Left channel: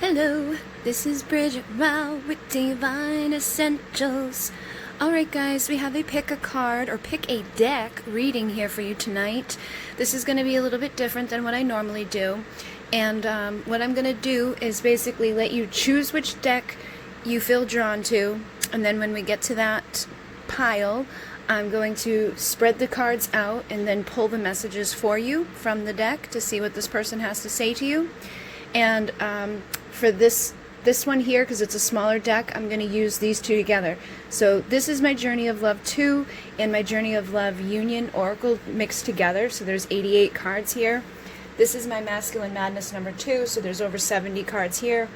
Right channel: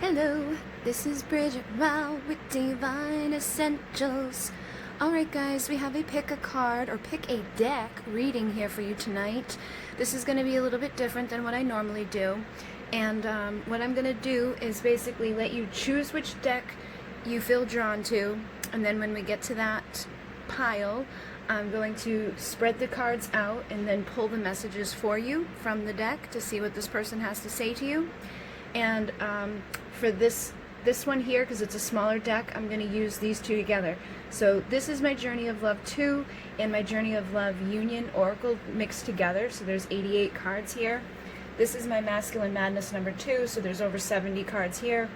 Hello, this is Bridget with Divine Essentials. Alright guys, we have a pick a card or pick a deck reading here for you tonight. This is going to be a little bit different than what I normally do. And what I'm going to do is basically let you choose which deck you feel drawn to. And then when we get to that pile, I'm going to spread the cards out and then pull the messages for you from the deck to see what this person has to say to you. And for this one here, because it's a smaller deck, I'm going to use these two together. So this is my Journey of Love 2 and my Journey of Love Union Oracle mixed together. So there's 88 cards here. This is my Masculine Madness number 2, so there's over 70 cards here.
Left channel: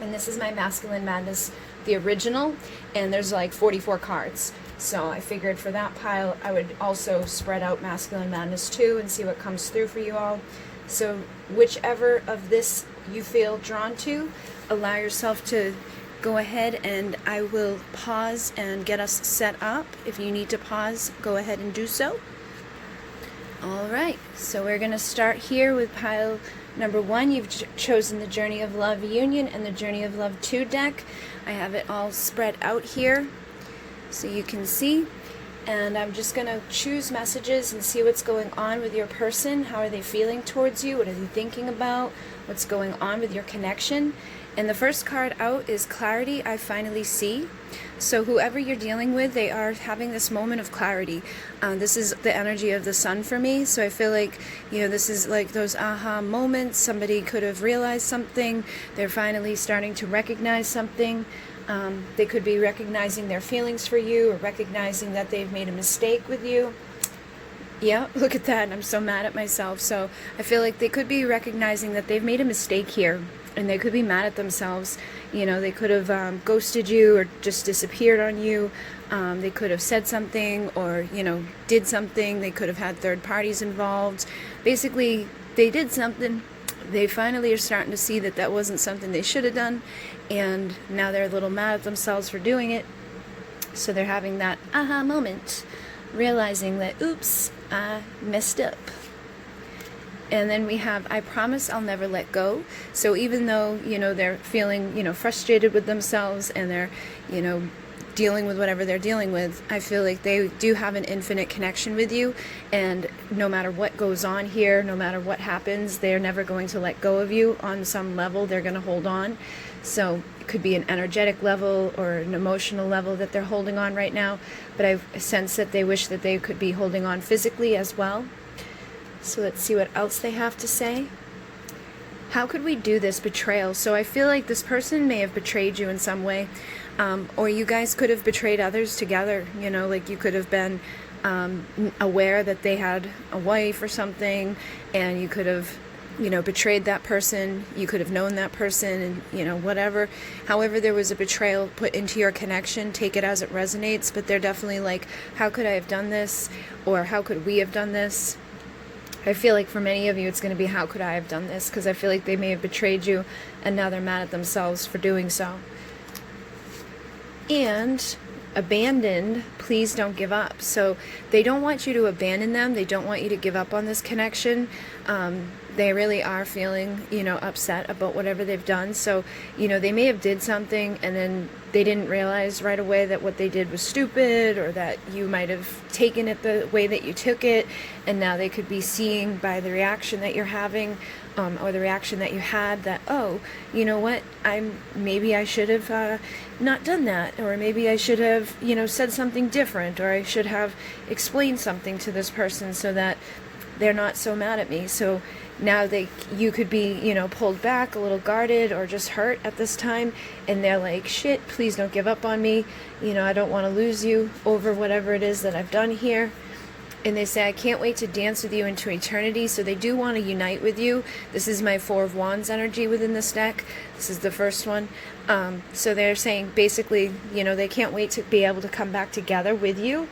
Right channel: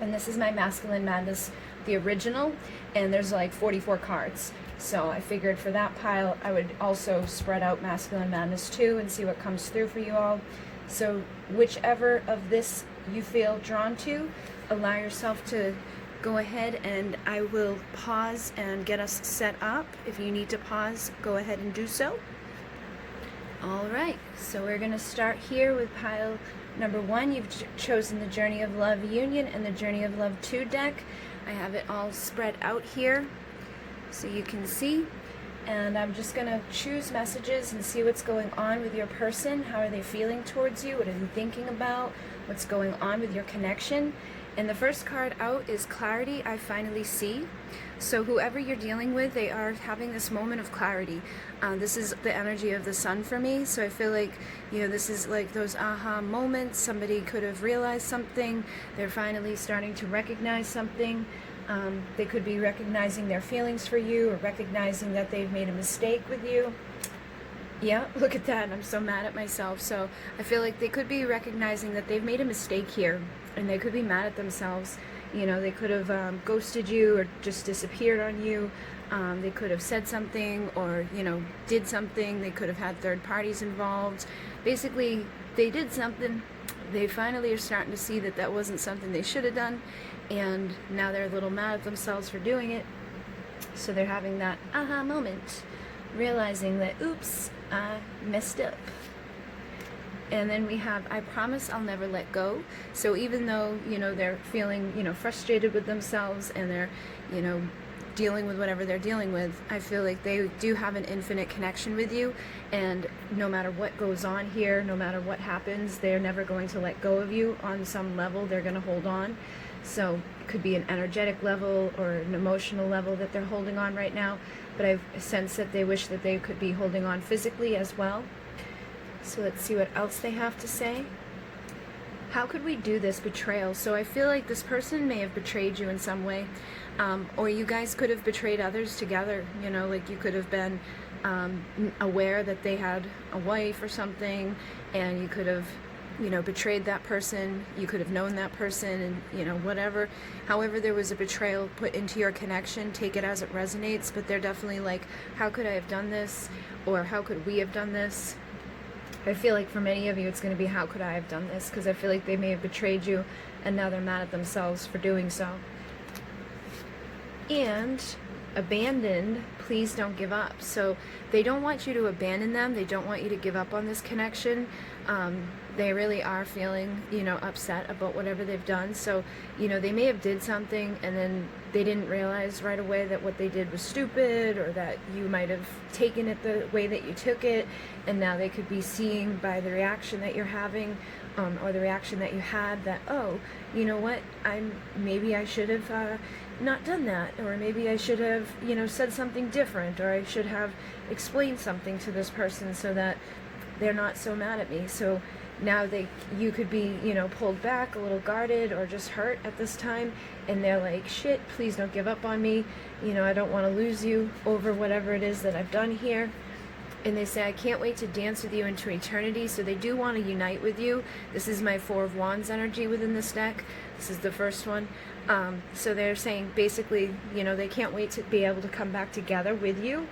And this is my Masculine Madness, the original, and there's like 44 cards. So I figured for that pile, I would also spread out Masculine Madness 2 and see what comes through for you all. So whichever of this you feel drawn to, allow yourself to go ahead, and I will pause and get us set up. If you need to pause, go ahead and do so. Alright, so we're going to start here with pile number 1. You've chosen the Journey of Love Union and the Journey of Love 2 deck. I have it all spread out here so you can see. And I'm just going to choose messages and see what's going on with your person. How are they feeling towards you? What are they thinking about? What's going on with your connection? And the first card out is Clarity, I Finally See. So whoever you're dealing with, they are having this moment of clarity. This is the energy of the sun for me. So I feel like, this is like those aha moments. Somebody could have realized something. They're finally starting to recognize something. They could be recognizing their feelings for you, or recognizing that they've made a mistake with you. Yeah, look at that. I'm so mad at myself. So I feel like they could be recognizing that they've made a mistake here, and they could be mad at themselves. They could have ghosted you or just disappeared on you. They could have said something or, did something. They could have had third parties involved. Basically, they did something. They finally are starting to see that that wasn't something they should have done, and now they're a little mad at themselves for doing it. So they're having that aha moment, realizing that, oops, I messed up. And then we have, I Promise I'll Never Let Go. So even though, they're feeling, frustrated with themselves, and they're, dealing with whatever they're dealing with, I feel like they do have an infinite connection with you, and no matter what goes on here, no matter what happens, they're never going to let go of you. On some level, they're going to hold on. So it could be an energetic level or an emotional level that they're holding on right now, but I sense that they wish that they could be holding on physically as well. So let's see what else they have to say. How could we do this betrayal? So I feel like this person may have betrayed you in some way, or you guys could have betrayed others together. Like you could have been aware that they had a wife or something, and you could have, betrayed that person. You could have known that person, and, whatever. However, there was a betrayal put into your connection. Take it as it resonates, but they're definitely like, how could I have done this? Or how could we have done this? I feel like for many of you, it's going to be, how could I have done this? Because I feel like they may have betrayed you, and now they're mad at themselves for doing so. And abandoned, please don't give up. So they don't want you to abandon them. They don't want you to give up on this connection. They really are feeling, upset about whatever they've done. So, they may have did something, and then they didn't realize right away that what they did was stupid, or that you might have taken it the way that you took it. And now they could be seeing by the reaction that you're having, or the reaction that you had, that, oh, you know what, maybe I should have not done that, or maybe I should have, said something different, or I should have explained something to this person so that they're not so mad at me. So now you could be, pulled back, a little guarded, or just hurt at this time, and they're like, shit, please don't give up on me. I don't want to lose you over whatever it is that I've done here. And they say, I can't wait to dance with you into eternity. So they do want to unite with you. This is my Four of Wands energy within this deck. This is the first one. So they're saying basically, they can't wait to be able to come back together with you,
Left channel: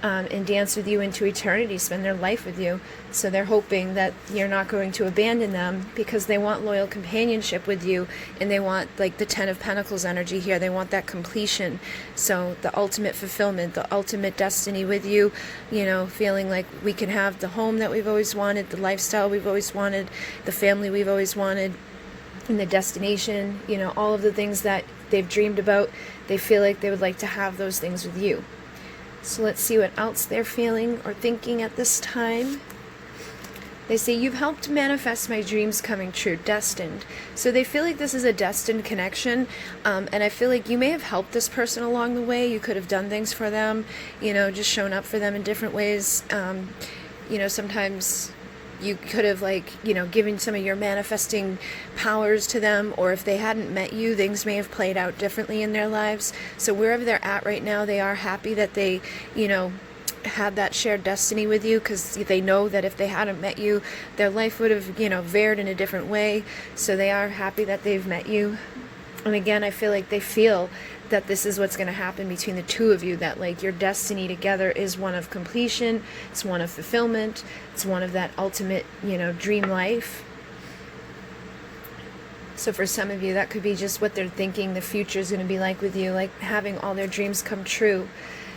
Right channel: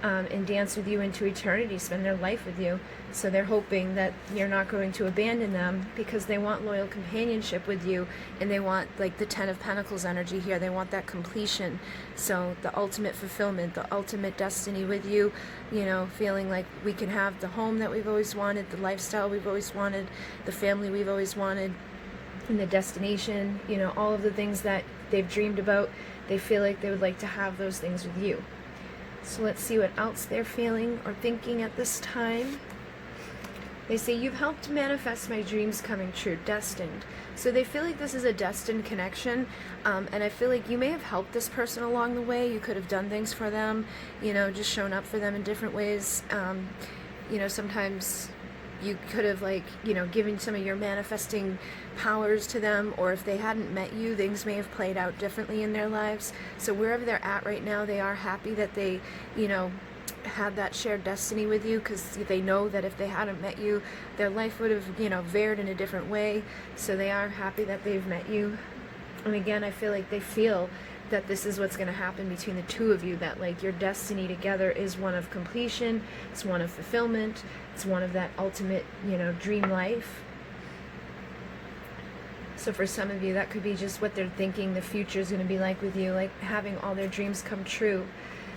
and dance with you into eternity, spend their life with you. So they're hoping that you're not going to abandon them, because they want loyal companionship with you, and they want, like, the Ten of Pentacles energy here. They want that completion. So the ultimate fulfillment, the ultimate destiny with you, feeling like we can have the home that we've always wanted, the lifestyle we've always wanted, the family we've always wanted. and the destination, you know, all of the things that they've dreamed about. They feel like they would like to have those things with you. So let's see what else they're feeling or thinking at this time. They say, you've helped manifest my dreams coming true, destined. So they feel like this is a destined connection, and I feel like you may have helped this person along the way. You could have done things for them, you know, just shown up for them in different ways. You know, sometimes you could have, like, you know, given some of your manifesting powers to them, or if they hadn't met you, things may have played out differently in their lives. So wherever they're at right now, they are happy that they, you know, had that shared destiny with you, because they know that if they hadn't met you, their life would have, you know, veered in a different way. So they are happy that they've met you. And again, I feel like they feel that this is what's going to happen between the two of you, that like your destiny together is one of completion, it's one of fulfillment, it's one of that ultimate, you know, dream life. So for some of you, that could be just what they're thinking the future is going to be like with you, like having all their dreams come true.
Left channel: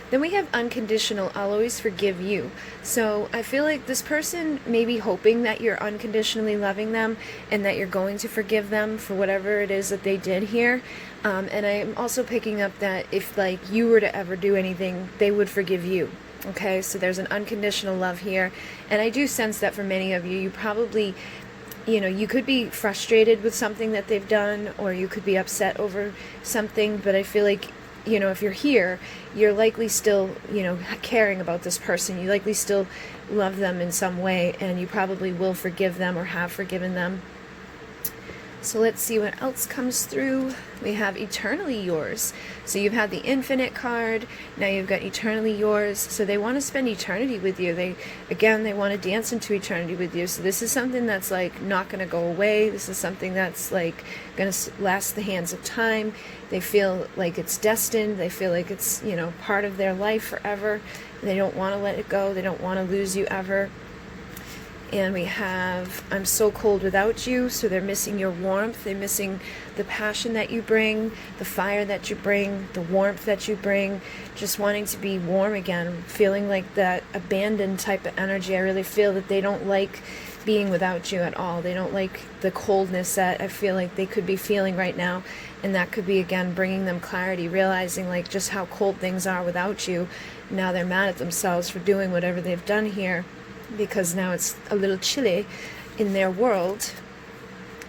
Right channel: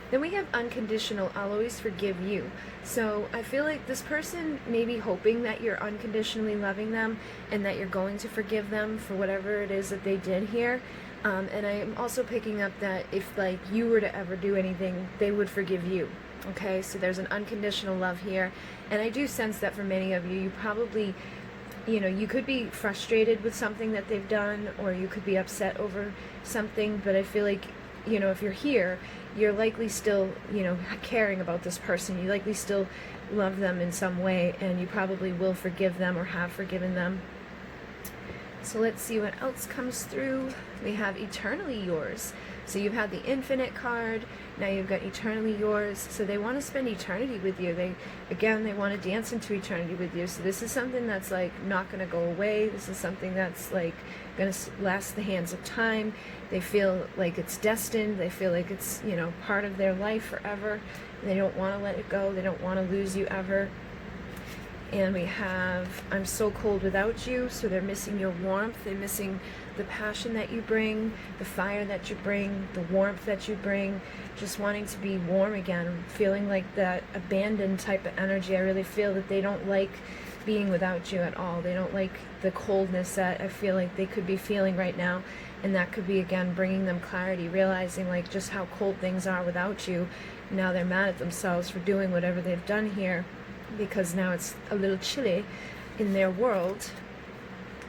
Then we have unconditional, I'll always forgive you. So I feel like this person may be hoping that you're unconditionally loving them and that you're going to forgive them for whatever it is that they did here. And I'm also picking up that if like you were to ever do anything, they would forgive you. Okay, so there's an unconditional love here. And I do sense that for many of you, you probably, you know, you could be frustrated with something that they've done, or you could be upset over something, but I feel like, you know, if you're here, you're likely still, you know, caring about this person. You likely still love them in some way, and you probably will forgive them or have forgiven them. So let's see what else comes through. We have eternally yours. So you've had the infinite card, now you've got eternally yours. So they want to spend eternity with you. They want to dance into eternity with you. So this is something that's like not going to go away. This is something that's like going to last the hands of time. They feel like it's destined. They feel like it's, you know, part of their life forever. They don't want to let it go. They don't want to lose you ever. And we have, I'm so cold without you. So they're missing your warmth. They're missing the passion that you bring, the fire that you bring, the warmth that you bring, just wanting to be warm again, feeling like that abandoned type of energy. I really feel that they don't like being without you at all. They don't like the coldness that I feel like they could be feeling right now. And that could be, again, bringing them clarity, realizing like just how cold things are without you. Now they're mad at themselves for doing whatever they've done here, because now it's a little chilly in their world.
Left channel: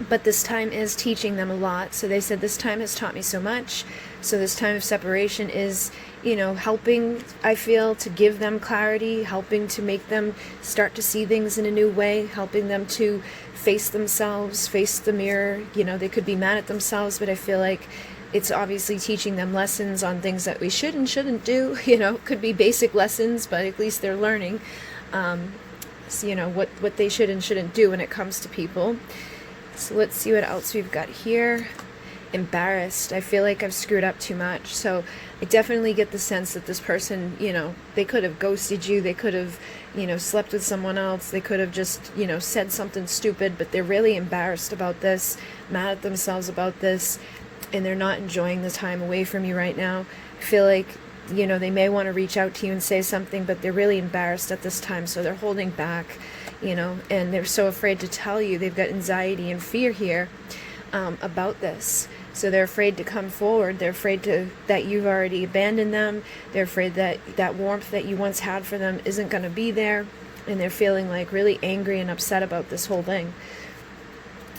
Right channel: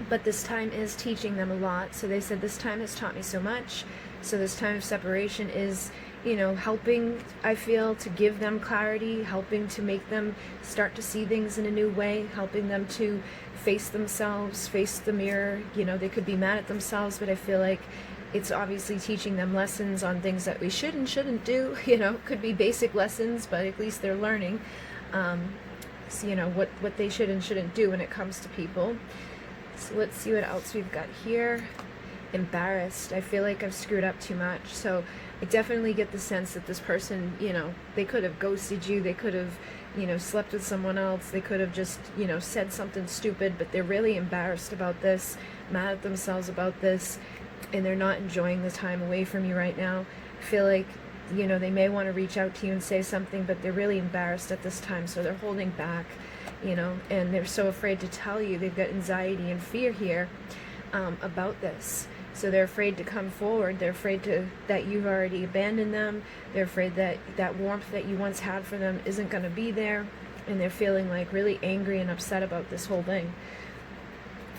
But this time is teaching them a lot. So they said, this time has taught me so much. So this time of separation is, you know, helping, I feel, to give them clarity, helping to make them start to see things in a new way, helping them to face themselves, face the mirror. You know, they could be mad at themselves, but I feel like it's obviously teaching them lessons on things that we should and shouldn't do. You know, could be basic lessons, but at least they're learning. So, you know, what they should and shouldn't do when it comes to people. So let's see what else we've got here. Embarrassed. I feel like I've screwed up too much. So I definitely get the sense that this person, you know, they could have ghosted you. They could have, you know, slept with someone else. They could have just, you know, said something stupid, but they're really embarrassed about this, mad at themselves about this, and they're not enjoying the time away from you right now. I feel like, you know, they may want to reach out to you and say something, but they're really embarrassed at this time, so they're holding back, you know, and they're so afraid to tell you. They've got anxiety and fear here about this. So they're afraid to come forward. They're afraid that you've already abandoned them. They're afraid that that warmth that you once had for them isn't going to be there, and they're feeling like really angry and upset about this whole thing.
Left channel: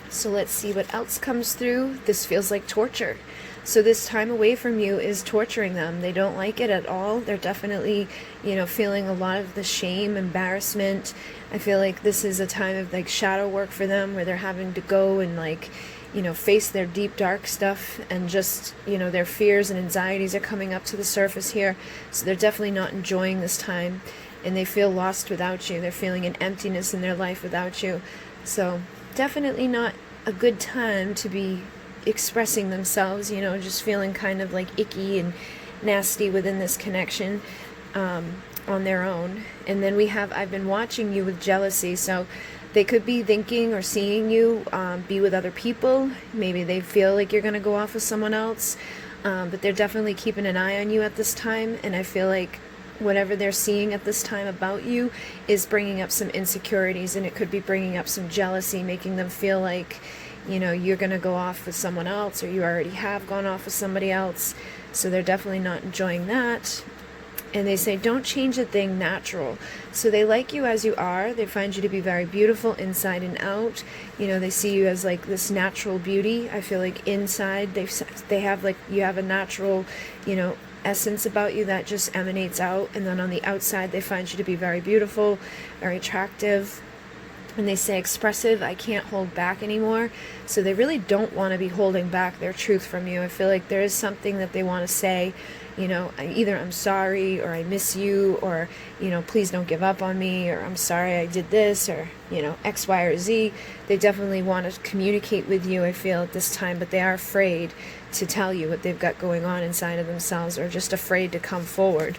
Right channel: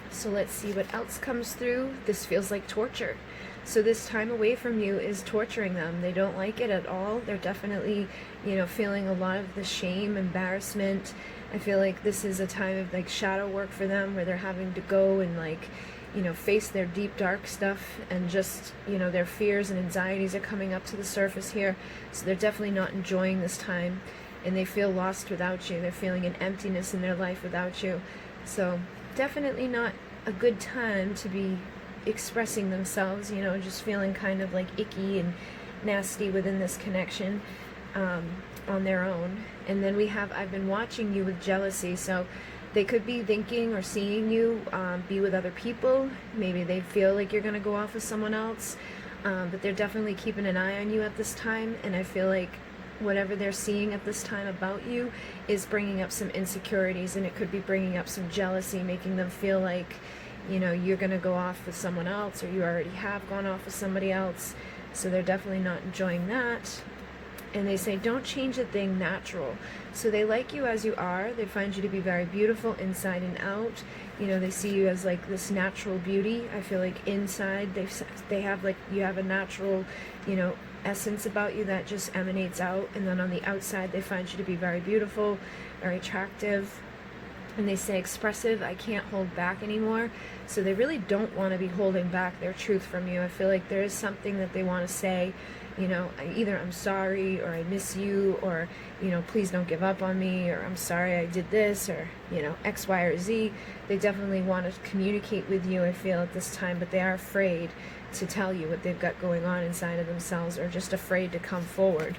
So let's see what else comes through. This feels like torture. So this time away from you is torturing them. They don't like it at all. They're definitely, you know, feeling a lot of the shame, embarrassment. I feel like this is a time of like shadow work for them, where they're having to go and like, you know, face their deep, dark stuff, and just, you know, their fears and anxieties are coming up to the surface here. So they're definitely not enjoying this time, and they feel lost without you. They're feeling an emptiness in their life without you. So definitely not a good time to be expressing themselves, you know, just feeling kind of like icky and nasty within this connection on their own. And then we have, I've been watching you with jealousy. So they could be thinking or seeing you be with other people. Maybe they feel like you're going to go off with someone else, but they're definitely keeping an eye on you at this time. And I feel like whatever they're seeing at this time about you is bringing up some insecurities, and it could be bringing up some jealousy, making them feel like, you know, you're going to go off with someone else, or you already have gone off with somebody else. So they're definitely not enjoying that. And they say, don't change a thing natural. So they like you as you are. They find you to be very beautiful inside and out. You know, they see you as like this natural beauty. I feel like inside they have like, you have a natural, you know, essence about you that just emanates out. And then on the outside, they find you to be very beautiful, very attractive. And they say expressive, I can't hold back anymore. So they really don't want to be holding back their truth from you. I feel like there is something that they want to say, you know, either I'm sorry, or I miss you, or, you know, please don't give up on me, or I'm sorry I did this, or, you know, X, Y, or Z. They definitely want to communicate with you, I feel, at this time, but they are afraid to tell you what they've got going on inside of themselves, or just afraid to come forward.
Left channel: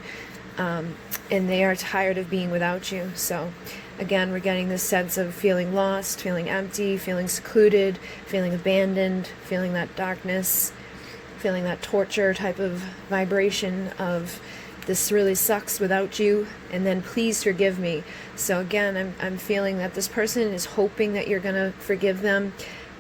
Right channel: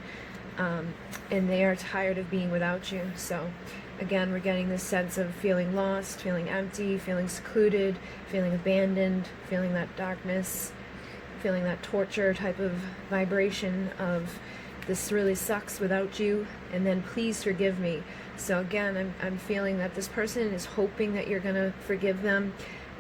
And they are tired of being without you. So again, we're getting this sense of feeling lost, feeling empty, feeling secluded, feeling abandoned, feeling that darkness, feeling that torture type of vibration of this really sucks without you, and then please forgive me. So again, I'm feeling that this person is hoping that you're going to forgive them.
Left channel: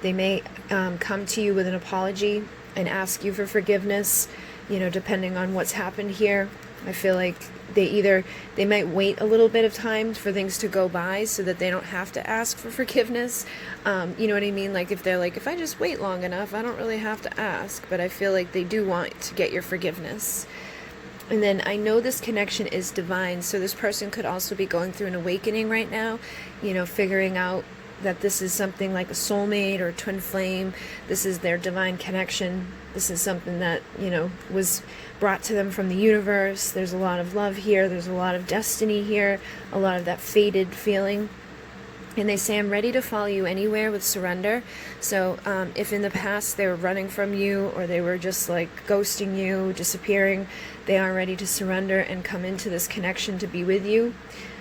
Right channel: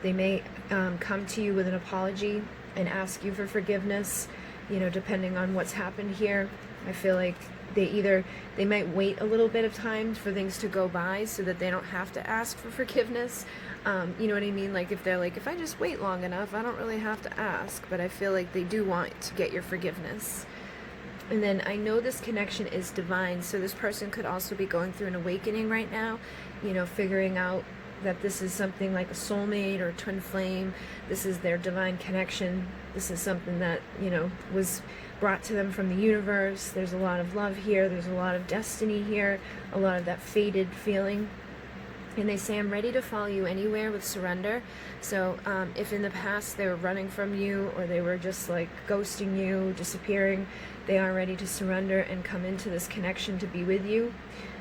They may come to you with an apology and ask you for forgiveness, you know, depending on what's happened here. I feel like they might wait a little bit of time for things to go by so that they don't have to ask for forgiveness. You know what I mean? Like if they're like, if I just wait long enough, I don't really have to ask. But I feel like they do want to get your forgiveness. And then I know this connection is divine. So this person could also be going through an awakening right now, you know, figuring out that this is something like a soulmate or a twin flame. This is their divine connection. This is something that, you know, was brought to them from the universe. There's a lot of love here. There's a lot of destiny here, a lot of that fated feeling. And they say, I'm ready to follow you anywhere with surrender. So if in the past they were running from you, or they were just like ghosting you, disappearing, they are ready to surrender and come into this connection to be with you.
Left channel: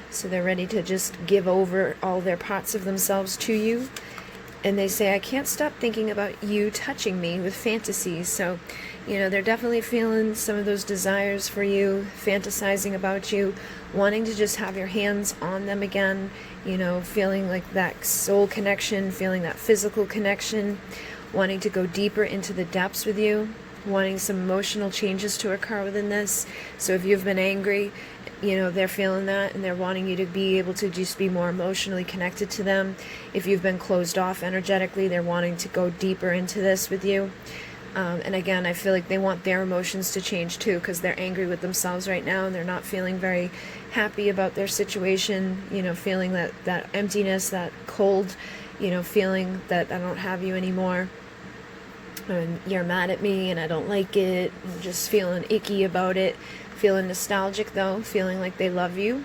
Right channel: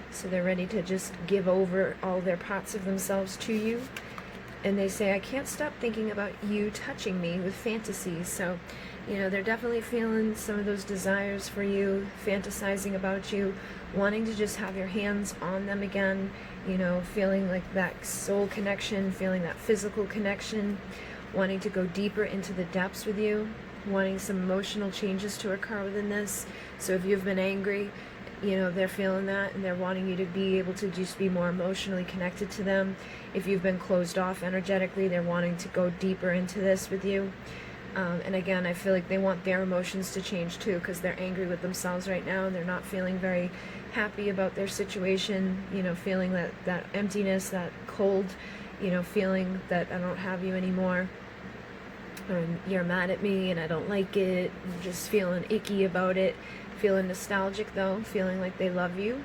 So they're ready to just give over all their parts of themselves to you. And they say, I can't stop thinking about you touching me with fantasies. So, you know, they're definitely feeling some of those desires for you, fantasizing about you, wanting to just have your hands on them again, you know, feeling like that soul connection, feeling that physical connection, wanting to go deeper into the depths with you, wanting some emotional changes to occur within this. So if you've been angry, you know, they're feeling that, and they're wanting you to be able to just be more emotionally connected to them. If you've been closed off energetically, they're wanting to go deeper into this with you. And again, I feel like they want their emotions to change too, because they're angry with themselves right now, and they're not feeling very happy about their situation, you know, feeling that emptiness, that cold, you know, feeling that I don't have you anymore. And you're mad at me and I don't like it, and just feeling icky about it. Feeling nostalgic though, feeling like they love you.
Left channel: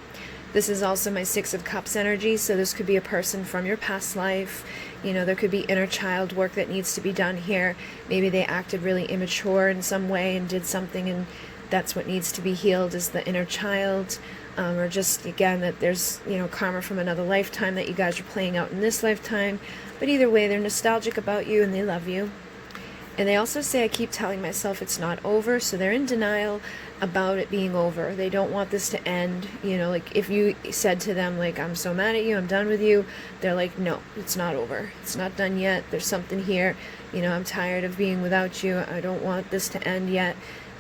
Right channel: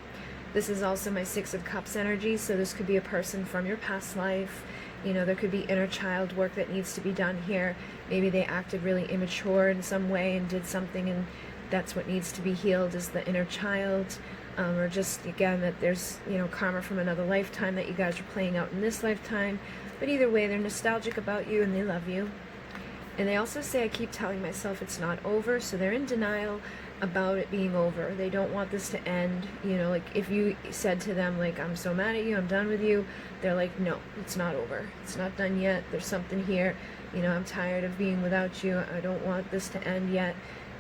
This is also my Six of Cups energy, so this could be a person from your past life. You know, there could be inner child work that needs to be done here. Maybe they acted really immature in some way and did something, and that's what needs to be healed, is the inner child. Or just, again, that there's, you know, karma from another lifetime that you guys are playing out in this lifetime. But either way, they're nostalgic about you and they love you. And they also say, I keep telling myself it's not over, so they're in denial about it being over. They don't want this to end. You know, like if you said to them, like, I'm so mad at you, I'm done with you, they're like, no, it's not over. It's not done yet. There's something here. You know, I'm tired of being without you. I don't want this to end yet.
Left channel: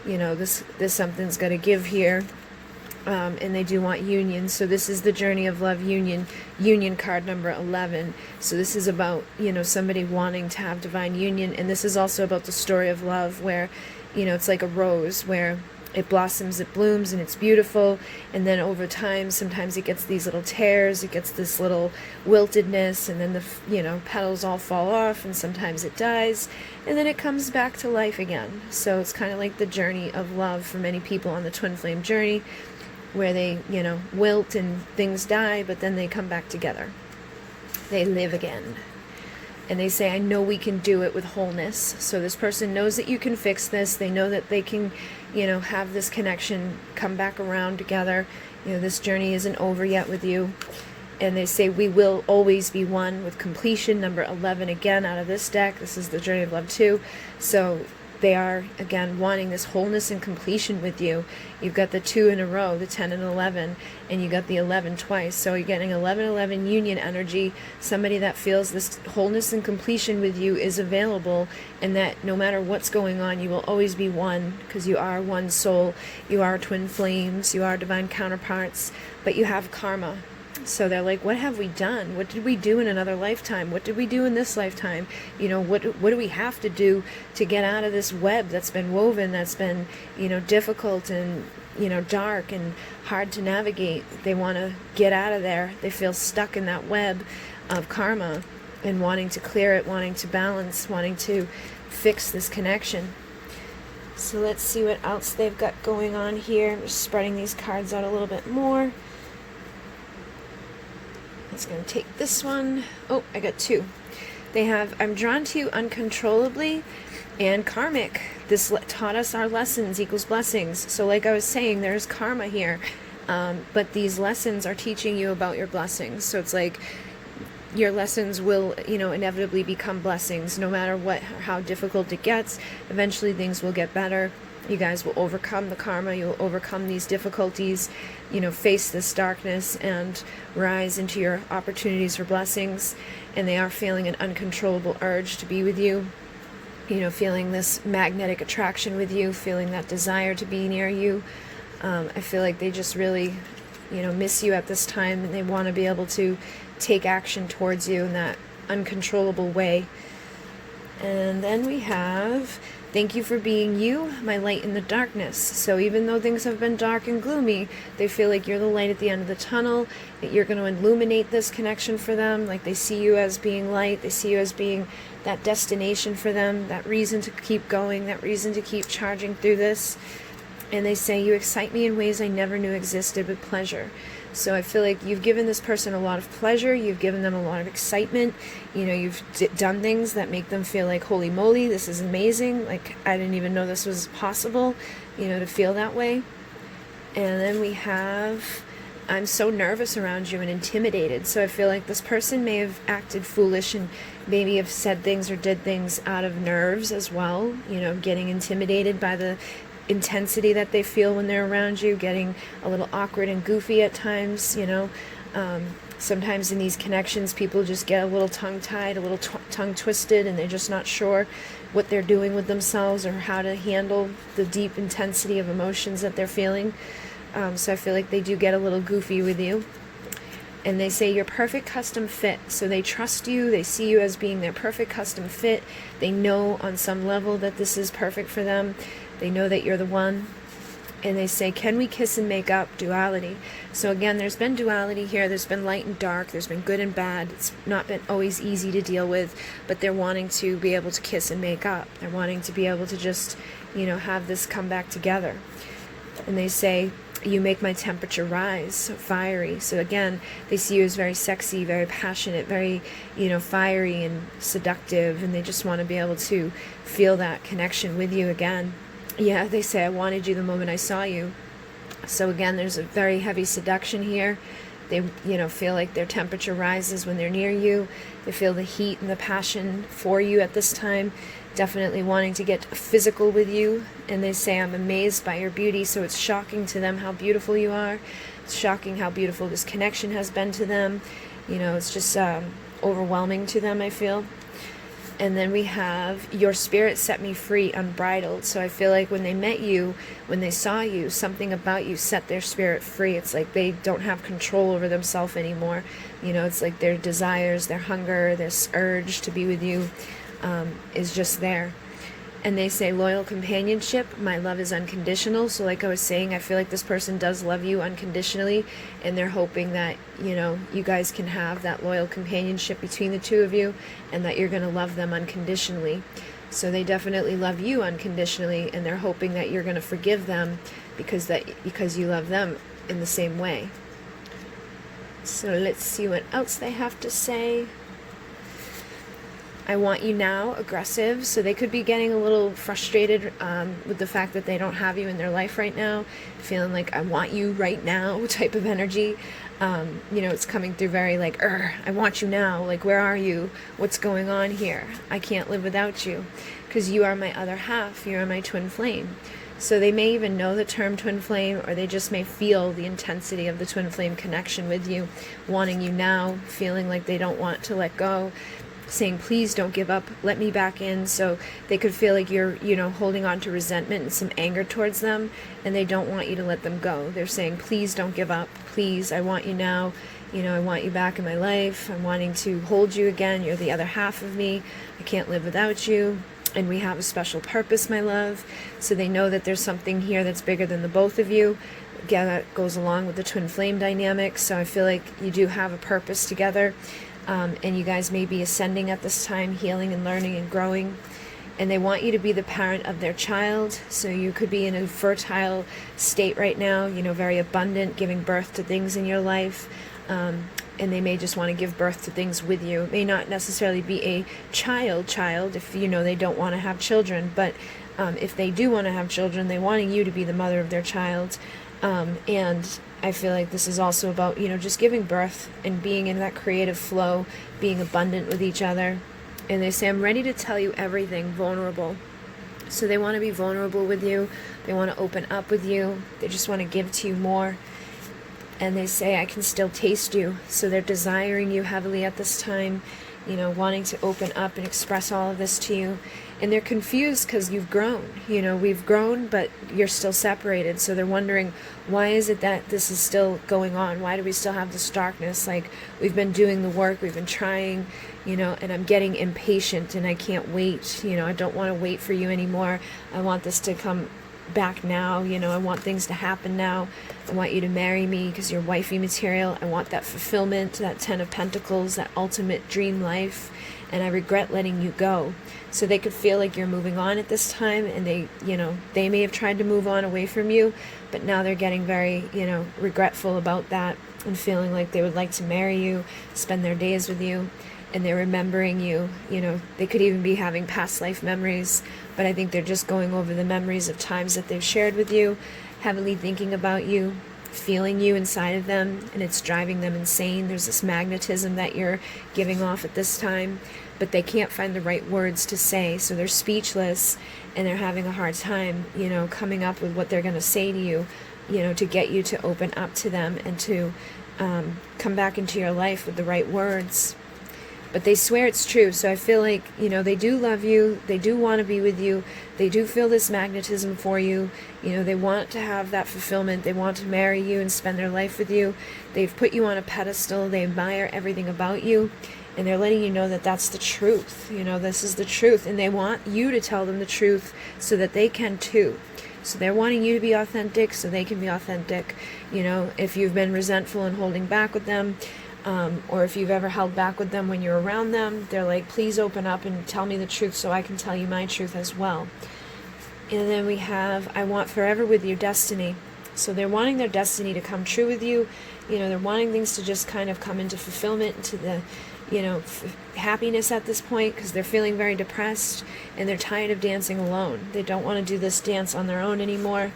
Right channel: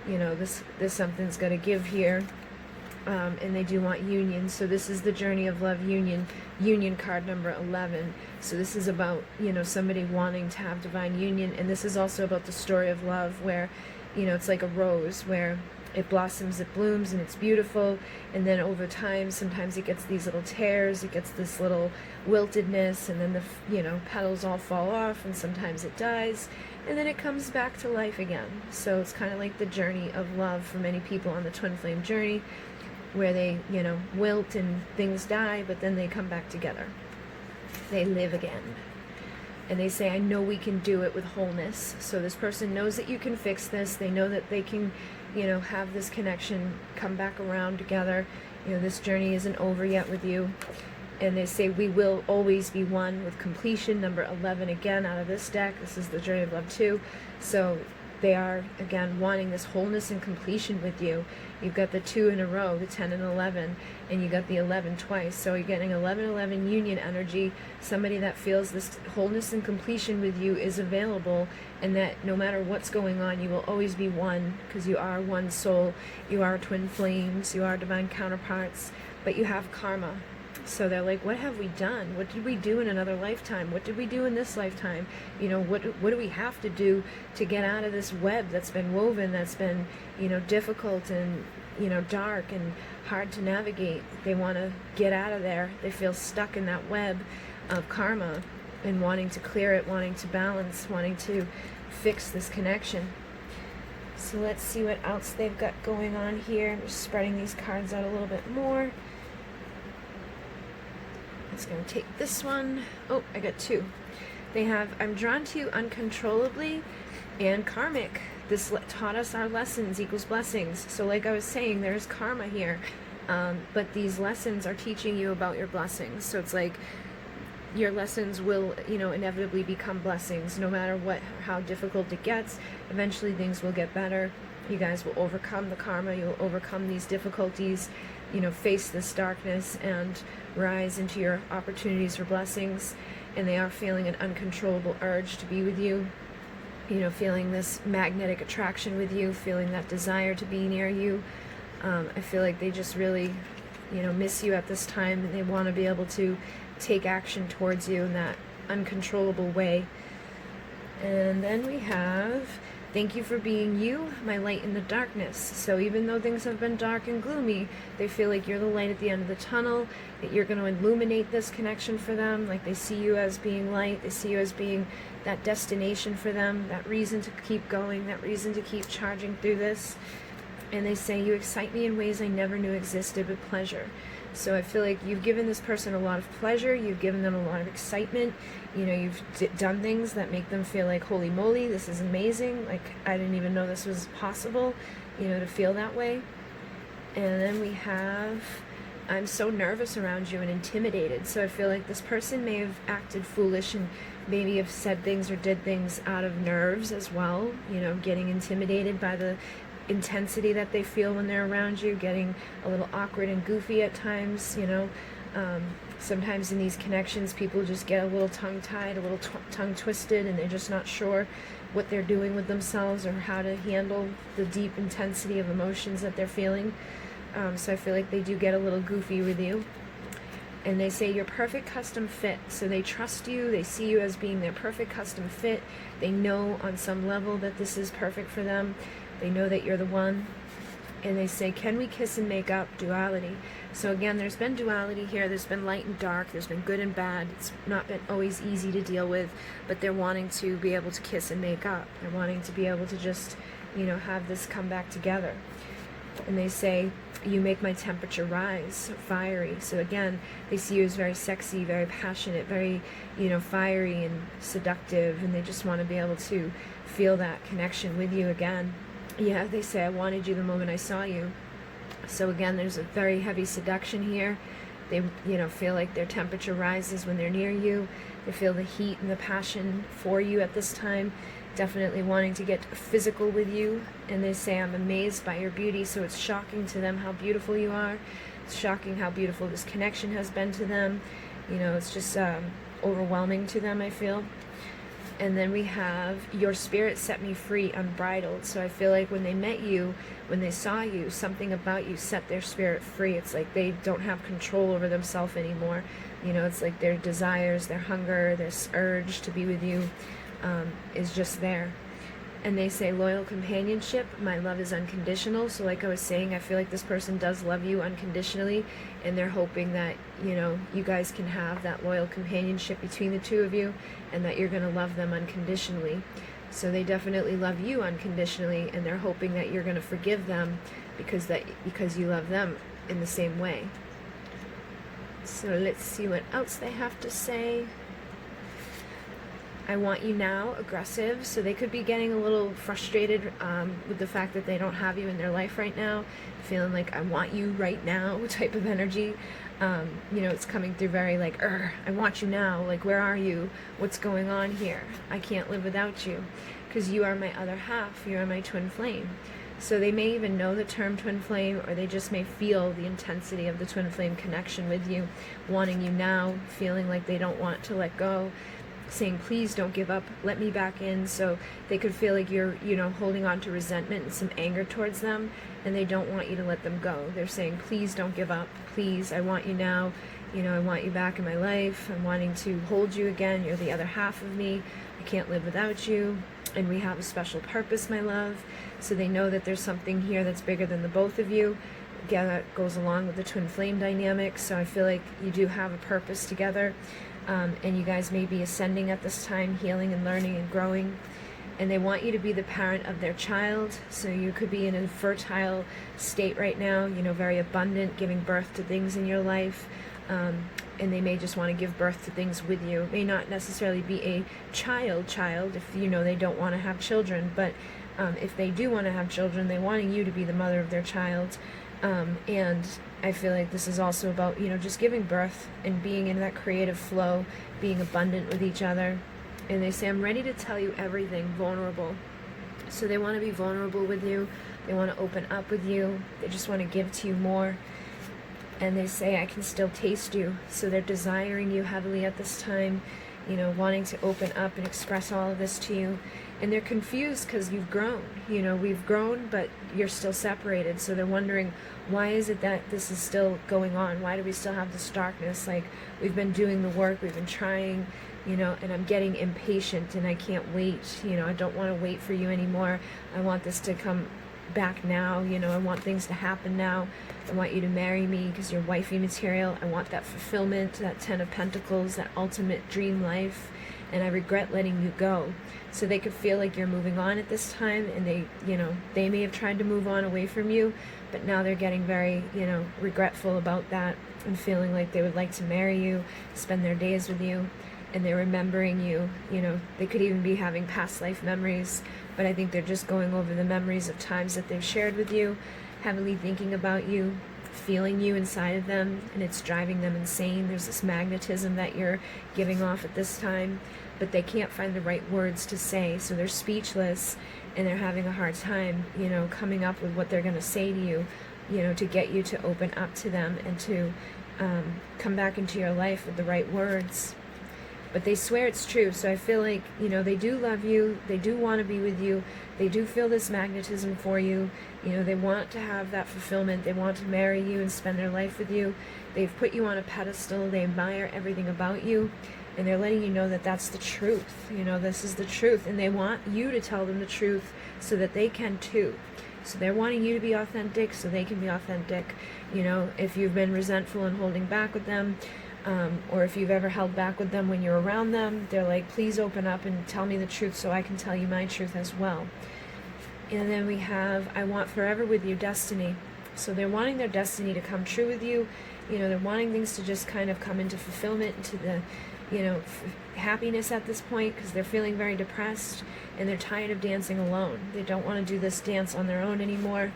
You know, this something's got to give here. And they do want union. So this is the journey of love, union card number 11. So this is about, you know, somebody wanting to have divine union. And this is also about the story of love where, you know, it's like a rose where it blossoms, it blooms, and it's beautiful. And then over time, sometimes it gets these little tears, it gets this little wiltedness, and then the, you know, petals all fall off, and sometimes it dies, and then it comes back to life again. So it's kind of like the journey of love for many people on the twin flame journey, where they, you know, wilt and things die, but then they come back together. They live again. And they say, I know we can do it with wholeness. So this person knows that you can fix this. They know that they can, you know, have this connection come back around together. You know, this journey isn't over yet with you. And they say, we will always be one, with completion, number 11 again out of this deck. This is the journey of love too. So they are, again, wanting this wholeness and completion with you. You've got the 2 in a row, the 10 and 11, and you got the 11 twice. So you're getting 11-11 union energy. Somebody that feels this wholeness and completion with you is available, and that no matter what's going on, you will always be one, because you are one soul. You are twin flames. You are divine counterparts, but you have karma. So they're like, what have we done? What did we do in another lifetime? What did we do in this lifetime? You know, what do we have to do to get out of this web that's been woven, that's been, you know, difficult and, you know, dark and hard to navigate? They want to get out of there. They feel stuck in that web of karma and wanting to clear it, wanting to balance, wanting to fix this connection. So let's see what else they've got going on here. I'm just spreading these cards out a little bit more. It's going to take this one. Oh, I got 2. They have, I'm drawn to you uncontrollably, and karmic. This taught us our lessons equals blessings. So like I was saying, there's karma here. But these lessons are teaching you about your blessings. So it's like your lessons will, you know, inevitably become blessings. No matter what, how difficult it gets, eventually things will get better. You guys will overcome the karma. You'll overcome these difficulties, you know, face this darkness and rise into your opportunities for blessings. And they are feeling an uncontrollable urge to be with you, you know, feeling this magnetic attraction with you, feeling that desire to be near you. I feel like they just really, you know, miss you at this time, and they want to be able to take action towards you in that uncontrollable way. And then we have, thank you for being you, my light in the darkness. So even though things have been dark and gloomy, they feel like you're the light at the end of the tunnel, that you're going to illuminate this connection for them. Like they see you as being light, they see you as being that destination for them, that reason to keep going, that reason to keep charging through this. And they say, you excite me in ways I never knew existed with pleasure. So I feel like you've given this person a lot of pleasure, you've given them a lot of excitement, you know, you've done things that make them feel like, holy moly, this is amazing, like I didn't even know this was possible, you know, to feel that way. And then we have, I'm so nervous around you and intimidated. So I feel like this person may have acted foolish and maybe have said things or did things out of nerves as well, you know, getting intimidated by the intensity that they feel when they're around you, getting a little awkward and goofy at times, you know. Sometimes in these connections, people just get a little tongue-tied, a little tongue-twisted, and they're just not sure what they're doing with themselves or how to handle the deep intensity of emotions that they're feeling. So I feel like they do get a little goofy with you. And they say you're perfect custom fit. So they trust you. They see you as being their perfect custom fit. They know on some level that this is perfect for them. They know that you're the one. And they say, can we kiss and make up? Duality. So again, there's been duality here. There's been light and dark. There's been good and bad. It's not been always easy to deal with, but they're wanting to be able to kiss and make up. They're wanting to be able to just, you know, have this come back together. And they say, you make my temperature rise, so fiery. So again, they see you as very sexy, very passionate, very, you know, fiery and seductive, and they just want to be able to feel that connection with you again. Yeah, they say, I wanted you the moment I saw you. So again, there's a very heavy seduction here. They, you know, feel like their temperature rises when they're near you. They feel the heat and the passion for you at this time, definitely wanting to get physical with you. And they say, I'm amazed by your beauty. So it's shocking to them how beautiful you are. It's shocking how beautiful this connection has been to them. You know, it's just overwhelming to them, I feel. And then we have, your spirit set me free, unbridled. So I feel like when they met you, when they saw you, something about you set their spirit free. It's like they don't have control over themselves anymore. You know, it's like their desires, their hunger, this urge to be with you is just there. And they say, loyal companionship, my love is unconditional. So like I was saying, I feel like this person does love you unconditionally, and they're hoping that, you know, you guys can have that loyal companionship between the two of you, and that you're going to love them unconditionally. So they definitely love you unconditionally, and they're hoping that you're going to forgive them because you love them in the same way. So let's see what else they have to say. I want you now, aggressive. So they could be getting a little frustrated with the fact that they don't have you in their life right now, feeling like I want you right now type of energy. It's coming through very like, I want you now. Like, where are you? What's going on here? I can't live without you, because you are my other half. You are my twin flame. So they may even know the term twin flame, or they just may feel the intensity of the twin flame connection with you, wanting you now, feeling like they don't want to let go, saying, please don't give up, let me back in. So they could feel like you're, holding on to resentment and some anger towards them, and they don't want you to let them go. They're saying, please don't give up, please, I want you now, I want you back in my life, I'm wanting to hold you again, you're the other half of me, I can't live without you, and we have a special purpose, my love. So they know that there's something here that's bigger than the both of you. Again, that goes along with the twin flame dynamic, so I feel like you do have a purpose together. And you guys may be ascending at this time, healing and learning and growing. And they want you to be the parent of their child. So you could be in a fertile state right now, very abundant, giving birth to things in your life. And they may just want to give birth to things with you. It may not necessarily be a child if, they don't want to have children. But if they do want to have children, they're wanting you to be the mother of their child. And I feel like this is also about, just giving birth and being in that creative flow, being abundant with each other. And they say, I'm ready to tell you everything, vulnerable. So they want to be vulnerable with you. They want to open up with you. They just want to give to you more. And they say, I can still taste you. So they're desiring you heavily at this time, wanting to open up and express all of this to you. And they're confused because you've grown. We've grown, but you're still separated. So they're wondering, why is it that this is still going on? Why do we still have this darkness? Like, we've been doing the work, we've been trying, and I'm getting impatient and I can't wait. I don't want to wait for you anymore. I want this to come back now. I want things to happen now. I want you to marry me because you're wifey material. I want that fulfillment, that 10 of Pentacles, that ultimate dream life. And I regret letting you go. So they could feel like you're moving on at this time, and they may have tried to move on away from you, but now they're getting very, regretful about that and feeling like they would like to marry you, spend their days with you, and they're remembering you. They could even be having past life memories, but I think they're just going over the memories of times that they've shared with you, heavily thinking about you, feeling you inside of them, and it's driving them insane. There's this magnetism that you're giving off at this time, but they can't find the right words to say, so they're speechless, and they're having a hard time, coming up with what they're going to say to you, to get you to open up to them and to come back into your life with the right words. But they swear it's true, so I feel like, they do love you, they do want to be with you, they do feel this magnetism for you, they want to have that fulfillment, they want to marry you and spend their life with you, they've put you on a pedestal, they admire everything about you, and they're letting you know that that's the truth, this is the truth, and they want you to tell them the truth so that they can too. So they're wanting you to be authentic so they can be authentic. If you've been resentful and holding back with them, or if you've ever held back with them when you're around them, they're like, please open up and tell me the truth so I can tell you my truth as well. And then we have, I want forever with you, destiny. So they're wanting their destiny to come true with you. They're wanting things to just kind of come into fulfillment, into the, happiness at this point, because they're feeling very depressed and they're tired of dancing alone. They don't want to do this dance on their own anymore.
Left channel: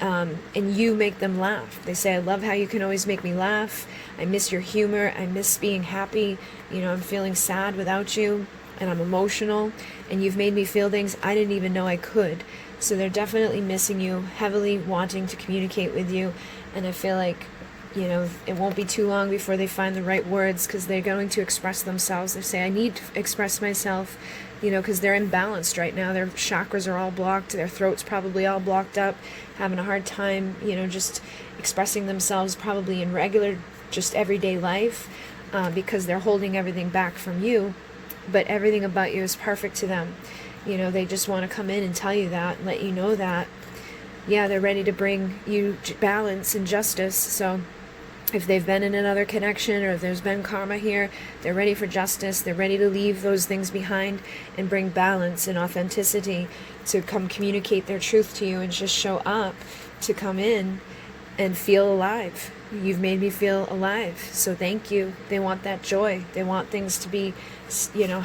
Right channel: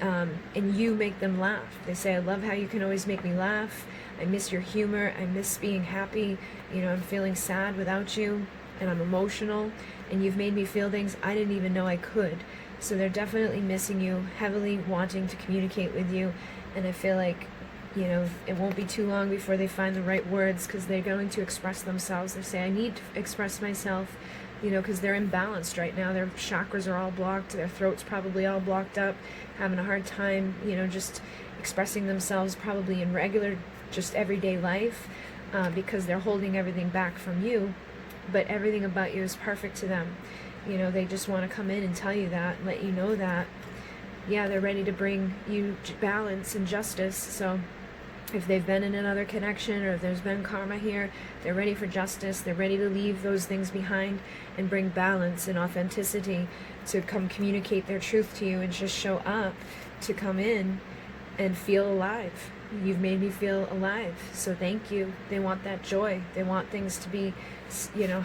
And you make them laugh. They say, I love how you can always make me laugh. I miss your humor. I miss being happy. I'm feeling sad without you, and I'm emotional, and you've made me feel things I didn't even know I could. So they're definitely missing you, heavily wanting to communicate with you, and I feel like, it won't be too long before they find the right words, because they're going to express themselves. They say, I need to express myself, because they're imbalanced right now. Their chakras are all blocked. Their throat's probably all blocked up, having a hard time, just expressing themselves probably in regular, just everyday life, because they're holding everything back from you. But everything about you is perfect to them. They just want to come in and tell you that, and let you know that, yeah, they're ready to bring you balance and justice. So if they've been in another connection, or if there's been karma here, they're ready for justice. They're ready to leave those things behind and bring balance and authenticity to come communicate their truth to you and just show up to come in and feel alive. You've made me feel alive, so thank you. They want that joy. They want things to be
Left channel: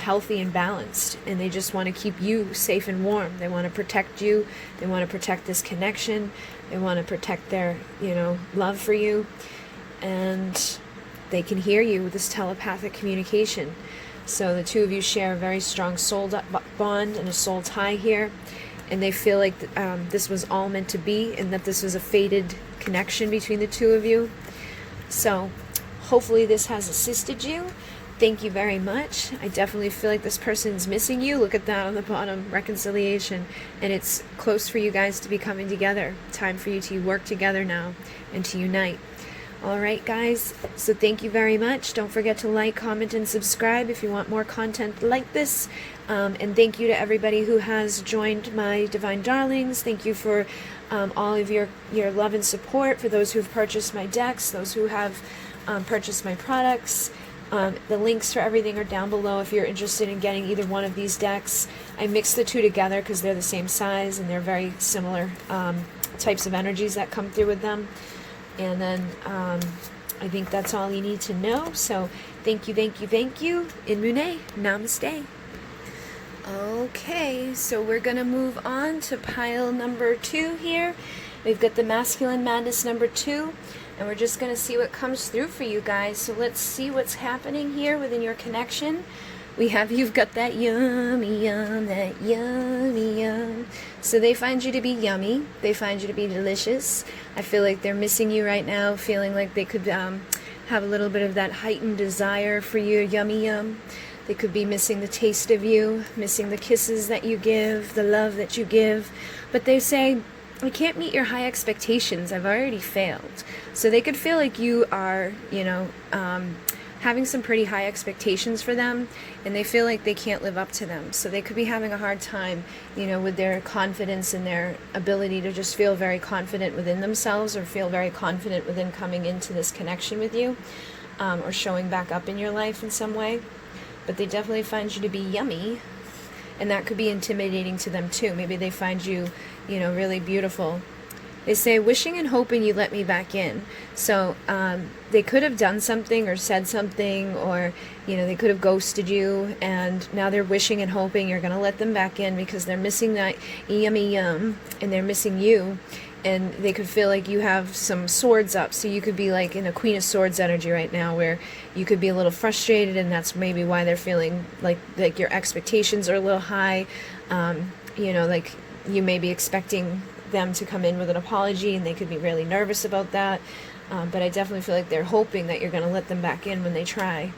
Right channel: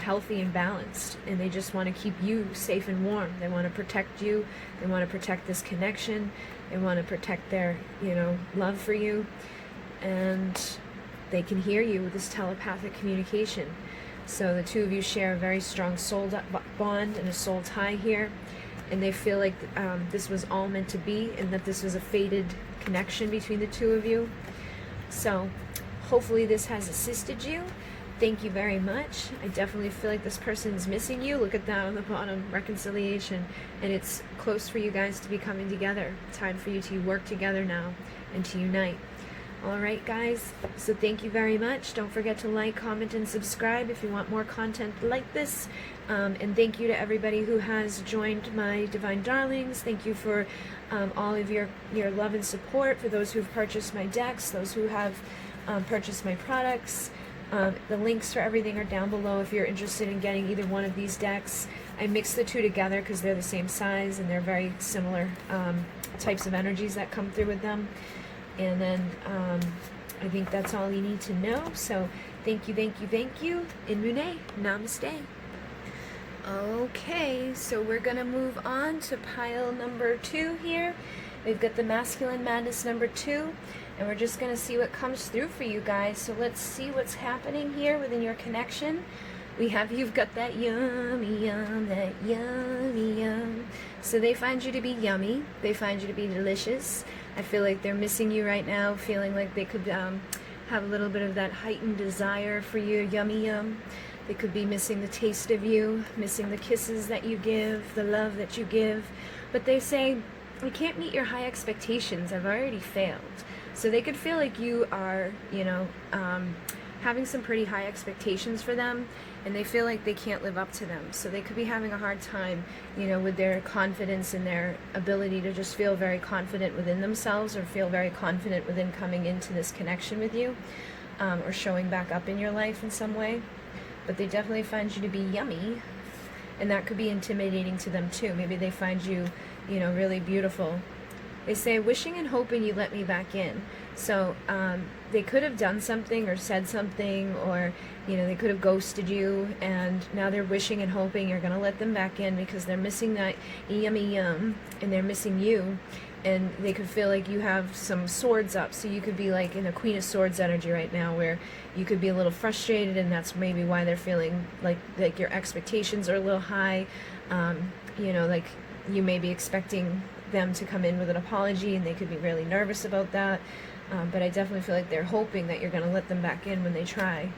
healthy and balanced, and they just want to keep you safe and warm. They want to protect you. They want to protect this connection. They want to protect their, love for you. And they can hear you with this telepathic communication. So the two of you share a very strong soul bond and a soul tie here. And they feel like this was all meant to be, and that this was a fated connection between the two of you. So hopefully this has assisted you. Thank you very much. I definitely feel like this person's missing you. Look at that on the bottom, reconciliation. And it's close for you guys to be coming together. Time for you to work together now and to unite. All right, guys. So thank you very much. Don't forget to like, comment, and subscribe if you want more content like this. And thank you to everybody who has joined my Divine Darlings. Thank you for all of your love and support, for those who have purchased my decks, those who have purchased my products. The links for everything are down below if you're interested in getting either one of these decks. I mix the two together because they're the same size and they're very similar types of energies that come through with them. And then I think that's all you need to know. So thank you, thank you, thank you. In Mune, namaste. Okay, so we're going to move on to pile number 2 here. We've got the Masculine Madness number 2, and we're just going to see what comes through for you guys. So let's see what's happening here within your connection. You've got that yummy yum, that yummy yum. So they find you to be yummy. They find you to be delicious. I feel like they're missing you right now, feeling like they could have a little bit of that heightened desire for your yummy yum. They could be missing the taste of you, missing the kisses that you give, the love that you give. But they say, I can't meet your high expectations. I've already failed. So they could feel like you are, having some pretty high expectations for them, and they feel like they can't live up to them. So they could be having a hard time, with their confidence and their ability to just feel very confident within themselves, or feel very confident within coming into this connection with you, or showing back up in your life in some way. But they definitely find you to be yummy, and that could be intimidating to them too. Maybe they find you, really beautiful. They say, wishing and hoping you let me back in. So they could have done something or said something, or they could have ghosted you, and now they're wishing and hoping you're going to let them back in because they're missing that yummy yum, and they're missing you. And they could feel like you have some swords up. So you could be like in a Queen of Swords energy right now, where you could be a little frustrated, and that's maybe why they're feeling like your expectations are a little high. Like you may be expecting them to come in with an apology, and they could be really nervous about that. But I definitely feel like they're hoping that you're going to let them back in when they try.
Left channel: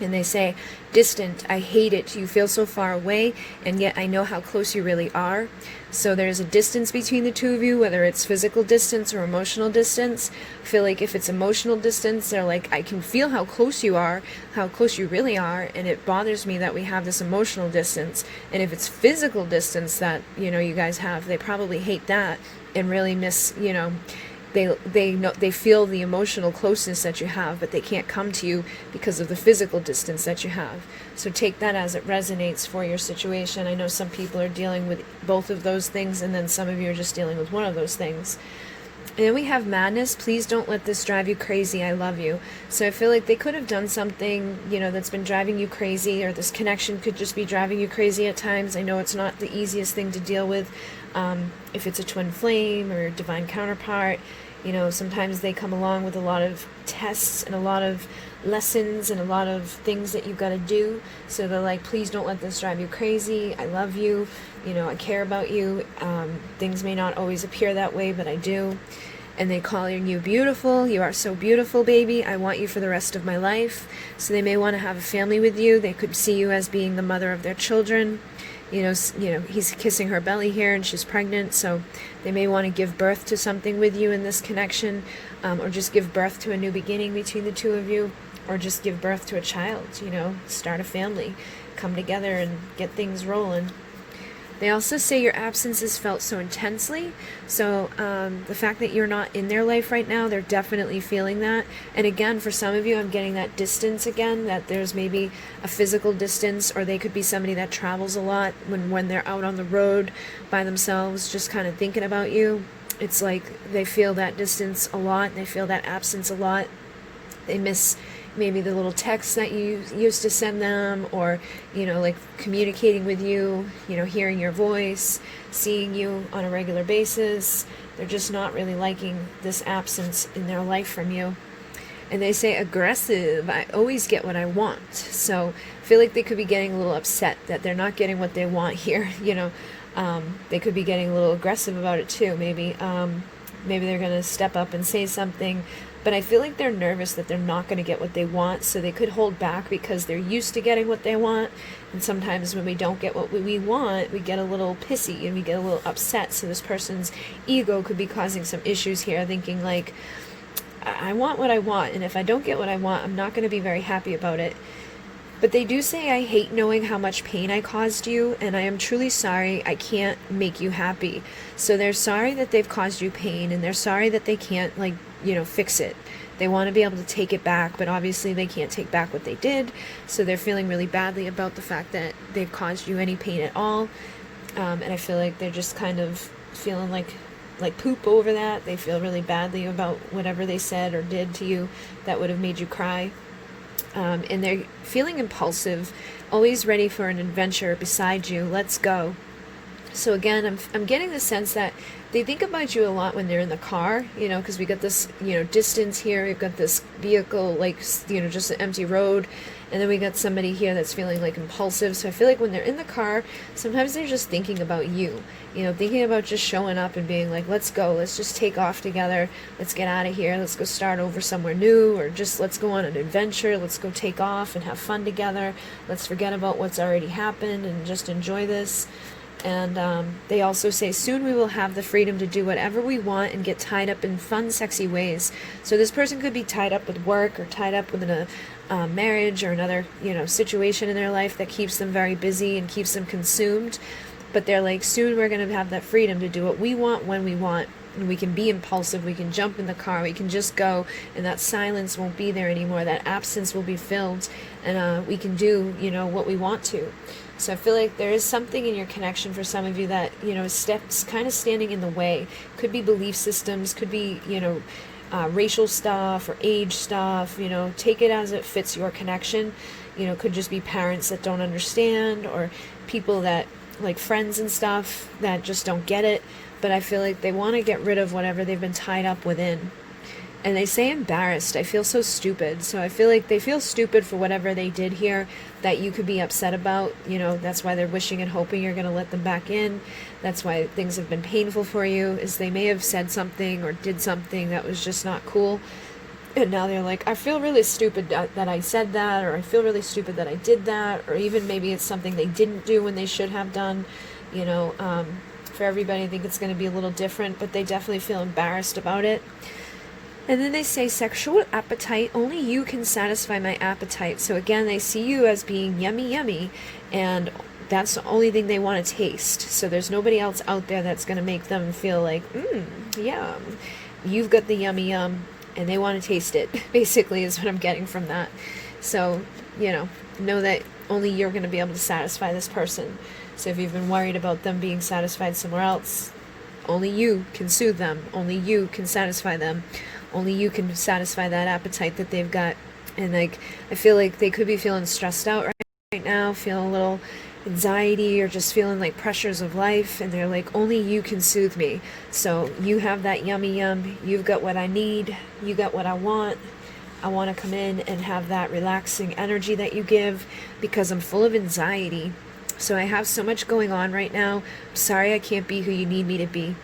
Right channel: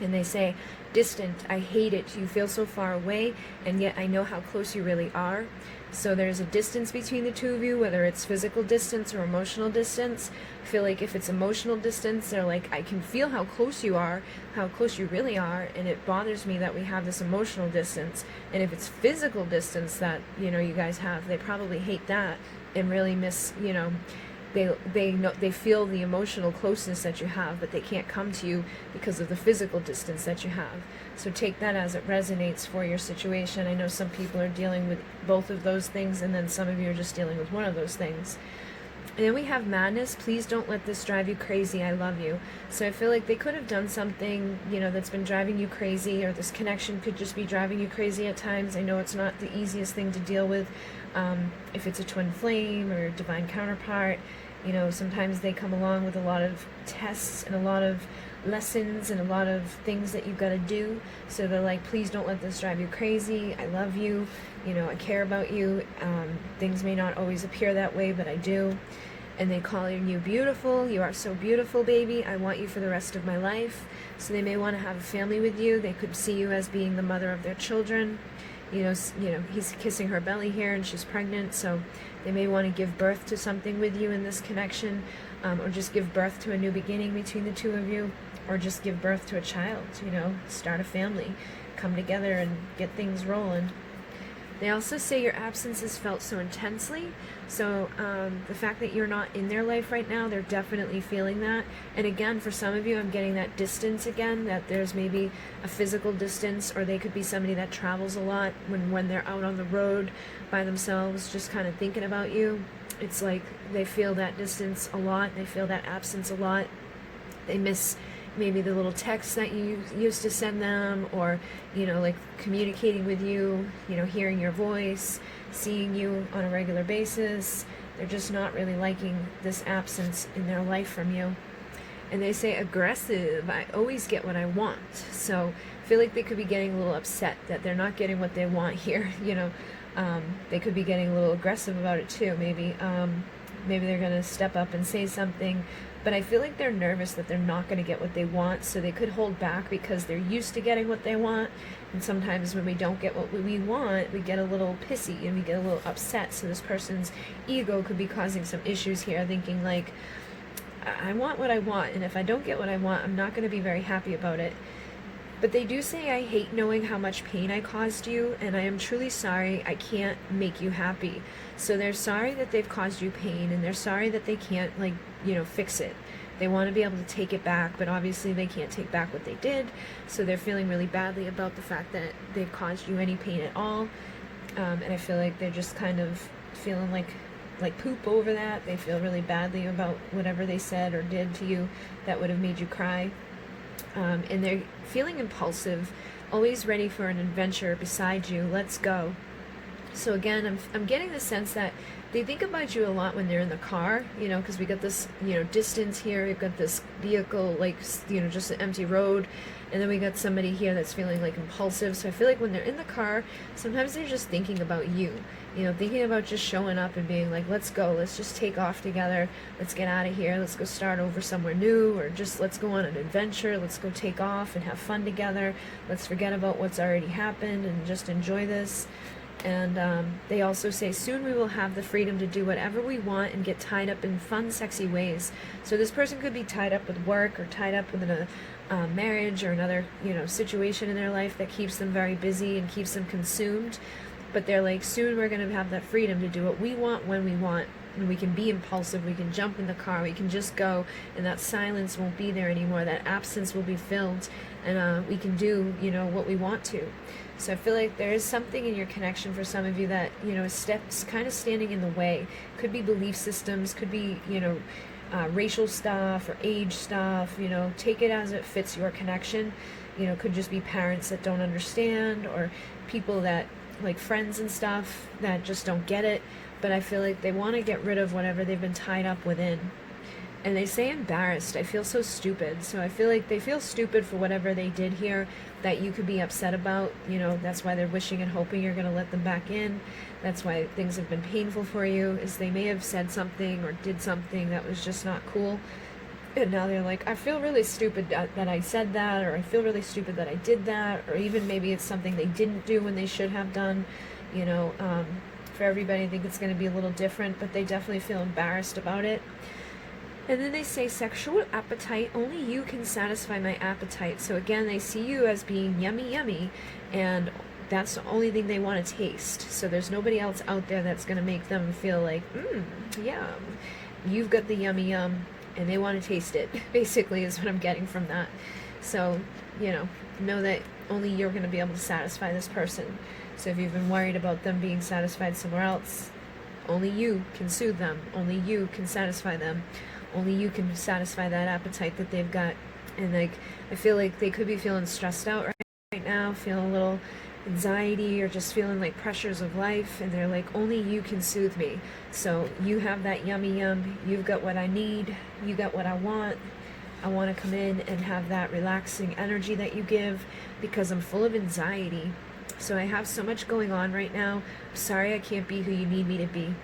And they say, distant, I hate it. You feel so far away, and yet I know how close you really are. So there's a distance between the two of you, whether it's physical distance or emotional distance. I feel like if it's emotional distance, they're like, I can feel how close you are, how close you really are, and it bothers me that we have this emotional distance. And if it's physical distance that, you guys have, they probably hate that and really miss, they feel the emotional closeness that you have, but they can't come to you because of the physical distance that you have. So take that as it resonates for your situation. I know some people are dealing with both of those things, and then some of you are just dealing with one of those things. And then we have madness. Please don't let this drive you crazy. I love you. So I feel like they could have done something, that's been driving you crazy, or this connection could just be driving you crazy at times. I know it's not the easiest thing to deal with. If it's a twin flame or divine counterpart, sometimes they come along with a lot of tests and a lot of lessons and a lot of things that you've got to do. So they're like, please don't let this drive you crazy. I love you. I care about you. Things may not always appear that way, but I do. And they call you beautiful. You are so beautiful, baby. I want you for the rest of my life. So they may want to have a family with you. They could see you as being the mother of their children. He's kissing her belly here, and she's pregnant, so they may want to give birth to something with you in this connection, or just give birth to a new beginning between the two of you, or just give birth to a child, start a family, come together and get things rolling. They also say your absence is felt so intensely. So the fact that you're not in their life right now, they're definitely feeling that. And again, for some of you, I'm getting that distance again, that there's maybe a physical distance, or they could be somebody that travels a lot when they're out on the road by themselves, just kind of thinking about you. It's like they feel that distance a lot. They feel that absence a lot. They miss, maybe the little texts that you used to send them, or, you know, like communicating with you, you know, hearing your voice, seeing you on a regular basis. They're just not really liking this absence in their life from you. And they say aggressive, I always get what I want. So I feel like they could be getting a little upset that they're not getting what they want here. You know, they could be getting a little aggressive about it too. Maybe they're going to step up and say something. But I feel like they're nervous that they're not going to get what they want, so they could hold back because they're used to getting what they want. And sometimes when we don't get what we want, we get a little pissy and we get a little upset. So this person's ego could be causing some issues here, thinking like, I want what I want, and if I don't get what I want, I'm not going to be very happy about it. But they do say, I hate knowing how much pain I caused you, and I am truly sorry I can't make you happy. So they're sorry that they've caused you pain, and they're sorry that they can't, like, you know, fix it. They want to be able to take it back, but obviously they can't take back what they did. So they're feeling really badly about the fact that they've caused you any pain at all. And I feel like they're just kind of feeling like poop over that. They feel really badly about whatever they said or did to you that would have made you cry. And they're feeling impulsive, always ready for an adventure beside you. Let's go. So again, I'm getting the sense that they think about you a lot when they're in the car, you know, because we got this, you know, distance here. We've got this vehicle, like, you know, just an empty road. And then we got somebody here that's feeling like impulsive. So I feel like when they're in the car, sometimes they're just thinking about you, you know, thinking about just showing up and being like, let's go, let's just take off together. Let's get out of here. Let's go start over somewhere new, or just let's go on an adventure. Let's go take off and have fun together. Let's forget about what's already happened and just enjoy this. And they also say, soon we will have the freedom to do whatever we want and get tied up in fun, sexy ways. So this person could be tied up with work, or tied up with a marriage, or another, you know, situation in their life that keeps them very busy and keeps them consumed. But they're like, soon we're going to have that freedom to do what we want when we want. And we can be impulsive, we can jump in the car, we can just go, and that silence won't be there anymore, that absence will be filled, and we can do, you know, what we want to. So I feel like there is something in your connection for some of you that, you know, steps kind of standing in the way. Could be belief systems, could be, you know, racial stuff or age stuff, you know, take it as it fits your connection. You know, could just be parents that don't understand, or people that, like friends and stuff, that just don't get it. But I feel like they want to get rid of whatever they've been tied up within. And they say embarrassed. I feel so stupid. So I feel like they feel stupid for whatever they did here that you could be upset about. You know, that's why they're wishing and hoping you're going to let them back in. That's why things have been painful for you, is they may have said something or did something that was just not cool. And now they're like, I feel really stupid that I said that, or I feel really stupid that I did that, or even maybe it's something they didn't do when they should have done. You know, for everybody, I think it's going to be a little different, but they definitely feel embarrassed about it. And then they say, sexual appetite, only you can satisfy my appetite. So again, they see you as being yummy, yummy, and that's the only thing they want to taste. So there's nobody else out there that's going to make them feel like, yeah, you've got the yummy yum, and they want to taste it, basically, is what I'm getting from that. So, you know that only you're going to be able to satisfy this person. So if you've been worried about them being satisfied somewhere else, only you can soothe them. Only you can satisfy them. Only you can satisfy that appetite that they've got. And like, I feel like they could be feeling stressed out right now, feeling a little anxiety, or just feeling like pressures of life, and they're like, only you can soothe me. So you have that yummy yum, you've got what I need, you got what I want to come in and have that relaxing energy that you give, because I'm full of anxiety. So I have so much going on right now. I'm sorry I can't be who you need me to be.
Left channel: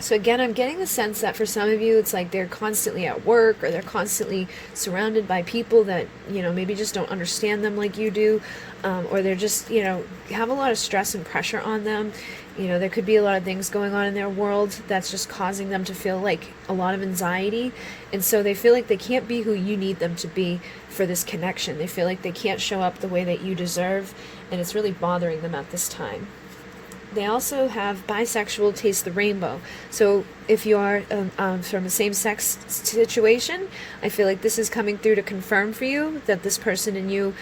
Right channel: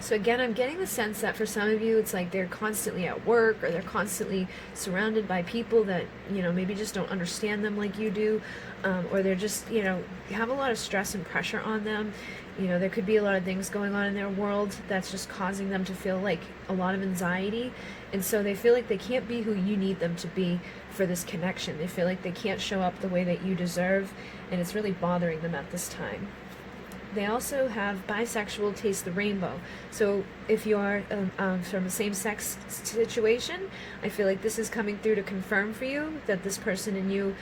So again, I'm getting the sense that for some of you, it's like they're constantly at work, or they're constantly surrounded by people that, you know, maybe just don't understand them like you do, or they're just, you know, have a lot of stress and pressure on them. You know, there could be a lot of things going on in their world that's just causing them to feel like a lot of anxiety. And so they feel like they can't be who you need them to be for this connection. They feel like they can't show up the way that you deserve, and it's really bothering them at this time. They also have bisexual taste the rainbow. So if you are from a same-sex situation, I feel like this is coming through to confirm for you that this person and you,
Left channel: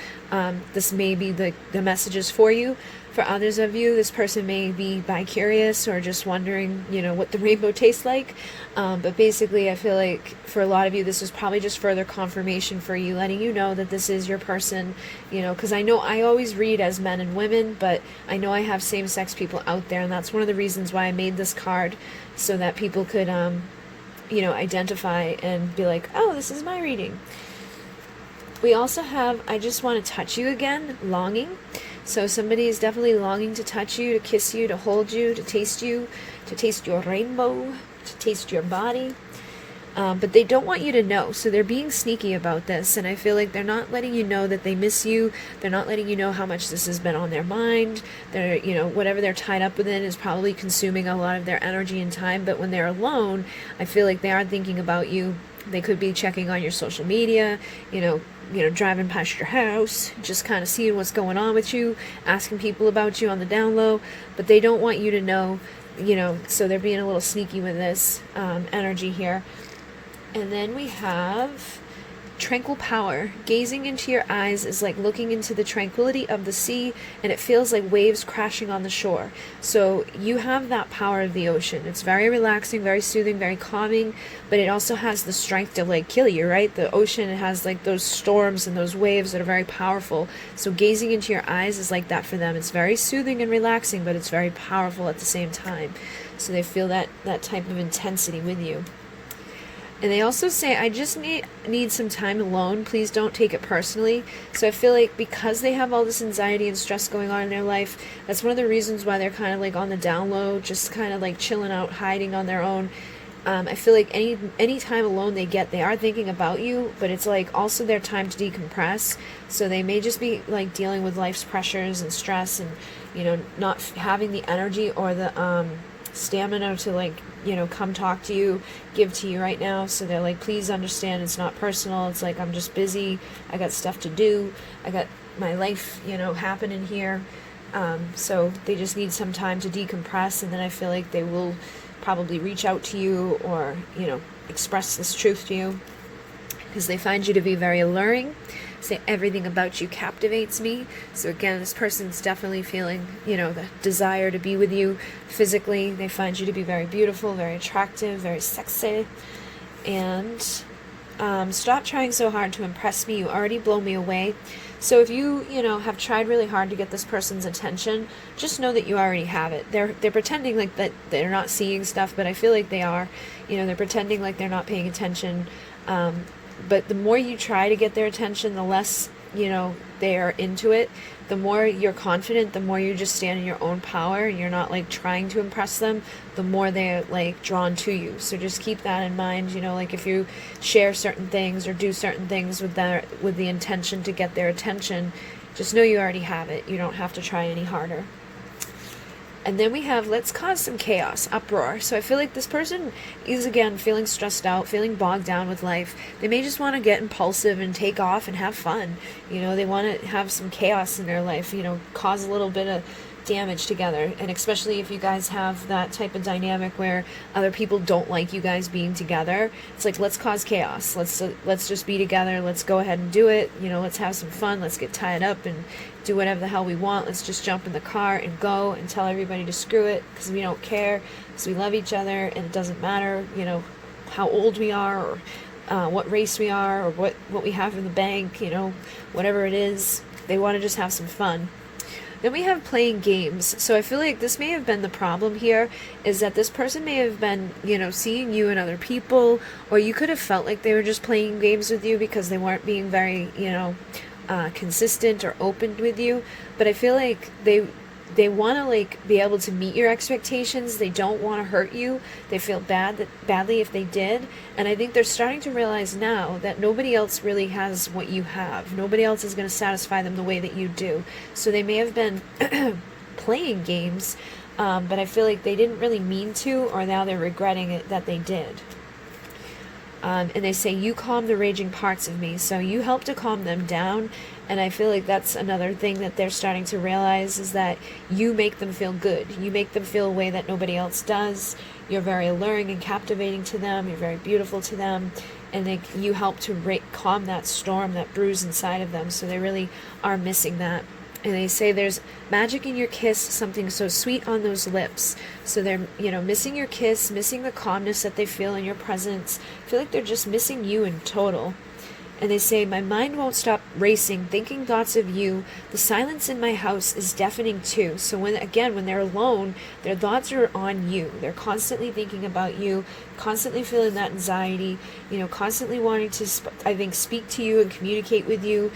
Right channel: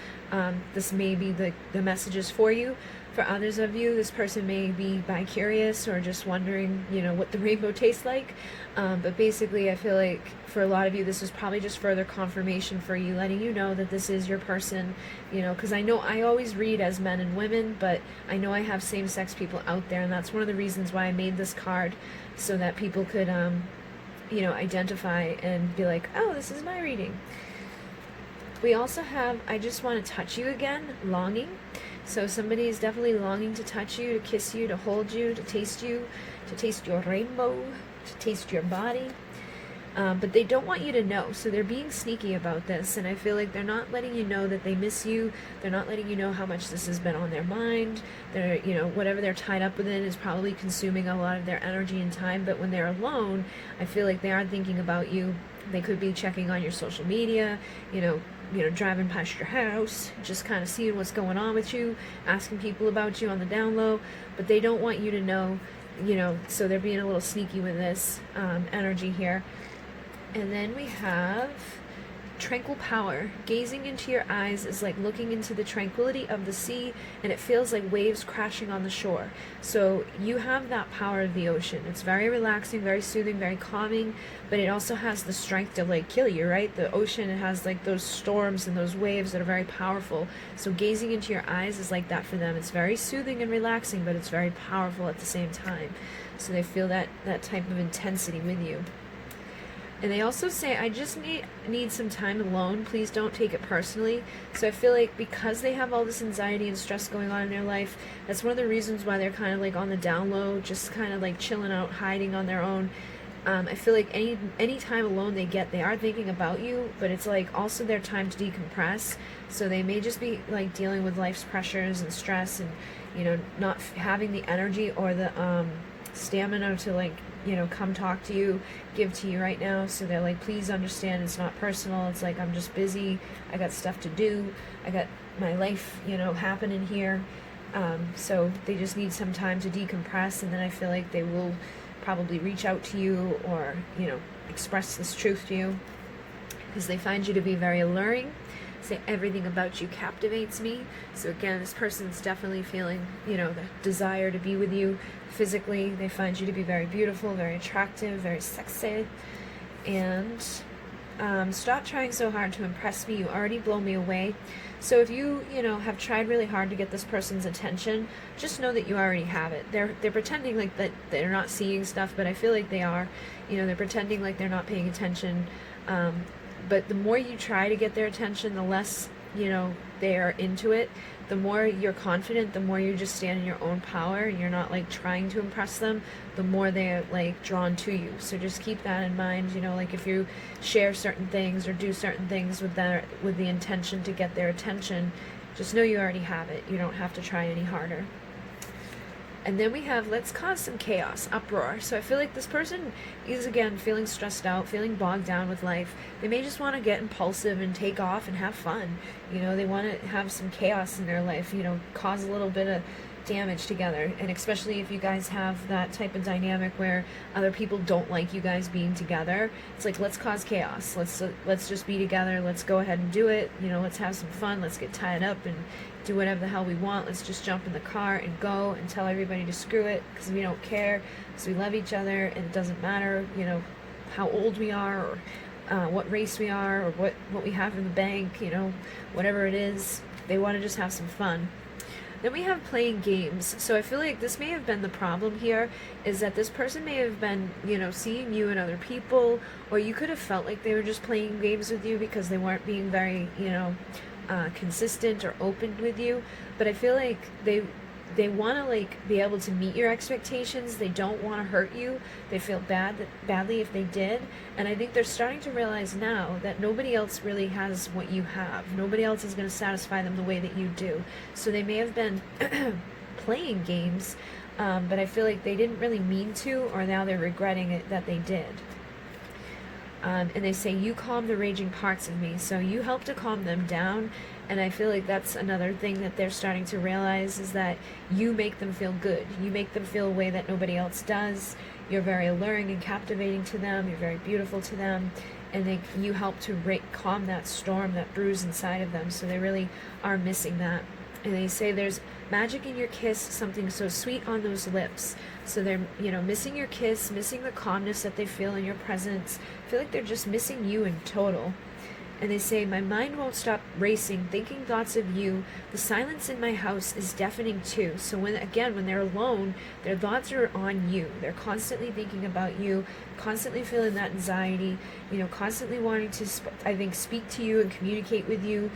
this may be the messages for you. For others of you, this person may be bi-curious or just wondering, what the rainbow tastes like. But basically, I feel like for a lot of you, this is probably just further confirmation for you, letting you know that this is your person, because I know I always read as men and women, but I know I have same-sex people out there, and that's one of the reasons why I made this card, so that people could, identify and be like, oh, this is my reading. We also have, I just want to touch you again, longing. So somebody is definitely longing to touch you, to kiss you, to hold you, to taste your rainbow, to taste your body. But they don't want you to know, so they're being sneaky about this, and I feel like they're not letting you know that they miss you. They're not letting you know how much this has been on their mind. They're, whatever they're tied up within is probably consuming a lot of their energy and time, but when they're alone, I feel like they are thinking about you. They could be checking on your social media, driving past your house, just kind of seeing what's going on with you, asking people about you on the down low, but they don't want you to know, so they're being a little sneaky with this energy here. And then we have tranquil power. Gazing into your eyes is like looking into the tranquility of the sea, and it feels like waves crashing on the shore. So you have that power of the ocean. It's very relaxing, very soothing, very calming, but it also has the strength to like kill you, right? The ocean, it has like those storms and those waves that are very powerful. So gazing into your eyes is like that for them. It's very soothing and relaxing, but it's very powerful at the same time. So they feel that type of intensity with you. And they also say, I just need some time alone. Please don't take it personally. So I feel like because they have all this anxiety and stress going on in their life, that's one of the reasons why they're kind of like on the down low, just kind of like chilling out, hiding on their own. I feel like any time alone they get, they are thinking about you, but it's like also their time to decompress. So they may just be like dealing with life's pressures and stress and, not having the energy or the stamina to like, come talk to you, give to you right now. So they're like, please understand, it's not personal. It's like, I'm just busy. I got stuff to do. I got my life, happening here. So they just need some time to decompress. And then I feel like they will probably reach out to you or, express this truth to you because they find you to be very alluring. Say everything about you captivates me. So again, this person's definitely feeling, the desire to be with you physically. They find you to be very beautiful, very attractive, very sexy. And stop trying so hard to impress me. You already blow me away. So if you, have tried really hard to get this person's attention, just know that you already have it. They're pretending like that they're not seeing stuff, but I feel like they are. They're pretending like they're not paying attention. But the more you try to get their attention, the less, they are into it. The more you're confident, the more you just stand in your own power and you're not like trying to impress them, the more they're like drawn to you. So just keep that in mind, like if you share certain things or do certain things with the intention to get their attention, just know you already have it. You don't have to try any harder. And then we have, let's cause some chaos, uproar. So I feel like this person is, again, feeling stressed out, feeling bogged down with life. They may just want to get impulsive and take off and have fun. They want to have some chaos in their life, cause a little bit of damage together. And especially if you guys have that type of dynamic where other people don't like you guys being together, it's like, let's cause chaos. Let's just be together. Let's go ahead and do it. Let's have some fun. Let's get tied up and do whatever the hell we want. Let's just jump in the car and go and tell everybody to screw it because we don't care, because we love each other, and it doesn't matter, how old we are or what race we are or what we have in the bank, whatever it is. They want to just have some fun. Then we have playing games. So I feel like this may have been the problem here, is that this person may have been, seeing you and other people, or you could have felt like they were just playing games with you because they weren't being very, consistent or open with you. But I feel like they want to like be able to meet your expectations. They don't want to hurt you. They feel badly if they did. And I think they're starting to realize now that nobody else really has what you have. Nobody else is going to satisfy them the way that you do. So they may have been playing games, but I feel like they didn't really mean to, or now they're regretting it that they did. And they say, you calm the raging parts of me. So you help to calm them down. And I feel like that's another thing that they're starting to realize, is that you make them feel good. You make them feel a way that nobody else does. You're very alluring and captivating to them. You're very beautiful to them. And you help to calm that storm, that bruise inside of them. So they really are missing that. And they say there's magic in your kiss, something so sweet on those lips. So they're, missing your kiss, missing the calmness that they feel in your presence. I feel like they're just missing you in total. And they say, my mind won't stop racing, thinking thoughts of you. The silence in my house is deafening too. So when they're alone, their thoughts are on you. They're constantly thinking about you, constantly feeling that anxiety, constantly wanting to, speak to you and communicate with you.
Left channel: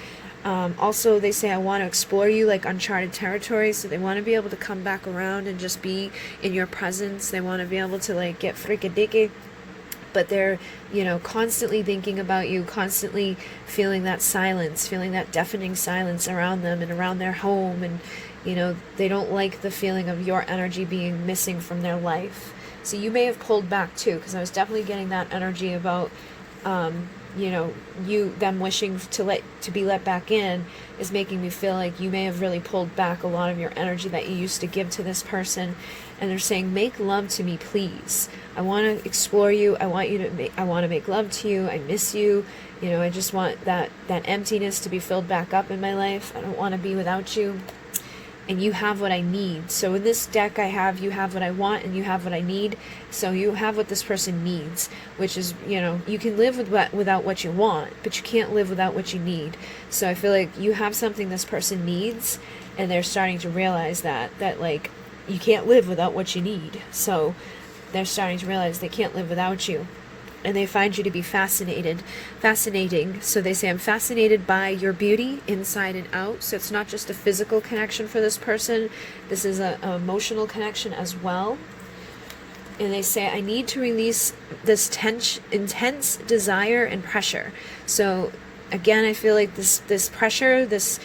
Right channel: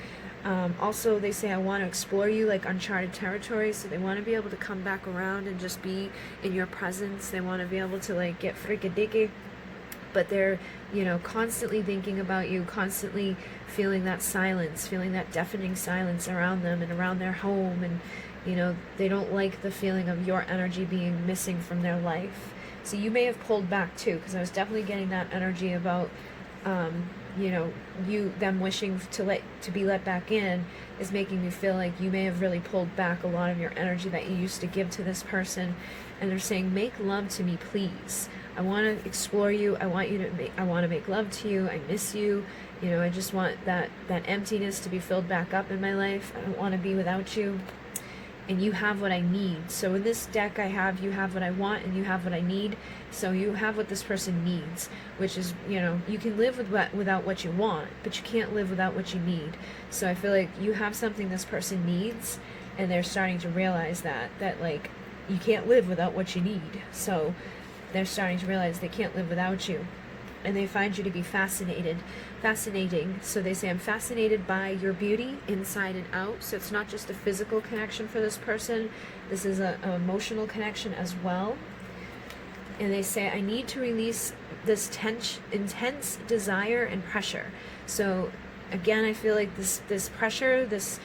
Also, they say, I want to explore you like uncharted territory. So they want to be able to come back around and just be in your presence. They want to be able to like get frikadiki. But they're, constantly thinking about you, constantly feeling that silence, feeling that deafening silence around them and around their home. And, they don't like the feeling of your energy being missing from their life. So you may have pulled back too, because I was definitely getting that energy about, them wishing to be let back in is making me feel like you may have really pulled back a lot of your energy that you used to give to this person. And they're saying, make love to me, please. I want to explore you. I want to make love to you. I miss you. I just want that emptiness to be filled back up in my life. I don't want to be without you. And you have what I need. So in this deck you have what I want and you have what I need. So you have what this person needs, which is, you can live without what you want, but you can't live without what you need. So I feel like you have something this person needs, and they're starting to realize that like you can't live without what you need. So they're starting to realize they can't live without you. And they find you to be fascinating. So they say, I'm fascinated by your beauty inside and out. So it's not just a physical connection for this person. This is an emotional connection as well. And they say, I need to release this intense desire and pressure. So again, I feel like this pressure, this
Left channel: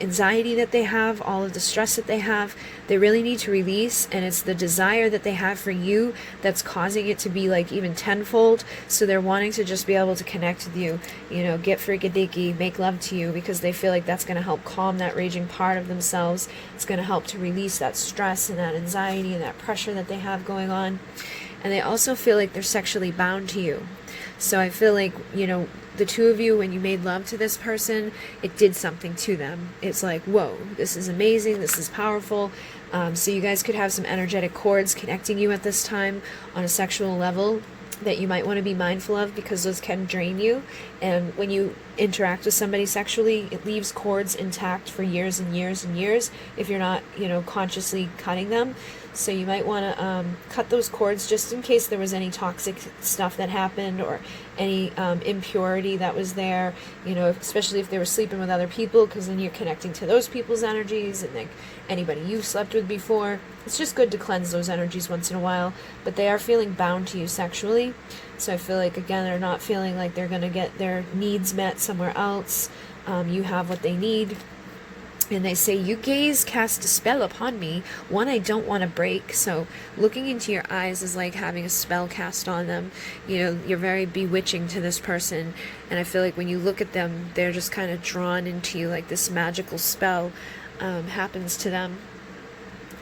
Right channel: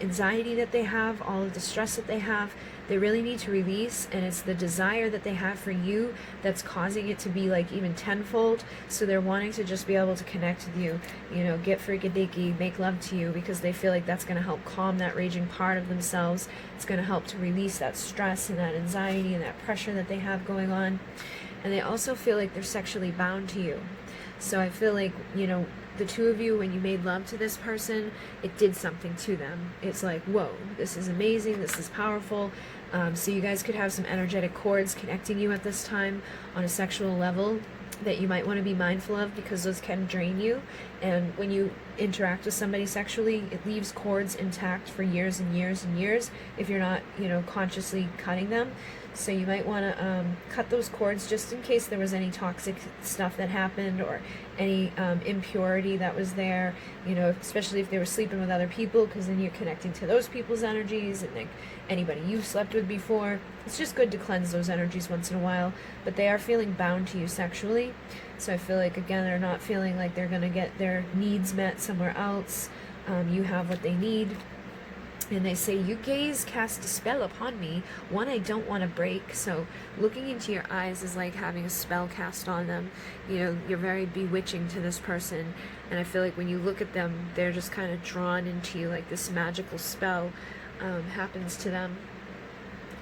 anxiety that they have, all of the stress that they have, they really need to release. And it's the desire that they have for you that's causing it to be like even tenfold. So they're wanting to just be able to connect with you, get frikadiki, make love to you, because they feel like that's going to help calm that raging part of themselves. It's going to help to release that stress and that anxiety and that pressure that they have going on. And they also feel like they're sexually bound to you. So I feel like, the two of you, when you made love to this person, it did something to them. It's like, whoa, this is amazing, this is powerful. So you guys could have some energetic cords connecting you at this time on a sexual level that you might want to be mindful of, because those can drain you. And when you interact with somebody sexually, it leaves cords intact for years and years and years if you're not, consciously cutting them. So you might want to cut those cords just in case there was any toxic stuff that happened or any impurity that was there, especially if they were sleeping with other people, because then you're connecting to those people's energies and like anybody you've slept with before. It's just good to cleanse those energies once in a while, but they are feeling bound to you sexually. So I feel like, again, they're not feeling like they're going to get their needs met somewhere else. You have what they need. And they say, you gaze cast a spell upon me, one I don't want to break. So looking into your eyes is like having a spell cast on them. You're very bewitching to this person. And I feel like when you look at them, they're just kind of drawn into you, like this magical spell happens to them.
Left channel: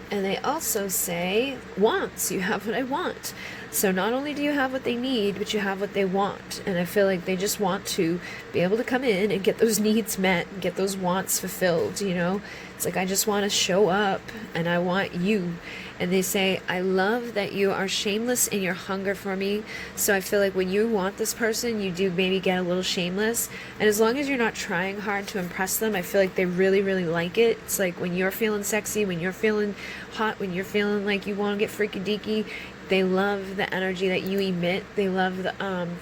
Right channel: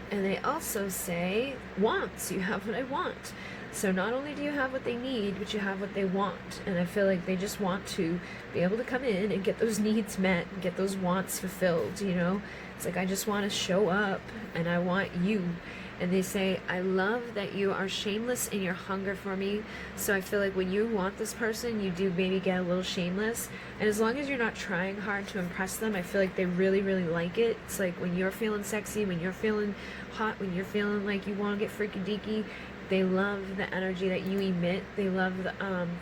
And they also say, wants, you have what I want. So not only do you have what they need, but you have what they want. And I feel like they just want to be able to come in and get those needs met and get those wants fulfilled, It's like, I just want to show up and I want you. And they say, I love that you are shameless in your hunger for me. So I feel like when you want this person, you do maybe get a little shameless. And as long as you're not trying hard to impress them, I feel like they really, really like it. It's like when you're feeling sexy, when you're feeling hot, when you're feeling like you want to get freaky deaky, they love the energy that you emit. They love the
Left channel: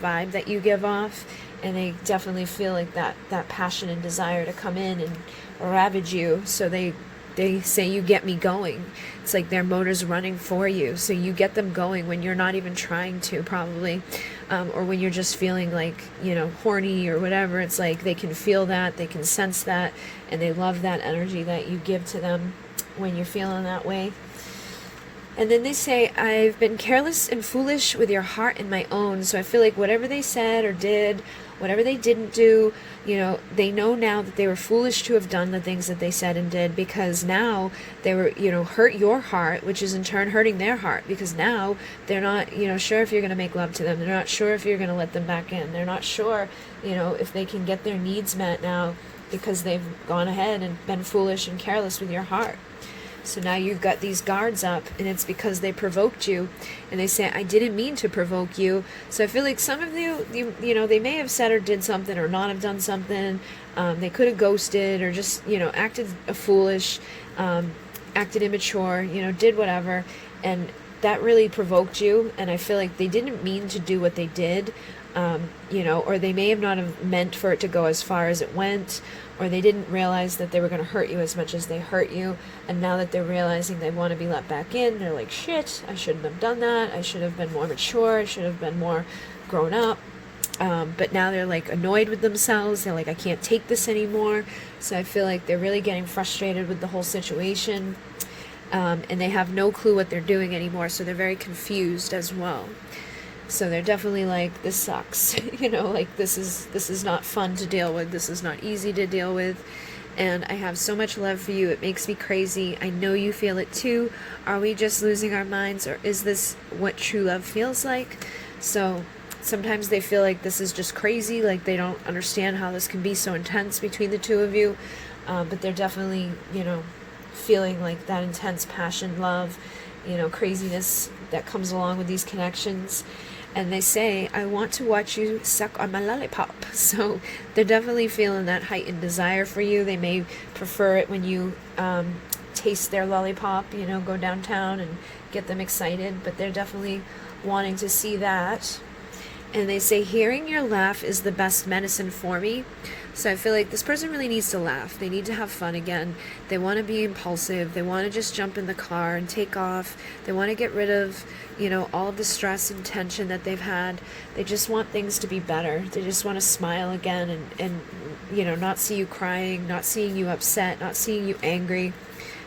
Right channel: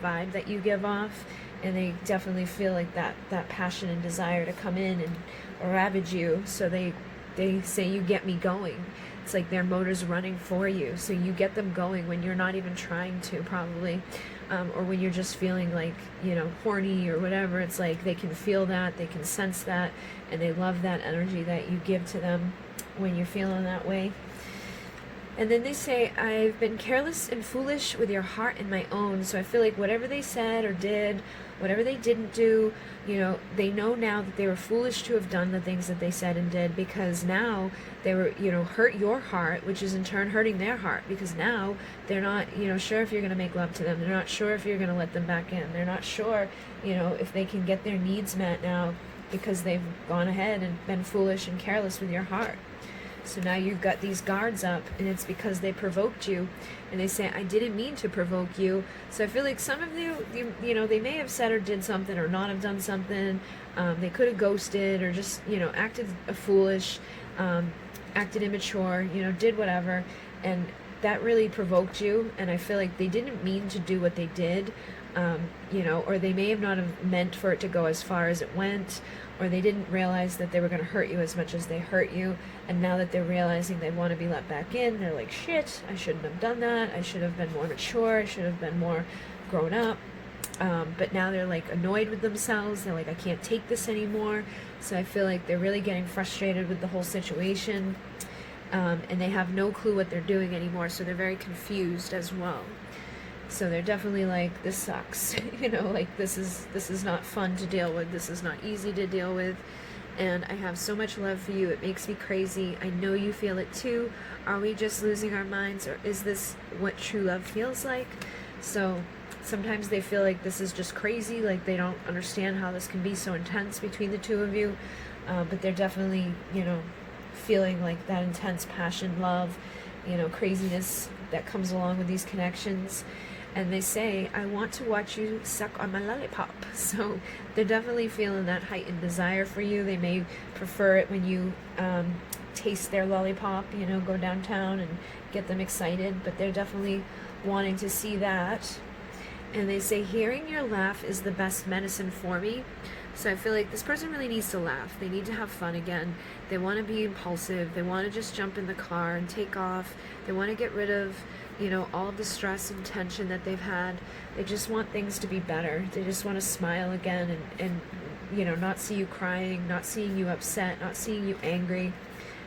vibe that you give off. And they definitely feel like that passion and desire to come in and ravage you. So they say, you get me going. It's like their motor's running for you. So you get them going when you're not even trying to, probably. Or when you're just feeling like, horny or whatever. It's like they can feel that, they can sense that, and they love that energy that you give to them when you're feeling that way. And then they say, I've been careless and foolish with your heart and my own. So I feel like whatever they said or did, whatever they didn't do, they know now that they were foolish to have done the things that they said and did, because now they were, hurt your heart, which is in turn hurting their heart, because now they're not, sure if you're going to make love to them. They're not sure if you're going to let them back in. They're not sure, if they can get their needs met now. because they've gone ahead and been foolish and careless with your heart. So now you've got these guards up, and it's because they provoked you, and they say, I didn't mean to provoke you. So I feel like some of you, you know, they may have said or did something or not have done something. They could have ghosted or just, you know, acted foolish, acted immature, you know, did whatever. And that really provoked you. And I feel like they didn't mean to do what they did, you know, or they may have not have meant for it to go as far as it went, or they didn't realize that they were going to hurt you as much as they hurt you. And now that they're realizing they want to be let back in, they're like, shit, I shouldn't have done that. I should have been more mature. I should have been more grown up. But now they're like annoyed with themselves. They're like, I can't take this anymore. So I feel like they're really getting frustrated with the whole situation. And they have no clue what they're doing anymore. So they're very confused as well. So they're definitely like, this sucks, you know, like this is not fun to deal with. This is not easy to deal with. And I have so much love for you. It makes me crazy. I know you feel it too. Are we just losing our minds, or is this what true love feels like? So sometimes they feel like this is just crazy, like they don't understand how this can be so intense between the two of you. But they're definitely, you know, feeling like that intense passion, love, you know, craziness that comes along with these connections. And they say, I want to watch you suck on my lollipop. So they're definitely feeling that heightened desire for you. They may prefer it when you taste their lollipop, you know, go downtown and get them excited. But they're definitely wanting to see that. And they say, hearing your laugh is the best medicine for me. So I feel like this person really needs to laugh. They need to have fun again. They want to be impulsive. They want to just jump in the car and take off. They want to get rid of, you know, all of the stress and tension that they've had. They just want things to be better. They just want to smile again and you know, not see you crying, not seeing you upset, not seeing you angry.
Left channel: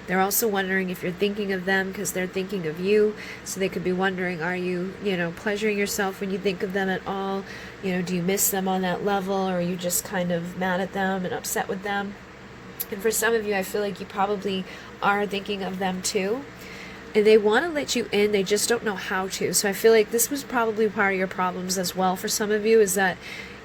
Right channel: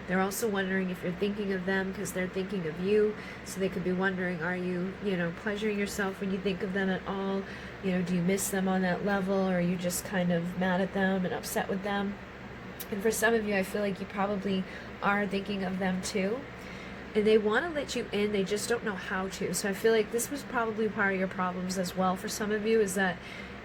They're also wondering if you're thinking of them, because they're thinking of you. So they could be wondering, are you, you know, pleasuring yourself when you think of them at all? You know, do you miss them on that level, or are you just kind of mad at them and upset with them? And for some of you, I feel like you probably are thinking of them too. And they want to let you in, they just don't know how to. So I feel like this was probably part of your problems as well for some of you, is that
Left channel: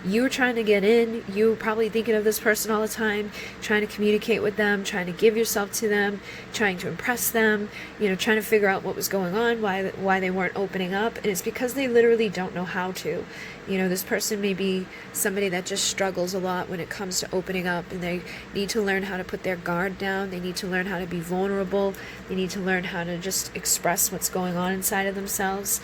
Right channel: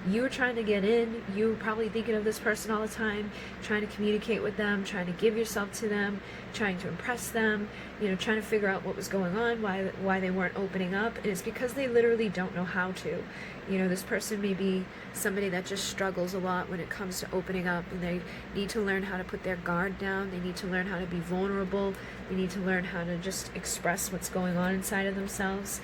you were trying to get in, you were probably thinking of this person all the time, trying to communicate with them, trying to give yourself to them, trying to impress them, you know, trying to figure out what was going on, why they weren't opening up. And it's because they literally don't know how to. You know, this person may be somebody that just struggles a lot when it comes to opening up, and they need to learn how to put their guard down. They need to learn how to be vulnerable. They need to learn how to just express what's going on inside of themselves.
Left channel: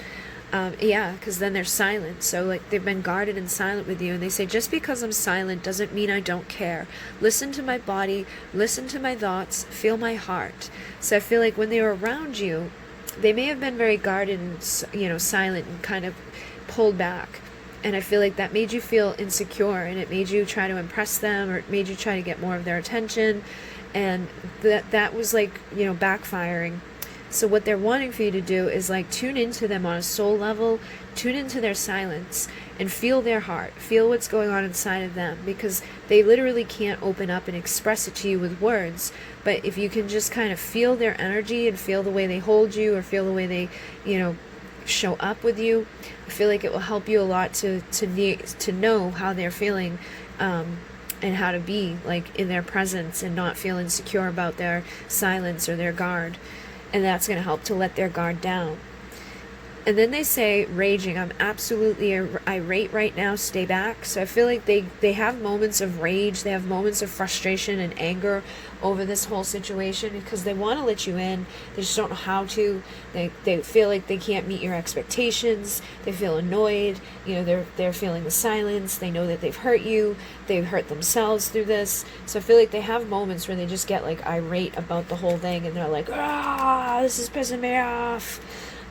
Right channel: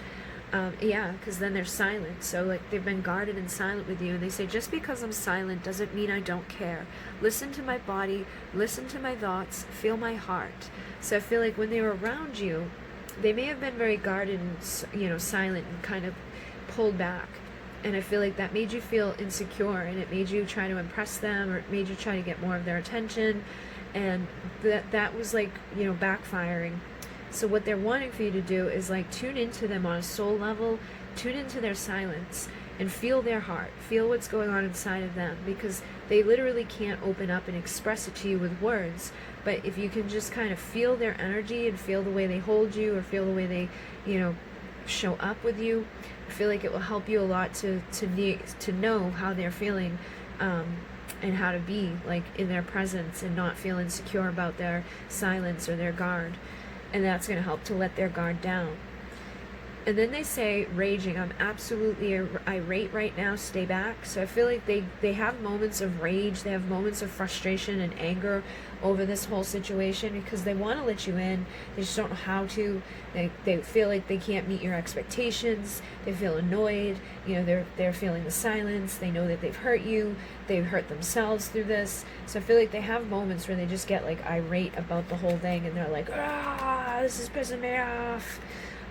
Yeah, because then they're silent. So like they've been guarded and silent with you, and they say, just because I'm silent doesn't mean I don't care. Listen to my body, listen to my thoughts, feel my heart. So I feel like when they were around you, they may have been very guarded and, you know, silent and kind of pulled back. And I feel like that made you feel insecure, and it made you try to impress them, or it made you try to get more of their attention. And that was like, you know, backfiring. So what they're wanting for you to do is like tune into them on a soul level, tune into their silence, and feel their heart, feel what's going on inside of them, because they literally can't open up and express it to you with words. But if you can just kind of feel their energy and feel the way they hold you, or feel the way they, you know, show up with you, I feel like it will help you a lot to know how they're feeling, and how to be like in their presence and not feel insecure about their silence or their guard. And that's going to help to let their guard down. And then they say, raging, I'm absolutely irate right now, stay back. So I feel like they have moments of rage, they have moments of frustration and anger over this whole situation, because they want to let you in, they just don't know how to. They feel like they can't meet your expectations, they feel annoyed, you know, they're feeling the silence, they know that they've hurt you, they've hurt themselves through this. So I feel like they have moments where they just get like irate about the whole thing, and they're like, this is pissing me off.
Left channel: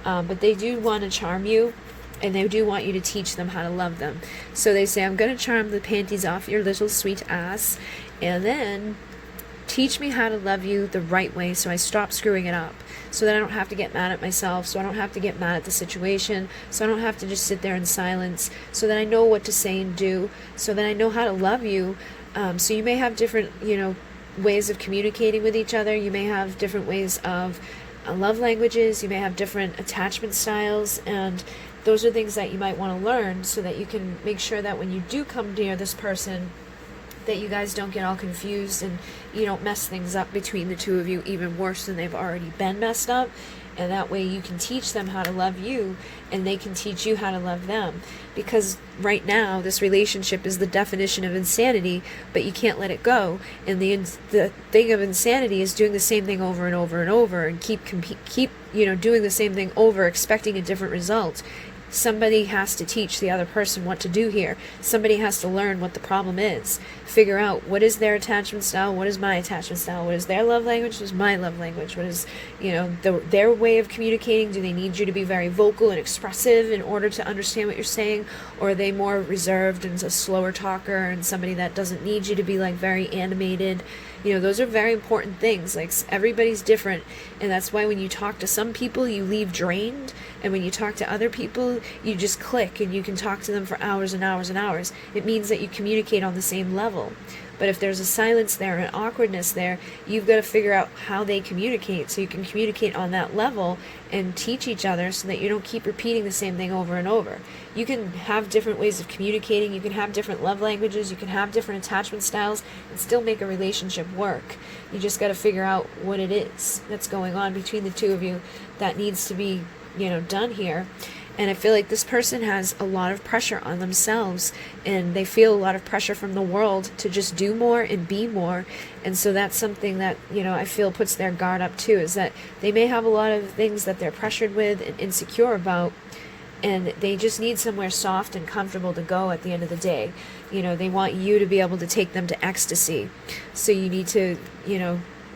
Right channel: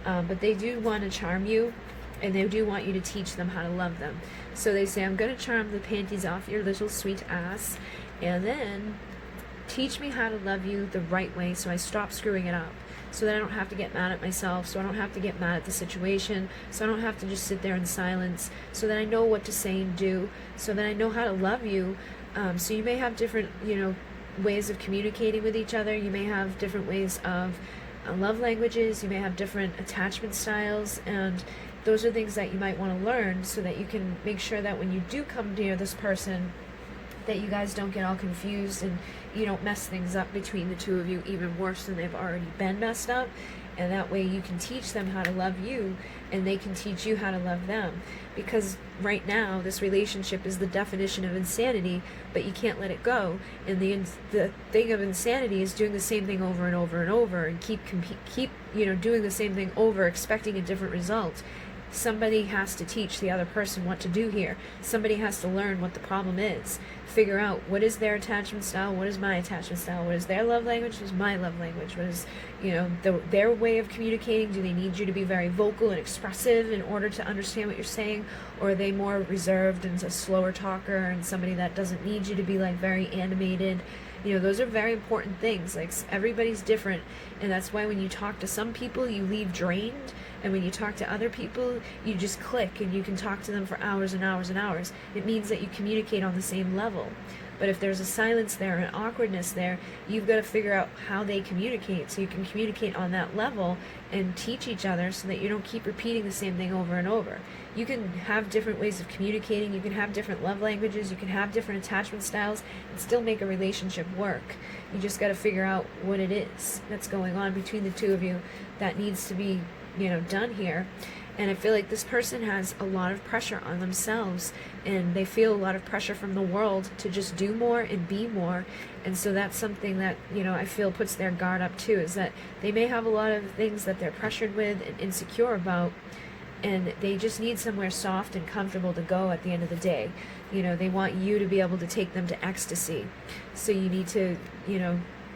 But they do want to charm you, and they do want you to teach them how to love them. So they say, I'm going to charm the panties off your little sweet ass, and then teach me how to love you the right way, so I stop screwing it up, so that I don't have to get mad at myself, so I don't have to get mad at the situation, so I don't have to just sit there in silence, so that I know what to say and do, so that I know how to love you. So you may have different, you know, ways of communicating with each other. You may have different ways of love languages, you may have different attachment styles, and those are things that you might want to learn, so that you can make sure that when you do come near this person, that you guys don't get all confused and you don't mess things up between the two of you even worse than they've already been messed up. And that way you can teach them how to love you, and they can teach you how to love them. Because right now, this relationship is the definition of insanity, but you can't let it go. And the thing of insanity is doing the same thing over and over and over, and keep doing the same thing over, expecting a different result. Somebody has to teach the other person what to do here. Somebody has to learn what the problem is. Figure out what is their attachment style, what is my attachment style, what is their love language, what is my love language, what is, their way of communicating. Do they need you to be very vocal and expressive in order to understand what you're saying? Or are they more reserved and a slower talker and somebody that doesn't need you to be like very animated? Those are very important things. Like, everybody's different, and that's why when you talk to some people, you leave drained, and when you talk to other people, you just click, and you can talk to them for hours and hours and hours. It means that you communicate on the same level. But if there's a silence there, an awkwardness there, you've got to figure out how they communicate so you can communicate on that level and teach each other so that you don't keep repeating the same thing over and over. You can have different ways of communicating, you can have different love languages, you can have different attachment styles and still make a relationship work. You just got to figure out what it is that's going on between the two of you that needs to be, done here. And I feel like this person has a lot of pressure on themselves, and they feel a lot of pressure from the world to just do more and be more. And so that's something that, I feel puts their guard up too, is that they may have a lot of things that they're pressured with and insecure about, and they just need somewhere soft and comfortable to go at the end of the day. They want you to be able to take them to ecstasy. So you need to,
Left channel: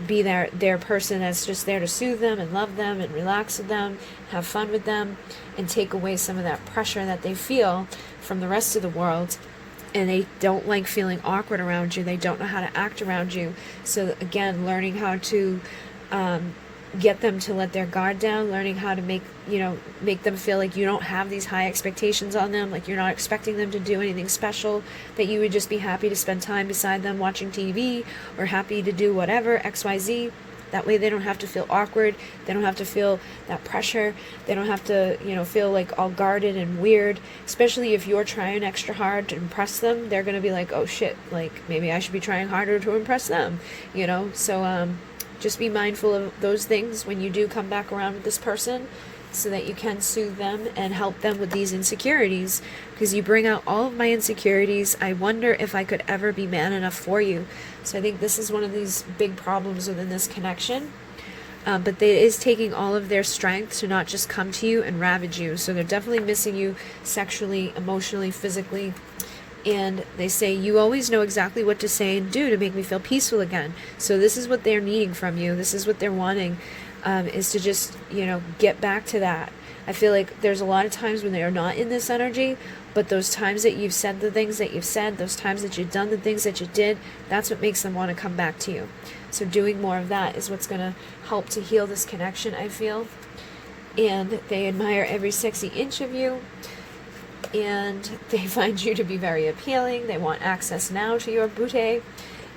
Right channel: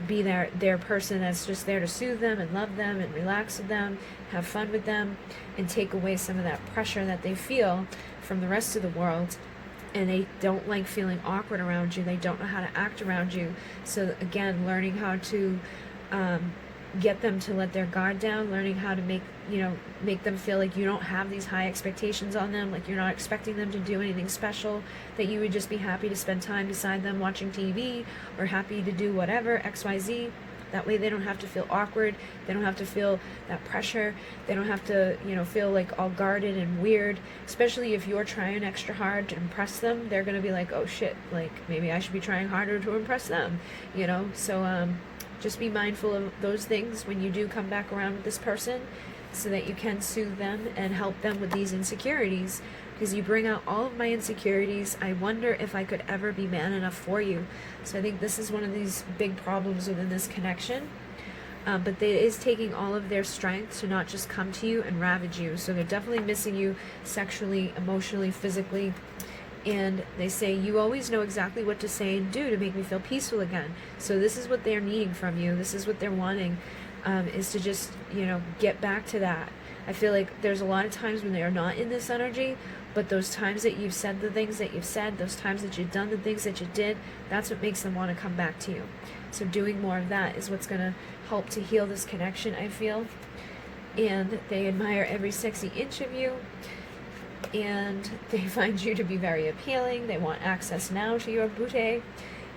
be their person that's just there to soothe them and love them and relax with them, have fun with them, and take away some of that pressure that they feel from the rest of the world. And they don't like feeling awkward around you. They don't know how to act around you. So again, learning how to get them to let their guard down, learning how to make them feel like you don't have these high expectations on them, like you're not expecting them to do anything special, that you would just be happy to spend time beside them watching TV, or happy to do whatever, XYZ. That way they don't have to feel awkward, they don't have to feel that pressure, they don't have to, feel like all guarded and weird. Especially if you're trying extra hard to impress them, they're going to be like, oh shit, like maybe I should be trying harder to impress them, So, just be mindful of those things when you do come back around with this person, so that you can soothe them and help them with these insecurities, because you bring out all of my insecurities. I wonder if I could ever be man enough for you. So I think this is one of these big problems within this connection. But it is taking all of their strength to not just come to you and ravage you. So they're definitely missing you sexually, emotionally, physically. And they say, you always know exactly what to say and do to make me feel peaceful again. So this is what they're needing from you. This is what they're wanting, is to just, get back to that. I feel like there's a lot of times when they are not in this energy, but those times that you've said the things that you've said, those times that you've done the things that you did, that's what makes them want to come back to you. So doing more of that is what's going to help to heal this connection, I feel. And they admire every sexy inch of you. And they find you to be very appealing. They want access now to your booty.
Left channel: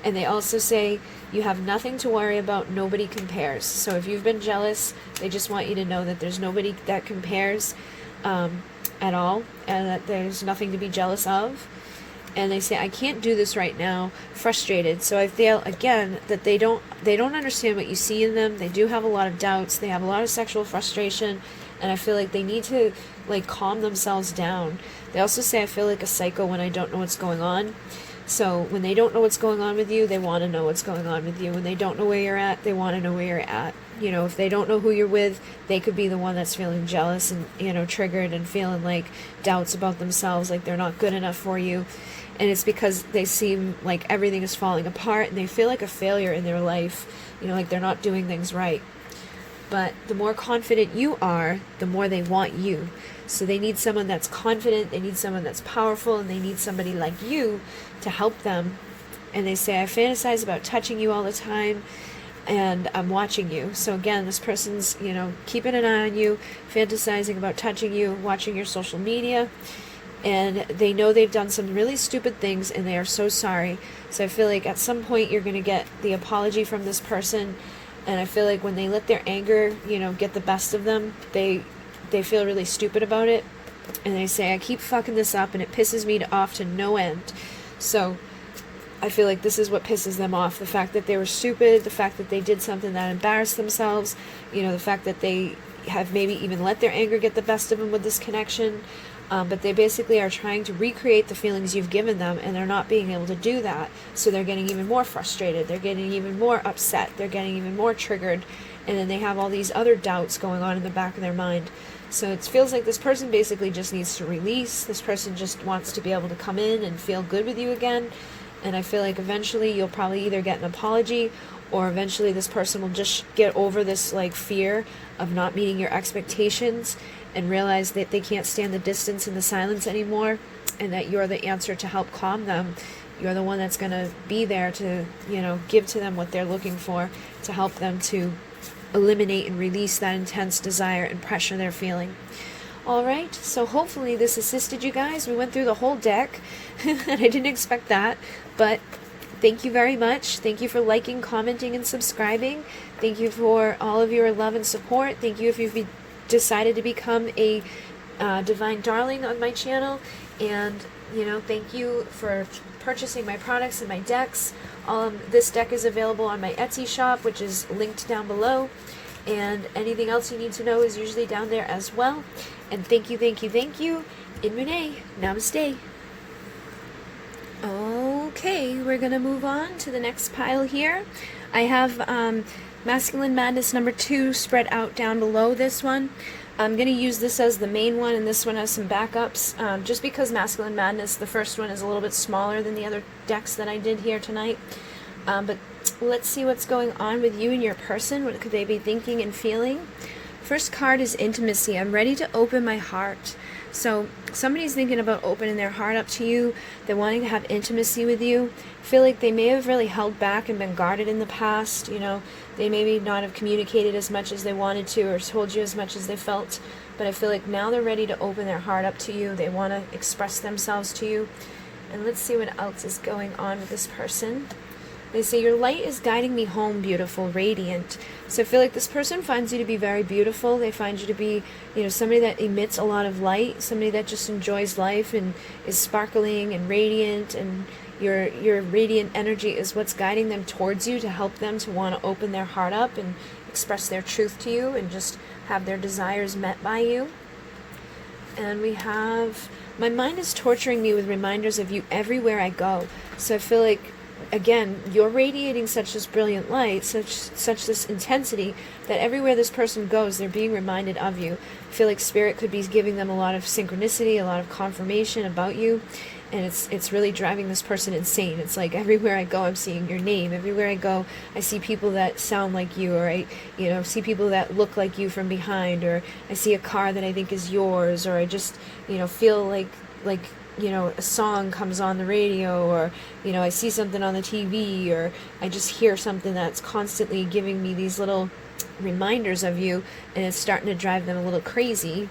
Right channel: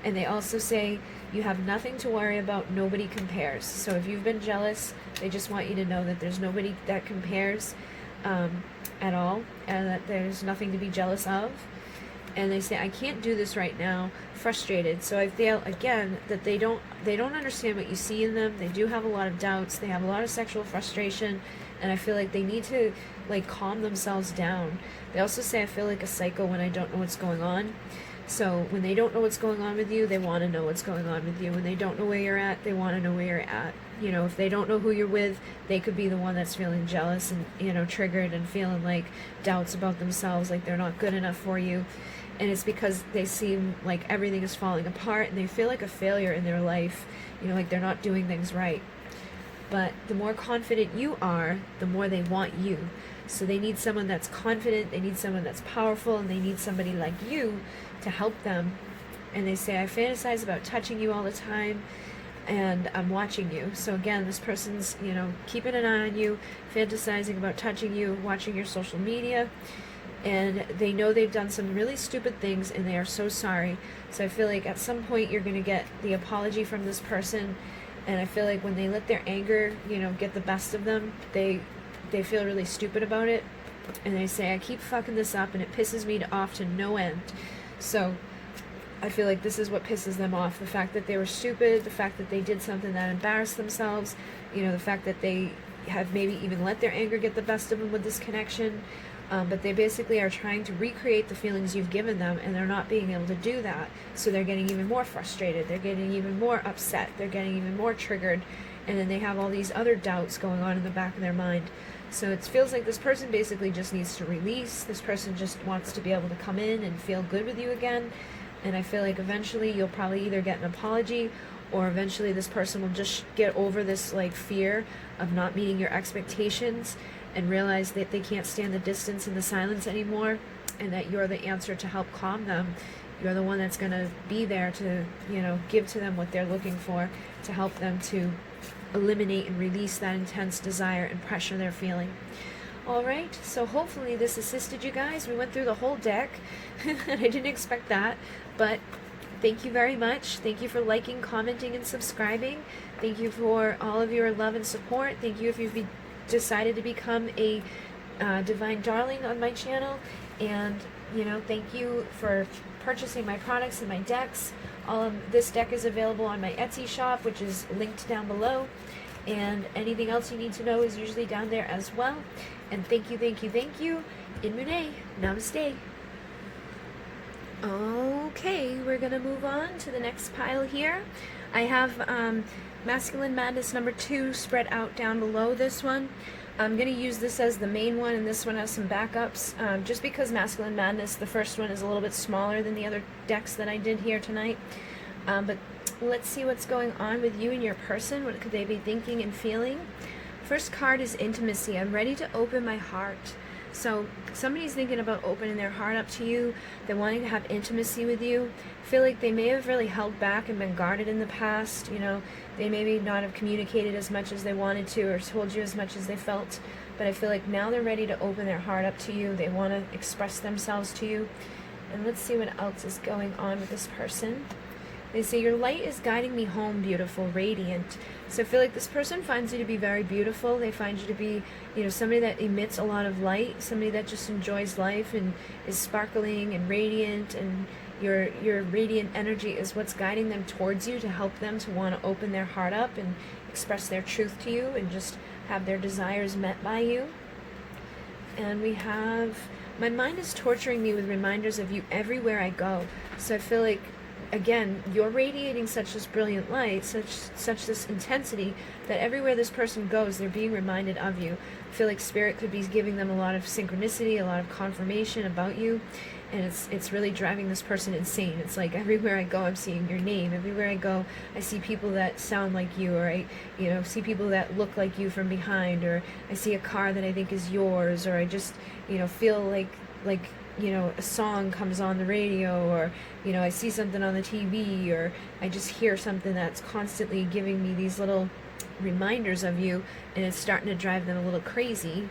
And they also say you have nothing to worry about, nobody compares. So if you've been jealous, they just want you to know that there's nobody that compares at all, and that there's nothing to be jealous of. And they say, I can't do this right now, frustrated. So I feel, again, that they don't understand what you see in them. They do have a lot of doubts. They have a lot of sexual frustration. And I feel like they need to, calm themselves down. They also say, I feel like a psycho when I don't know what's going on. So when they don't know what's going on with you, they want to know what's going on with you. When they don't know where you're at, they want to know where you're at. If they don't know who you're with, they could be the one that's feeling jealous and, triggered and feeling like doubts about themselves, like they're not good enough for you. And it's because they seem like everything is falling apart, and they feel like a failure in their life, like they're not doing things right. But the more confident you are, the more they want you. So they need someone that's confident, they need someone that's powerful, and they need somebody like you to help them. And they say, I fantasize about touching you all the time, and I'm watching you. So again, this person's, keeping an eye on you, fantasizing about touching you, watching your social media. And they know they've done some really stupid things, and they are so sorry. So I feel like at some point you're going to get the apology from this person. And I feel like when they let their anger, get the best of them, they feel really stupid about it. And they say, I keep fucking this up, and it pisses me off to no end. So I feel like this is what pisses them off. The fact that they were stupid, the fact that they did something that embarrassed themselves, you know, the fact that they have maybe even let their anger get the best of them with this connection. But they basically are trying to recreate the feelings you've given them, and they're not being able to do that. So they're getting even more frustrated. They're getting even more upset. They're getting even more triggered. And then they have all these other doubts going on in the back of their mind. So it feels like this person basically just needs to release. This person just wants to be able to come in and feel good with you again. And I feel like eventually you'll probably either get an apology, or eventually this person will just get over this like fear of not meeting your expectations and realize that they can't stand the distance and the silence anymore, and that you're the answer to help calm them. You're the one that's going to be there to, you know, give to them what they're looking for, to help them to eliminate and release that intense desire and pressure they're feeling. Alright, so hopefully this assisted you guys. We went through the whole deck, and I didn't expect that, but thank you very much. Thank you for liking, commenting, and subscribing. Thank you for all of your love and support. Thank you if you've decided to become a divine darling on my channel. And, you know, thank you for purchasing my products and my decks. This deck is available on my Etsy shop, which is linked down below. And anything else you need to know is usually down there as well. And thank you, thank you, thank you. In Mune, namaste. Okay, we're going to move on to the next pile here. I have Masculine Madness number 2 spread out down below this one. I'm going to use this as the main one, and this one has some backups. Just because Masculine Madness, the first one, is a little bit smaller than the other decks that I did here tonight. But let's see what's going on with you and your person. What could they be thinking and feeling? First card is intimacy. I'm ready to open my heart. So somebody's thinking about opening their heart up to you. They're wanting to have intimacy with you. I feel like they may have really held back and been guarded in the past. You know, they maybe not have communicated as much as they wanted to, or told you as much as they felt. But I feel like now they're ready to open their heart up to you. They want to express themselves to you. And let's see what else is going on with this person. They say, your light is guiding me home, beautiful, radiant. So I feel like this person finds you to be very beautiful. They find you to be, you know, somebody that emits a lot of light, somebody that just enjoys life and is sparkling and radiant, and your radiant energy is what's guiding them towards you to help them to want to open their heart up and express their truth to you and just have their desires met by you. And we have, my mind is torturing me with reminders of you everywhere I go. So I feel like, again, you're radiating such this brilliant light, such this intensity, that everywhere this person goes, they're being reminded of you. I feel like Spirit could be giving them a lot of synchronicity, a lot of confirmation about you, and it's really driving this person insane. It's like everywhere I go, I'm seeing your name. Everywhere I go, I see people that sound like you, or I, you know, see people that look like you from behind, or I see a car that I think is yours, or I just, you know, feel like you know, a song comes on the radio, or, you know, I see something on the TV, or I just hear something that's constantly giving me these little reminders of you, and it's starting to drive them a little crazy.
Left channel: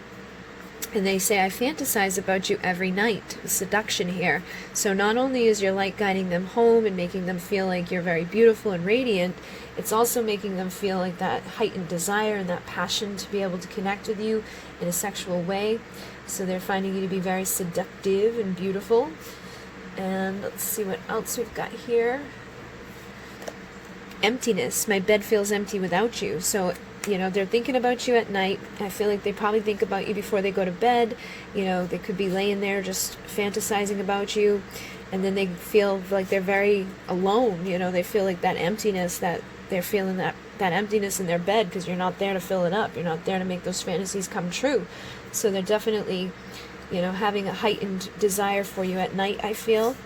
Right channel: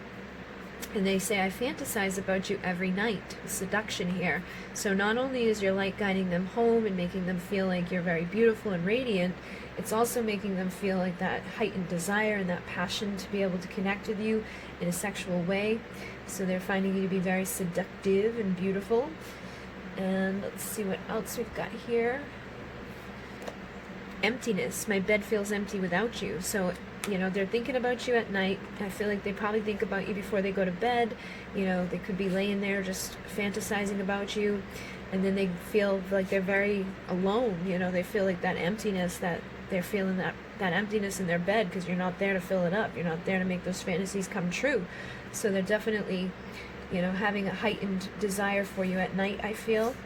And they say, I fantasize about you every night. Seduction here. So not only is your light guiding them home and making them feel like you're very beautiful and radiant, it's also making them feel like that heightened desire and that passion to be able to connect with you in a sexual way. So they're finding you to be very seductive and beautiful. And let's see what else we've got here. Emptiness. My bed feels empty without you. So, you know, they're thinking about you at night. I feel like they probably think about you before they go to bed. You know, they could be laying there just fantasizing about you. And then they feel like they're very alone. You know, they feel like that emptiness, that they're feeling that emptiness in their bed because you're not there to fill it up. You're not there to make those fantasies come true. So they're definitely, you know, having a heightened desire for you at night, I feel.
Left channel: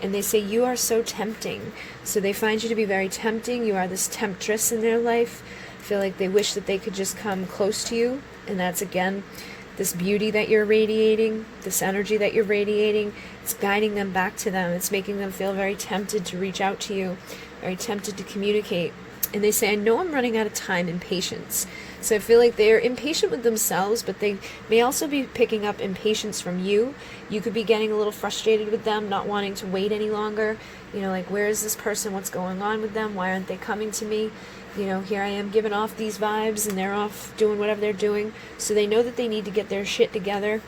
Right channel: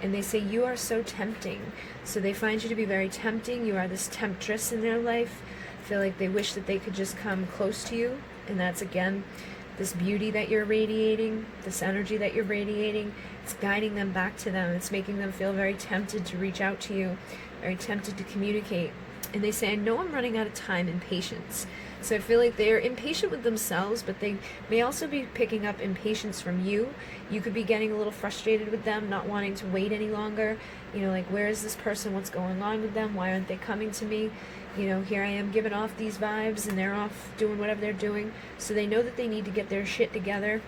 And they say, you are so tempting. So they find you to be very tempting. You are this temptress in their life. I feel like they wish that they could just come close to you. And that's, again, this beauty that you're radiating, this energy that you're radiating. It's guiding them back to them. It's making them feel very tempted to reach out to you, very tempted to communicate. And they say, I know I'm running out of time and patience. So I feel like they're impatient with themselves, but they may also be picking up impatience from you. You could be getting a little frustrated with them, not wanting to wait any longer. You know, like, where is this person? What's going on with them? Why aren't they coming to me? You know, here I am giving off these vibes, and they're off doing whatever they're doing. So they know that they need to get their shit together.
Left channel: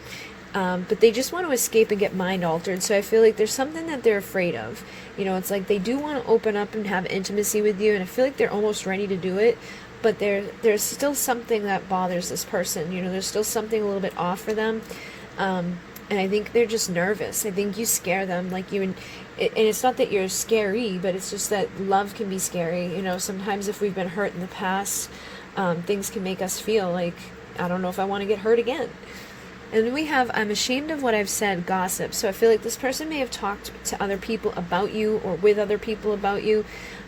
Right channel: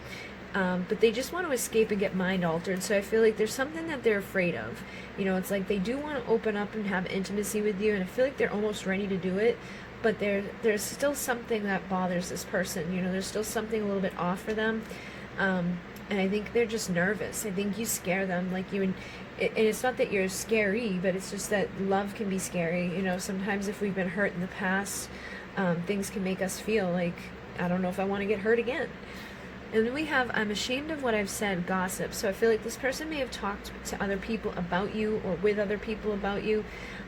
But they just want to escape and get mind altered. So I feel like there's something that they're afraid of. You know, it's like they do want to open up and have intimacy with you, and I feel like they're almost ready to do it, but there's still something that bothers this person. You know, there's still something a little bit off for them. And I think they're just nervous. I think you scare them, like and it's not that you're scary, but it's just that love can be scary. You know, sometimes if we've been hurt in the past, things can make us feel like, I don't know if I want to get hurt again. And then we have, I'm ashamed of what I've said, gossip. So I feel like this person may have talked to other people about you or with other people about you.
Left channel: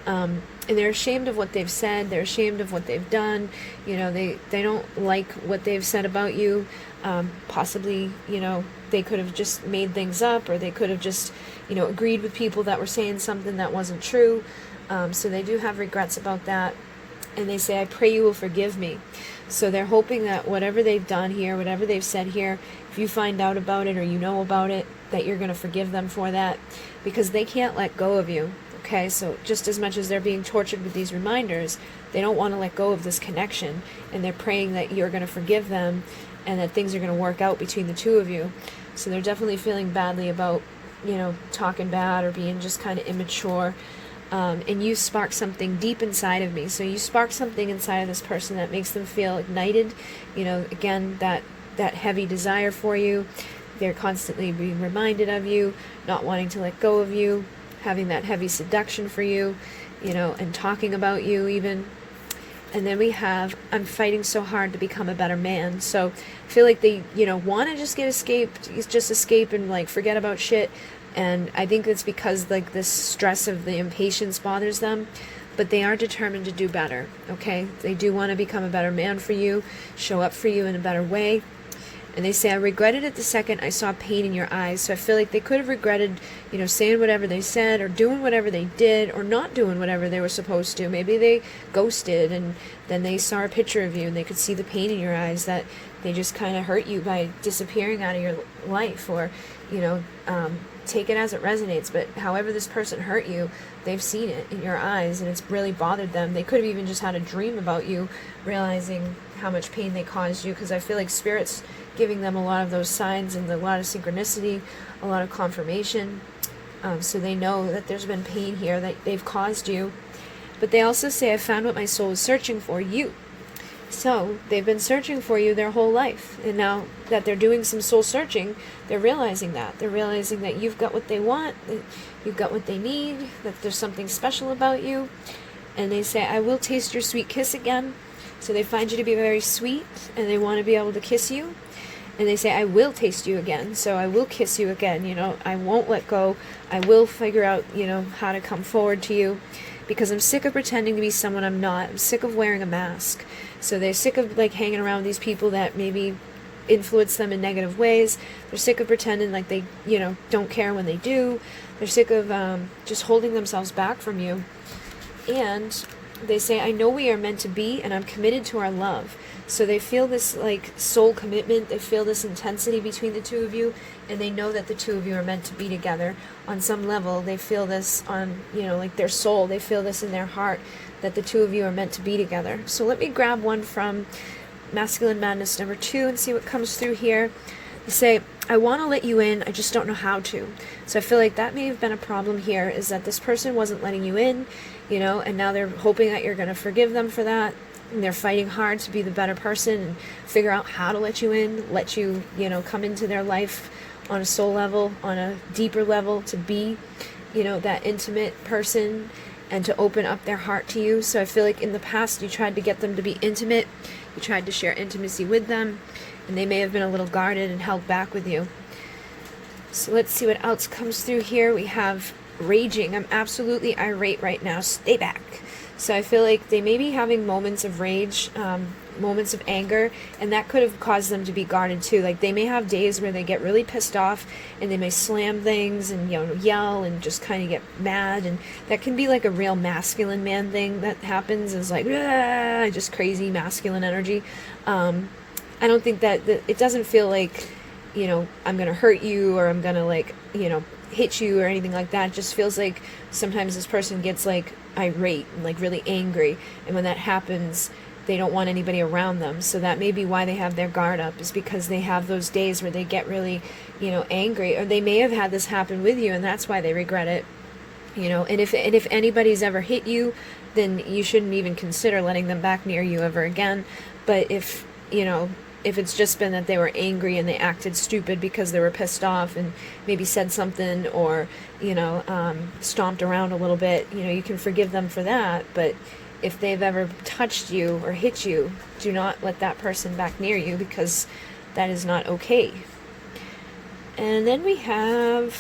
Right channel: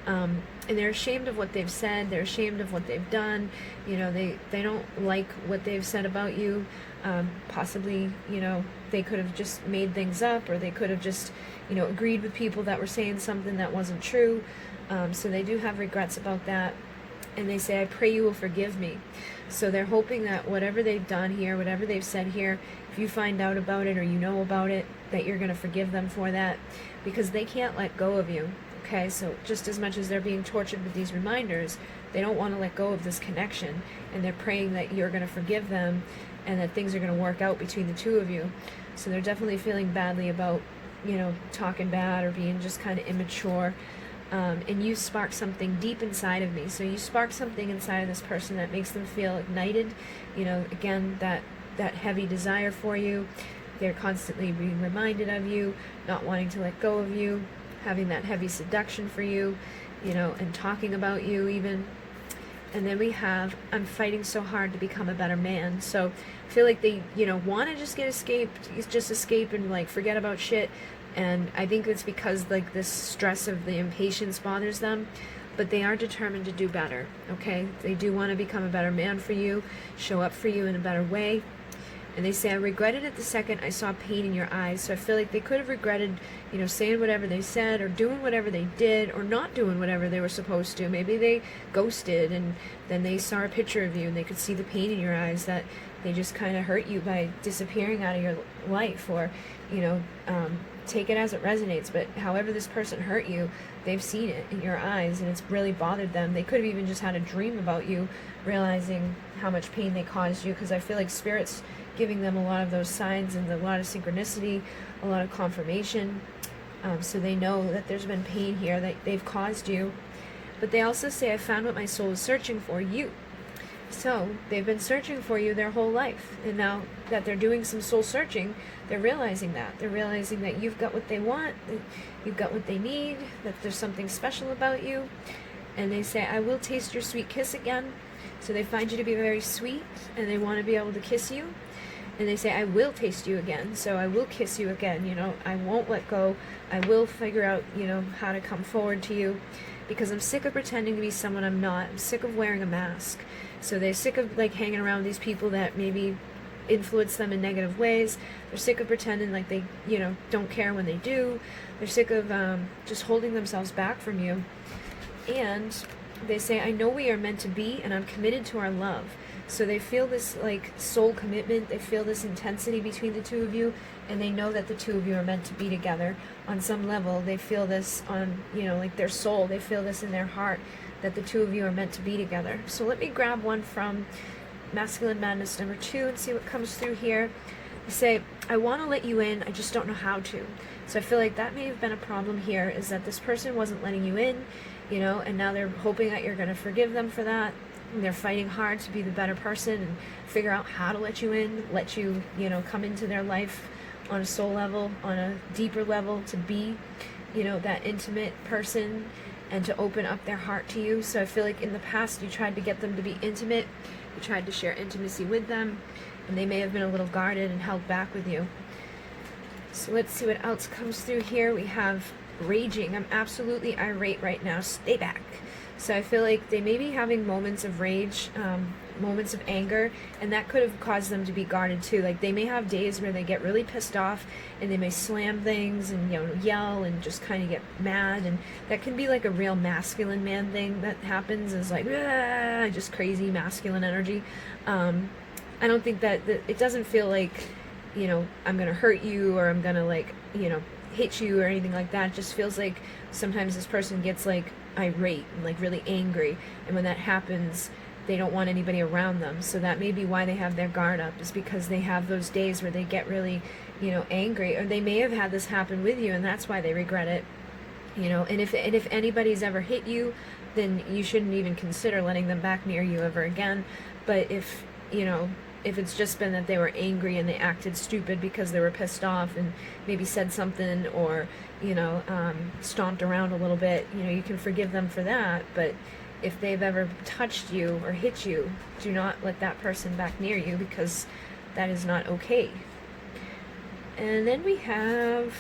And they're ashamed of what they've said. They're ashamed of what they've done. You know, they don't like what they've said about you. Possibly, you know, they could have just made things up, or they could have just, you know, agreed with people that were saying something that wasn't true. So they do have regrets about that. And they say, I pray you will forgive me. So they're hoping that whatever they've done here, whatever they've said here, if you find out about it or you know about it, that you're going to forgive them for that, because they can't let go of you. Okay, so just as much as they're being tortured with these reminders, they don't want to let go of this connection, and they're praying that you're going to forgive them and that things are going to work out between the two of you. So they're definitely feeling badly about, you know, talking bad or being just kind of immature. And you spark something deep inside of me. So you spark something inside of this person that makes them feel ignited. You know, again, that heavy desire for you. They're constantly being reminded of you, not wanting to let go of you, having that heavy seduction for you, you know, and talking about you even. And then we have, I'm fighting so hard to become a better man. So I feel like they, you know, want to just escape and like forget about shit. And I think that's because like this stress of the impatience bothers them, but they are determined to do better. Okay, they do want to become a better man for you, show up for you in a better way. And they say, I regretted it the second I saw pain in your eyes. So I feel like they could have regretted, you know, saying whatever they said or doing whatever they did or not doing whatever they were supposed to. Maybe they ghosted and then they saw a picture of you and they could see the pain in your eyes, that they just kind of hurt you by disappearing out of your life, or, you know, take it as it resonates. But however this person hurt you, they've seen it in your eyes and it's really bothered them. They could have even just had a dream about you, realizing how much pain they caused you, because I feel like Spirit's giving them a lot of those signs and a lot of synchronicity, a lot of confirmation. So they know that there's been pain here that they've caused you. But they also say, I found what my soul was searching for, you. So they've been searching for you their whole life. And now that they're doing some soul searching, they're realizing that. They're realizing that you've got what they want, that you've got what they need, that there's something special about you. And they say, I will taste your sweet kiss again. So they find you to be very sweet and they want to be able to kiss you. And they say, I will taste you again. So I will kiss you again. You know, I won't let go. I will figure out, you know, how to come forward to you, because I'm sick of pretending to be someone I'm not. I'm sick of wearing a mask. So they're sick of like hanging around these people that maybe influence them in negative ways. They're sick of pretending like they, you know, don't care when they do. They're sick of just holding themselves back from you. And they say, I know we are meant to be, and I'm committed to our love. So they feel this like soul commitment. They feel this intensity between the two of you, and they know that the two of you are meant to be together on some level. They feel this on, you know, like their soul. They feel this in their heart, that the two of you are meant to be together. So let me grab one from Masculine Madness number 2 and see what comes through here. They say, I want to let you in, I just don't know how to. So I feel like that may have been a problem here, is that this person wasn't letting you in, you know, and now they're hoping that you're going to forgive them for that. And they're fighting hard to be the better person and figure out how to let you in, let you, you know, come into their life on a soul level, on a deeper level, to be, you know, that intimate person and to open up their heart to you. So I feel like in the past you tried to get them to be intimate, you tried to share intimacy with them, and they may have been a little guarded and held back with you. So let's see what else comes through here. We have raging. I'm absolutely irate right now. Stay back. So I feel like they may be having moments of rage, moments of anger, and that could have caused them to be guarded too. Like they may have days where they get really pissed off and they may slam things and, you know, yell and just kind of get mad, and that can be like a real masculine man thing that happens, is like just crazy masculine energy. I don't think that it doesn't feel like, you know, I'm gonna hurt you or I'm gonna like, you know, hit you or anything like that. It just feels like sometimes this person gets like irate and like really angry, and when that happens, they don't want anybody around them. So that may be why they have their guard up, is because they have those days where they get really, angry, or they may have had this happen with you and that's why they regret it. And if anybody's ever hit you, then you shouldn't even consider letting them back near you ever again. But if it's just been that they were angry and they acted stupid because they were pissed off and maybe said something, or stomped around a little bit, you can forgive them for that. But if they've ever touched you or hit you, do not let that person back near you, because that is not okay. And then we have,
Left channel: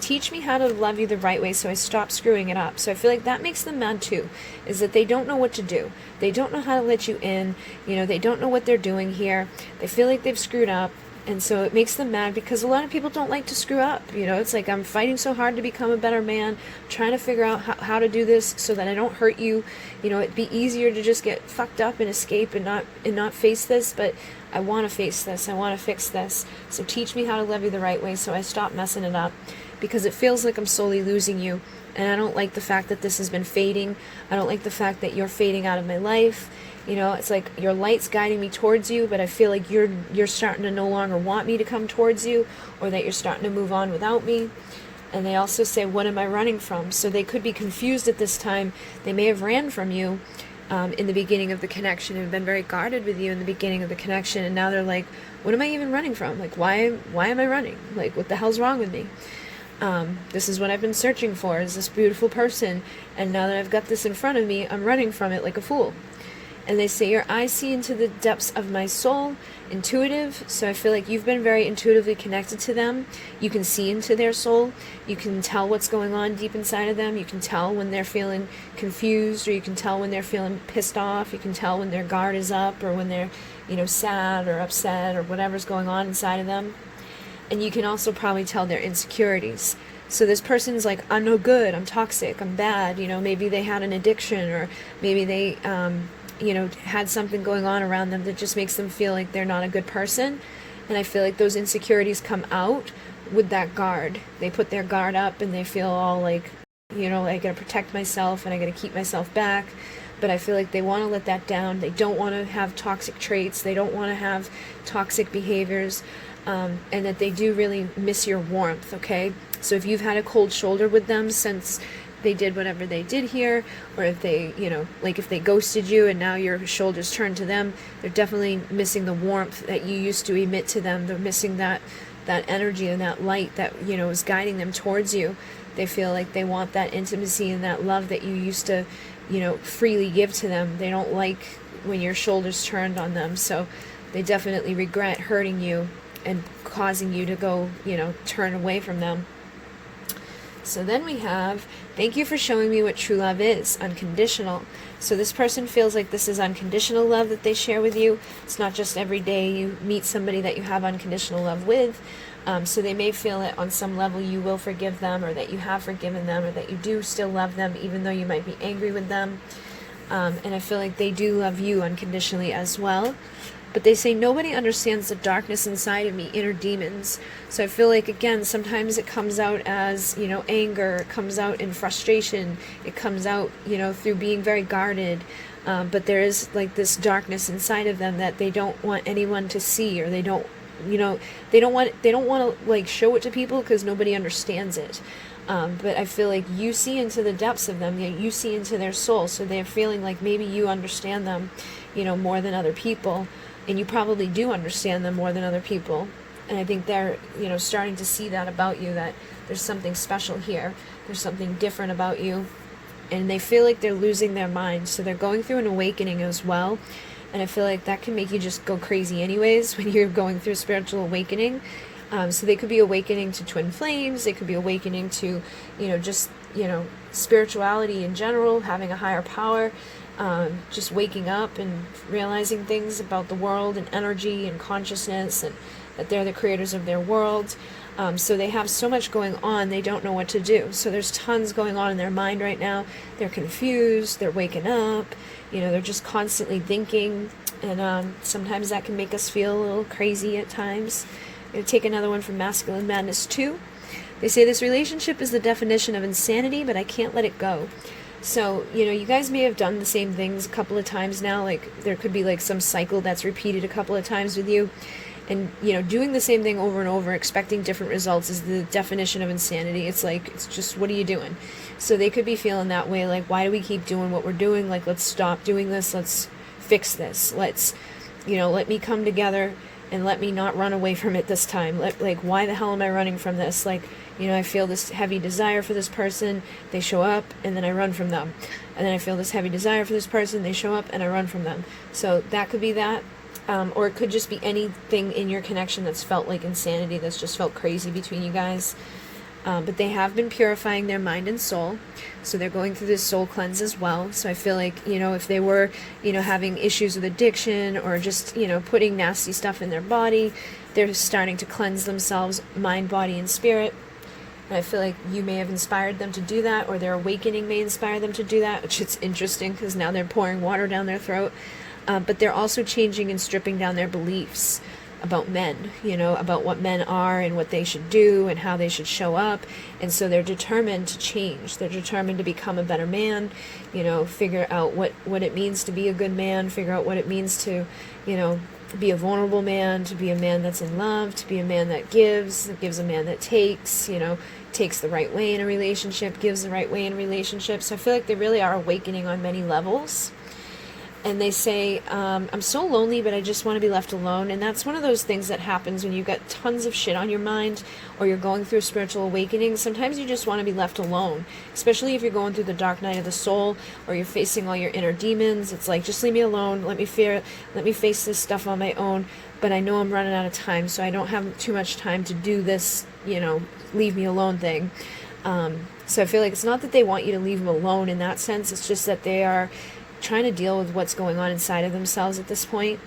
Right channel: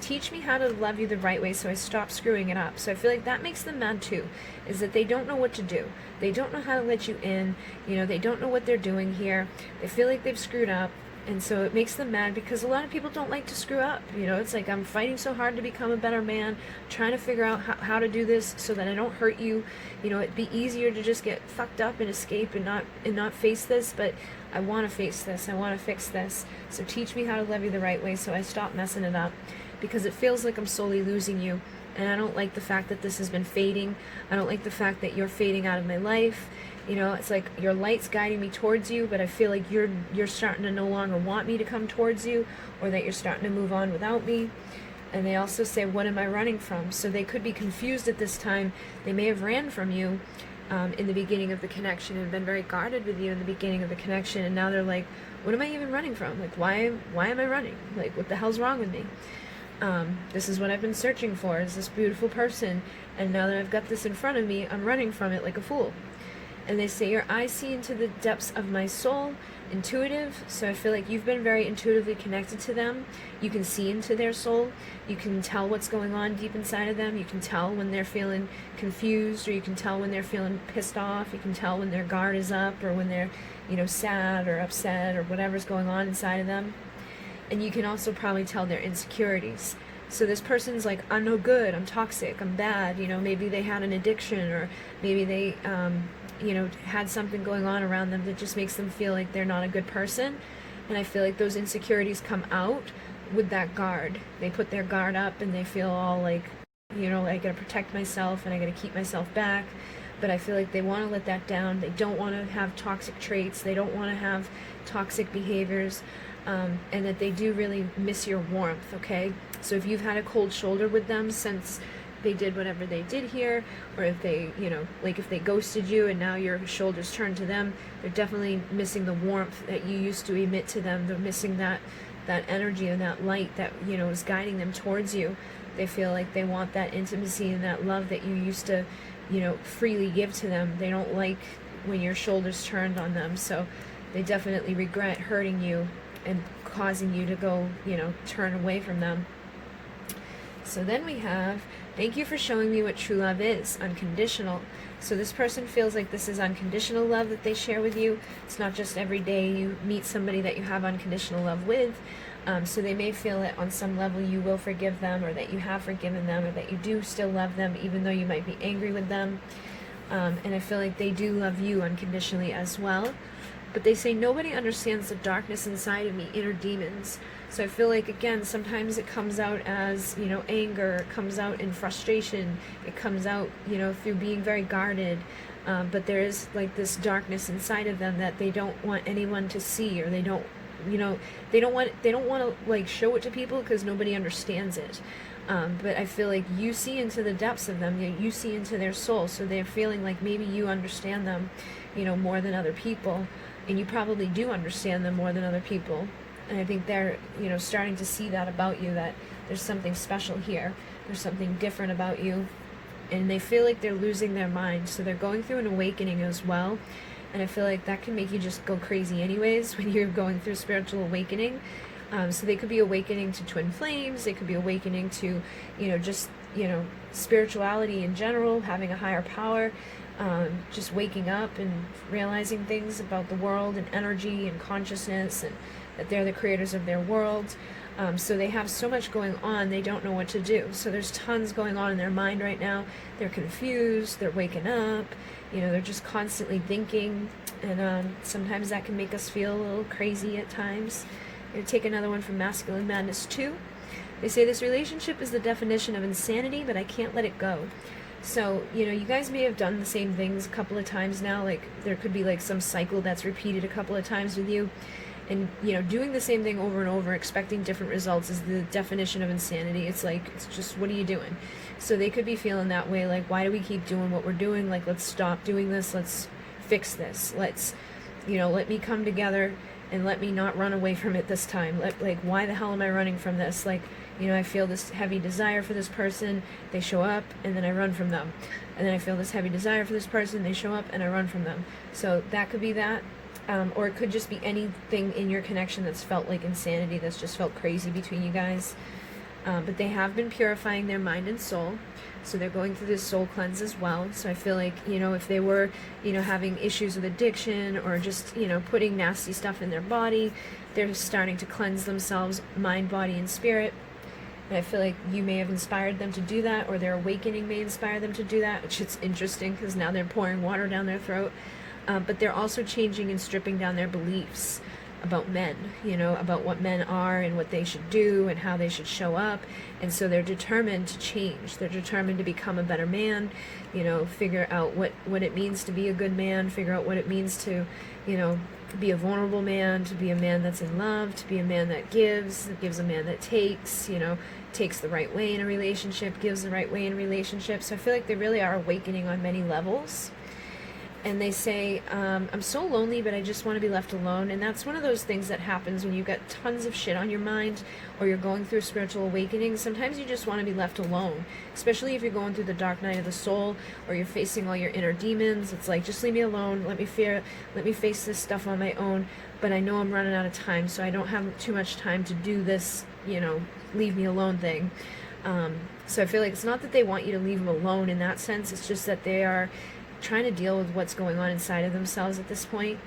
teach me how to love you the right way so I stop screwing it up. So I feel like that makes them mad too, is that they don't know what to do. They don't know how to let you in. They don't know what they're doing here. They feel like they've screwed up. And so it makes them mad, because a lot of people don't like to screw up. It's like, I'm fighting so hard to become a better man, trying to figure out how to do this so that I don't hurt you. It'd be easier to just get fucked up and escape and not face this, but I want to face this. I want to fix this. So teach me how to love you the right way so I stop messing it up, because it feels like I'm slowly losing you. And I don't like the fact that this has been fading. I don't like the fact that you're fading out of my life. It's like your light's guiding me towards you, but I feel like you're starting to no longer want me to come towards you, or that you're starting to move on without me. And they also say, what am I running from? So they could be confused at this time. They may have ran from you in the beginning of the connection and been very guarded with you in the beginning of the connection. And now they're like, what am I even running from? Like, why am I running? Like, what the hell's wrong with me? This is what I've been searching for, is this beautiful person. And now that I've got this in front of me, I'm running from it like a fool. And they say, your eyes see into the depths of my soul, intuitive. So I feel like you've been very intuitively connected to them. You can see into their soul. You can tell what's going on deep inside of them. You can tell when they're feeling confused, or you can tell when they're feeling pissed off. You can tell when their guard is up, or when they're, sad or upset, or whatever's going on inside of them. And you can also probably tell their insecurities. So this person's like, I'm no good, I'm toxic, I'm bad. Maybe they had an addiction, or maybe they had something going on around them that just makes them feel like they're not a good person. And I feel like those insecurities come out with that guard. They put their guard up and they feel all like, I gotta protect myself and I gotta keep myself back. But I feel like they want to let that down. They don't want to have toxic traits. They don't want to have toxic behaviors. And that they do really miss your warmth, okay? So if you've had a cold shoulder with them since they did whatever they did here, or if they, if they ghosted you and now your shoulders turned to them, they're definitely missing the warmth that you used to emit to them. They're missing that energy and that light that, is guiding them towards you. They feel like they want that intimacy and that love that you used to, freely give to them. They don't like when your shoulders turned on them. So they definitely regret hurting you and causing you to go, turn away from them. So then we have, thank you for showing me what true love is, unconditional. So this person feels like this is unconditional love that they share with you. It's not just every day you meet somebody that you have unconditional love with. So they may feel that on some level you will forgive them, or that you have forgiven them, or that you do still love them even though you might be angry with them. And I feel like they do love you unconditionally as well. But they say, nobody understands the darkness inside of me, inner demons. So I feel like, again, sometimes it comes out as, anger. It comes out in frustration. It comes out, through being very guarded. But there is like this darkness inside of them that they don't want anyone to see, or they don't want to like show it to people because nobody understands it. But I feel like you see into the depths of them. You see into their soul. So they're feeling like maybe you understand them, more than other people. And you probably do understand them more than other people. And I think they're, starting to see that about you, that there's something special here. There's something different about you. And they feel like they're losing their mind. So they're going through an awakening as well. And I feel like that can make you just go crazy anyways when you're going through spiritual awakening. So they could be awakening to twin flames. They could be awakening to, spirituality in general, having a higher power. Just waking up and realizing things about the world and energy and consciousness, and that they're the creators of their world. So they have so much going on, they don't know what to do. So there's tons going on in their mind right now. They're confused, they're waking up, they're just constantly thinking. And sometimes that can make us feel a little crazy at times. I'm going to take another one from Masculine Madness 2. They say, this relationship is the definition of insanity, but I can't let it go. So, you guys may have done the same things a couple of times now. Like, there could be like some cycle that's repeated a couple of times with you. And, doing the same thing over and over, expecting different results is the definition of insanity. It's like, it's just, what are you doing? So they could be feeling that way. Like, why do we keep doing what we're doing? Like, let's stop doing this. Let's fix this. Let's, let me come together and let me not run away from it this time. Like, why the hell am I running from this? Like, I feel this heavy desire for this person. They show up and then I run from them. And then I feel this heavy desire for this person. They show up and I run from them. So that could be that. Or it could just be anything in your connection that's felt like insanity, that's just felt crazy between you guys. But they have been purifying their mind and soul. So they're going through this soul cleanse as well. So I feel like, if they were, having issues with addiction or just, putting nasty stuff in their body, they're starting to cleanse themselves, mind, body, and spirit. And I feel like you may have inspired them to do that, or their awakening may inspire them to do that, which is interesting because now they're pouring water down their throat. But they're also changing and stripping down their beliefs about men, about what men are and what they should do and how they should show up. And so they're determined to change. They're determined to become a better man, figure out what it means to be a good man, figure out what it means to, be a vulnerable man, to be a man that's in love, to be a man that gives a man that takes, takes the right way in a relationship, gives the right way in a relationship. So I feel like they really are awakening on many levels. And they say, I'm so lonely, but I just want to be left alone. And that's one of those things that happens when you've got tons of shit on your mind or you're going through spiritual awakening. Sometimes you just want to be left alone, especially if you're going through the dark night of the soul or you're facing all your inner demons. It's like, just leave me alone. Let me face this stuff on my own. But I know I'm running out of time, so I don't have too much time to do this, leave me alone thing. So I feel like it's not that they want you to leave them alone in that sense. It's just that they are trying to deal with what's going on inside of themselves at this point,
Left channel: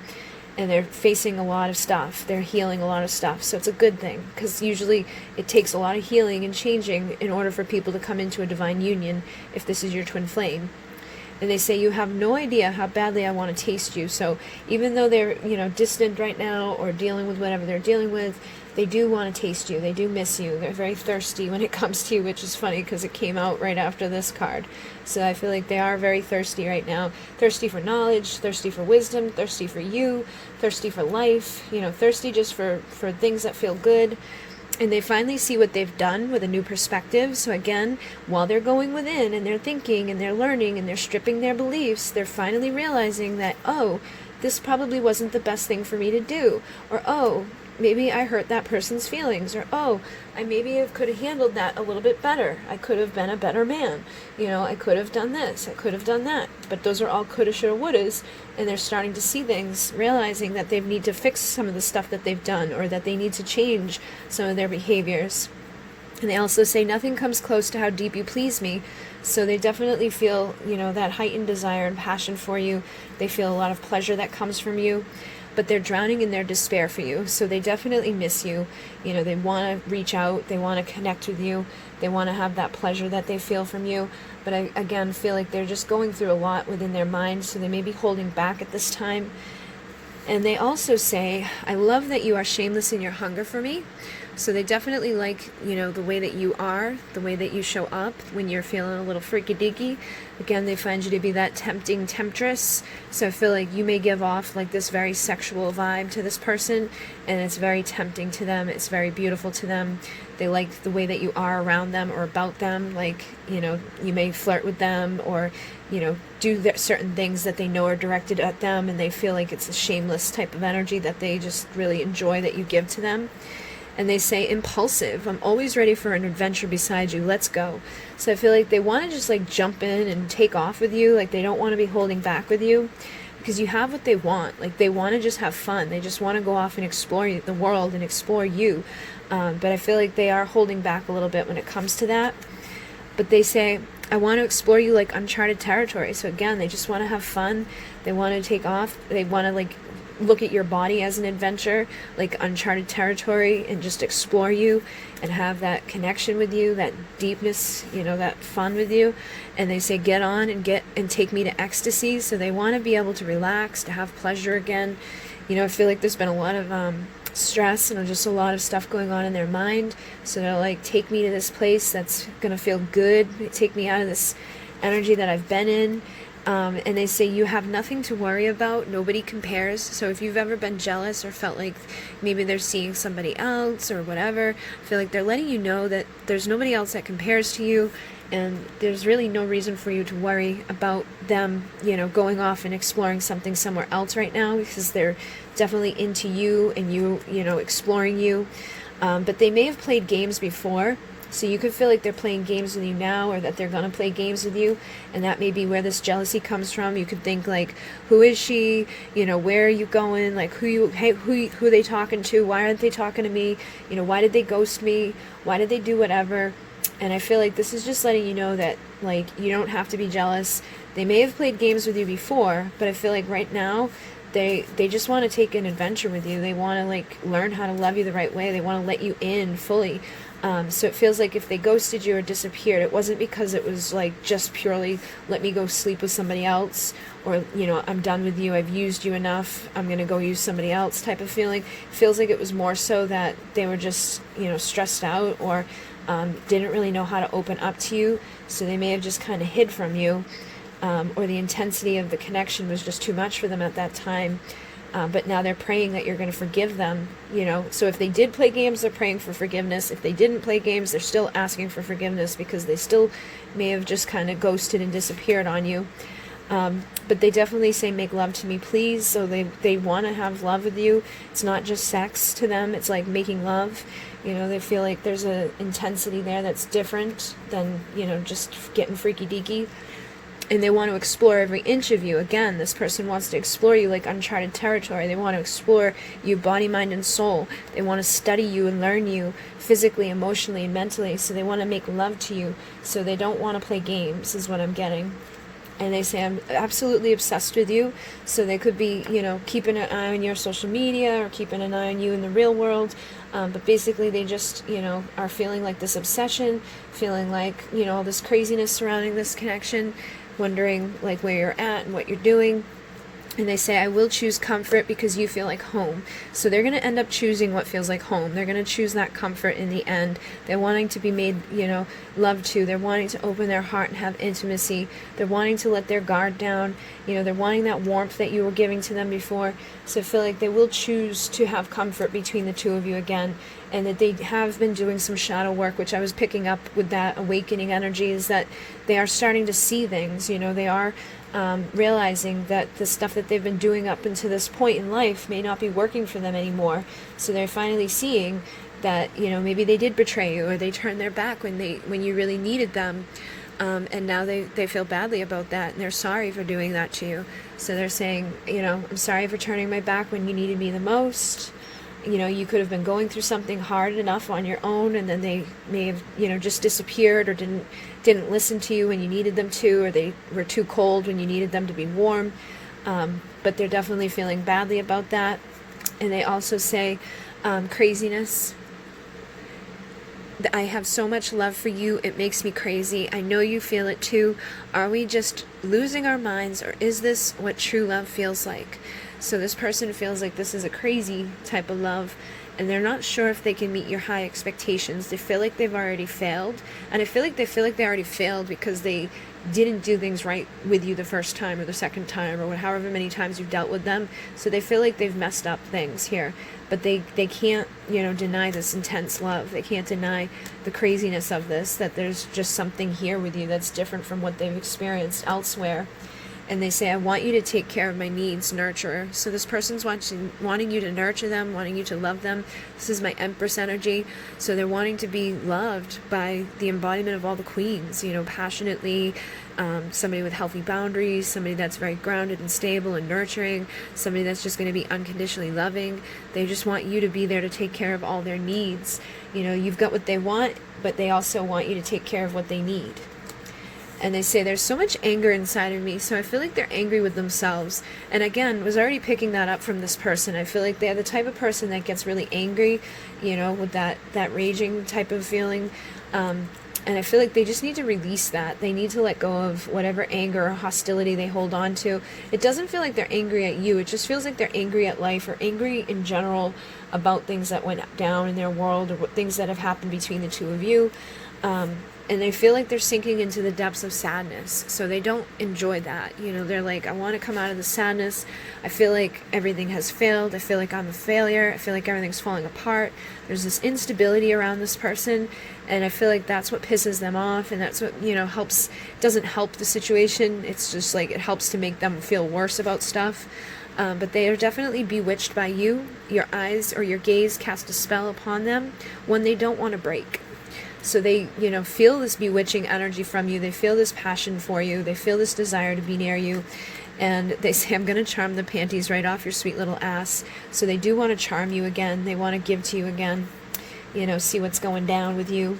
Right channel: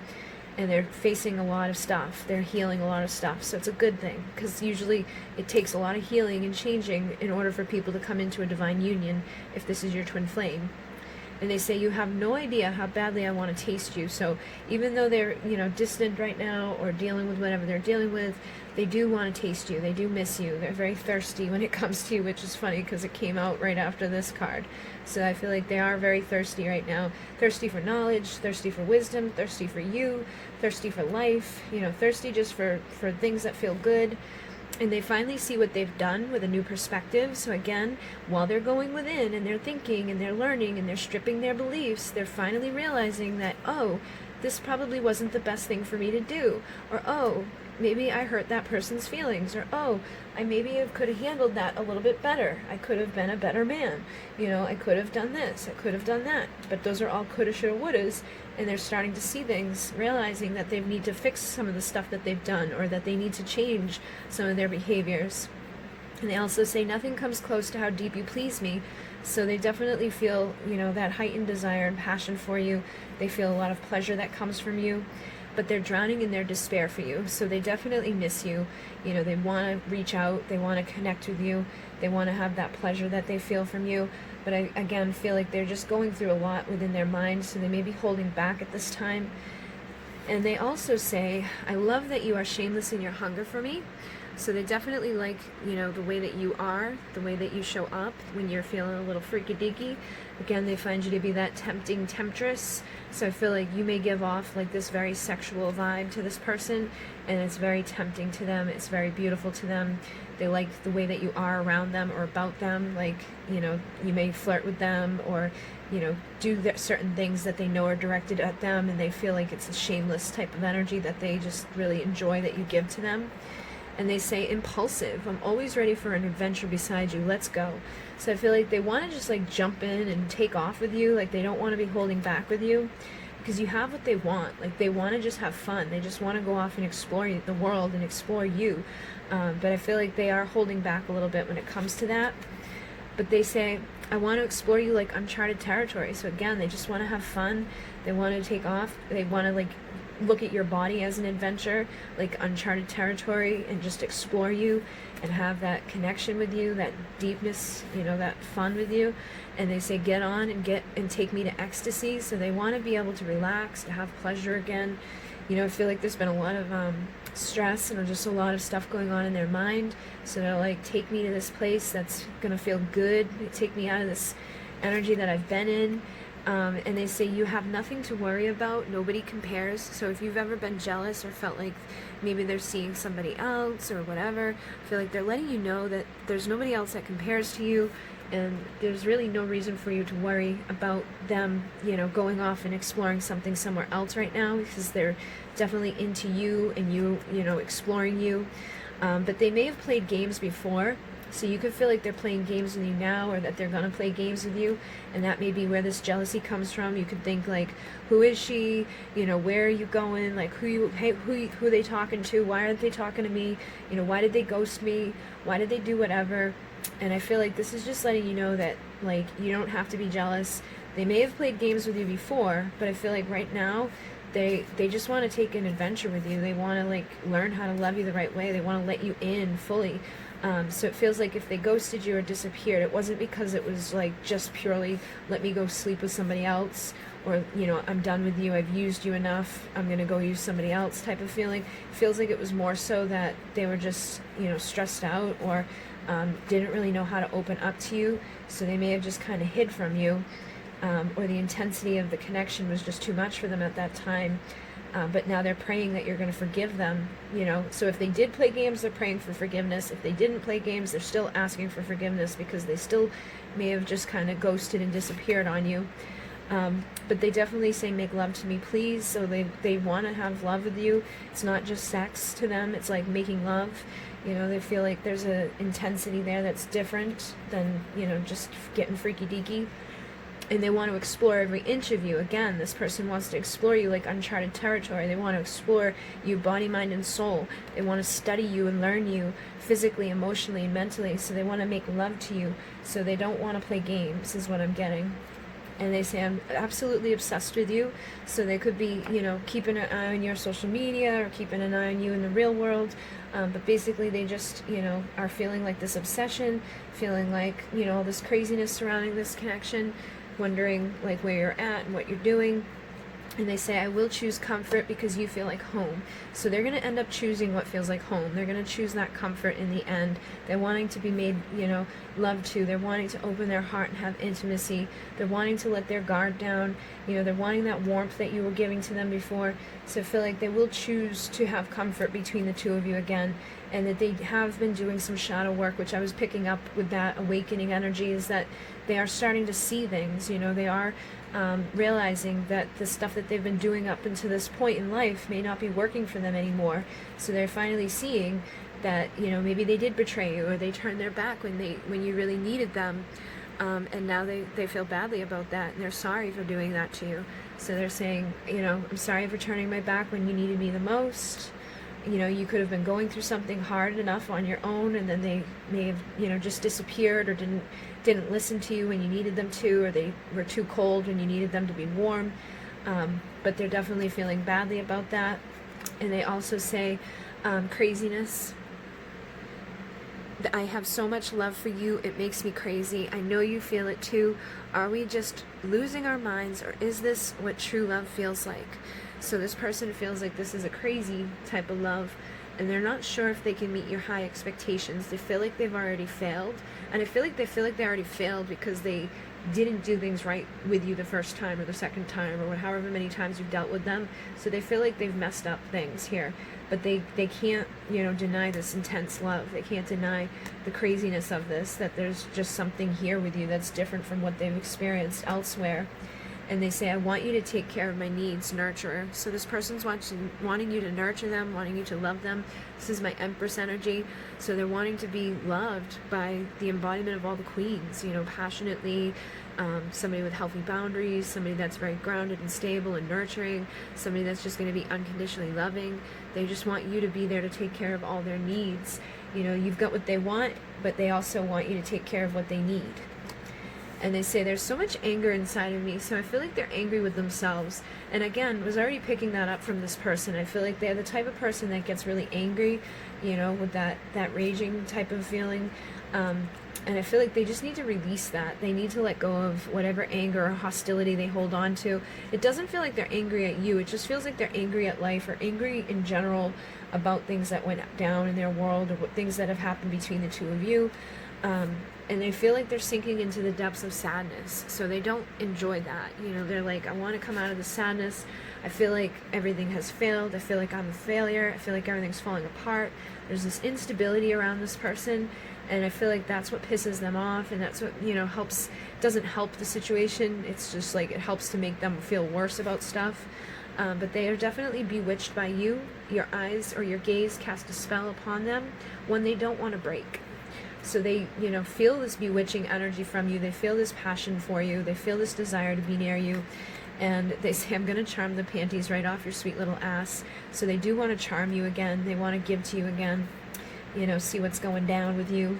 and they're facing a lot of stuff. They're healing a lot of stuff, so it's a good thing, because usually it takes a lot of healing and changing in order for people to come into a divine union if this is your twin flame. And they say, you have no idea how badly I want to taste you. So even though they're distant right now or dealing with whatever they're dealing with, they do want to taste you. They do miss you. They're very thirsty when it comes to you, which is funny because it came out right after this card. So I feel like they are very thirsty right now. Thirsty for knowledge, thirsty for wisdom, thirsty for you, thirsty for life, thirsty just for things that feel good. And they finally see what they've done with a new perspective. So again, while they're going within and they're thinking and they're learning and they're stripping their beliefs, they're finally realizing that, oh, this probably wasn't the best thing for me to do. Or, oh, maybe I hurt that person's feelings. Or, oh, I maybe could have handled that a little bit better. I could have been a better man. I could have done this. I could have done that. But those are all coulda, shoulda, wouldas. And they're starting to see things, realizing that they need to fix some of the stuff that they've done, or that they need to change some of their behaviors. And they also say, nothing comes close to how deep you please me. So they definitely feel, that heightened desire and passion for you. They feel a lot of pleasure that comes from you. But they're drowning in their despair for you. So they definitely miss you. They want to reach out. They want to connect with you. They want to have that pleasure that they feel from you. But I, again, feel like they're just going through a lot within their mind. So they may be holding back at this time. And they also say, I love that you are shameless in your hunger for me. So they definitely like, the way that you are, the way that you show up when you're feeling a little freaky deaky. Again, they find you to be that tempting temptress. So I feel like you may give off like this very sexual vibe to this person, and it's very tempting to them. It's very beautiful to them. They like the way that you are around them or about them. Like, you may flirt with them or, do certain things that they know are directed at them, and they feel like it's a shameless type of energy that they just really enjoy that you give to them. And they say, impulsive. I'm always ready for an adventure beside you. Let's go. So I feel like they want to just like jump in and take off with you. Like they don't want to be holding back with you because you have what they want. Like they want to just have fun. They just want to go off and explore the world and explore you. But I feel like they are holding back a little bit when it comes to that. But they say, I want to explore you like uncharted territory. So again, they just want to have fun. They want to take off. They want to like look at your body as an adventure, like uncharted territory, and just explore you and have that connection with you, that deepness, that fun with you. And they say, get on and take me to ecstasy. So they want to be able to relax, to have pleasure again. I feel like there's been a lot of stress and just a lot of stuff going on in their mind. So they're like, take me to this place that's going to feel good. Take me out of this energy that I've been in. And they say you have nothing to worry about. Nobody compares. So if you've ever been jealous or felt like maybe they're seeing somebody else or whatever, I feel like they're letting you know that there's nobody else that compares to you, and there's really no reason for you to worry about them, going off and exploring something somewhere else right now, because they're definitely into you and you exploring you. But they may have played games before. So you could feel like they're playing games with you now, or that they're going to play games with you, and that may be where this jealousy comes from. You could think like, who is she? Where are you going? Like, who are they talking to? Why aren't they talking to me? Why did they ghost me? Why did they do whatever? And I feel like this is just letting you know that, like, you don't have to be jealous. They may have played games with you before, but I feel like right now, they just want to take an adventure with you. They want to, like, learn how to love you the right way. They want to let you in fully. So it feels like if they ghosted you or disappeared, it wasn't because it was like just purely let me go sleep with somebody else, or I'm done with you, I've used you enough, I'm going to go use somebody else type of feeling. It feels like it was more so that they were just stressed out, or didn't really know how to open up to you, so they may have just kind of hid from you, or the intensity of the connection was just too much for them at that time. But now they're praying that you're going to forgive them, So if they did play games, they're praying for forgiveness. If they didn't play games, they're still asking for forgiveness, because they still may have just kind of ghosted and disappeared on you. But they definitely say, make love to me, please. So they want to have love with you. It's not just sex to them. It's like making love. They feel like there's an intensity there that's different than, just getting freaky deaky. And they want to explore every inch of you. Again, this person wants to explore you like uncharted territory. They want to explore you body, mind, and soul. They want to study you and learn you physically, emotionally, and mentally. So they want to make love to you. So they don't want to play games, is what I'm getting. And they say, I'm absolutely obsessed with you. So they could be, keeping an eye on your social media, or keeping an eye on you in the real world. But basically they just, are feeling like this obsession, feeling like, all this craziness surrounding this connection, wondering like where you're at and what you're doing. And they say, I will choose comfort because you feel like home. So they're going to end up choosing what feels like home. They're going to choose that comfort in the end. They're wanting to be made, love to. They're wanting to open their heart and have intimacy. They're wanting to let their guard down. They're wanting that warmth that you were giving to them before. So I feel like they will choose to have comfort between the two of you again. And that they have been doing some shadow work, which I was picking up with that awakening energy, is that they are starting to see things. They are realizing that the stuff that they've been doing up until this point in life may not be working for them anymore. So they're finally seeing that, maybe they did betray you, or they turned their back when you really needed them. And now they feel badly about that, and they're sorry for doing that to you. So they're saying, I'm sorry for turning my back when you needed me the most. You could have been going through something hard enough on your own, and then they may have, just disappeared, or didn't listen to you when you needed them to, or they were too cold when you needed them to be warm. But they're definitely feeling badly about that. And they also say, craziness. I have so much love for you, it makes me crazy. I know you feel it too. Are we just losing our minds, or is this what true love feels like? So this person feels like this is a crazy type of love, and they're not sure if they can meet your high expectations. They feel like they've already failed, and I feel like they already failed because they didn't do things right with you the first time or the second time, or however many times you've dealt with them. So they feel like they've messed up things here, but they can't, deny this intense love. They can't deny the craziness of this, that there's just something here with you that's different from what they've experienced elsewhere. And they say, I want you to take care of my needs, nurturer. So this person's wanting you to nurture them, wanting you to love them. This is my Empress energy. So they're wanting to be loved by the embodiment of all the queens, passionately, somebody with healthy boundaries, somebody that's very grounded and stable and nurturing, somebody that's just going to be unconditionally loving. They just want you to be there to take care of all their needs. You've got what they want, but they also want you to take care of what they need. And they say, there's so much anger inside of me, so I feel like they're angry with themselves. And again, was already picking that up from this person. I feel like they're the type of person that gets really angry, with that raging type of feeling. And I feel like they just need to release that. They need to let go of whatever anger or hostility they hold on to. It doesn't feel like they're angry at you. It just feels like they're angry at life, or angry in general about things that went down in their world, or things that have happened between the two of you. And they feel like they're sinking into the depths of sadness. So they don't enjoy that. You know, they're like, I want to come out of the sadness. I feel like everything has failed. I feel like I'm a failure. I feel like everything's falling apart. There's this instability around this person. And I feel like that's what pisses them off. And that's what, you know, doesn't help the situation. It's just like, it helps to make them feel worse about stuff. But they are definitely bewitched by you. Your eyes or your gaze cast a spell upon them, one they don't want to break. So they, you know, feel this bewitching energy from you. They feel this passion for you. They feel this desire to be near you. And they say, I'm going to charm the panties right off your sweet little ass. So they do want to charm you again. They want to give to you again, you know, see what's going down with you.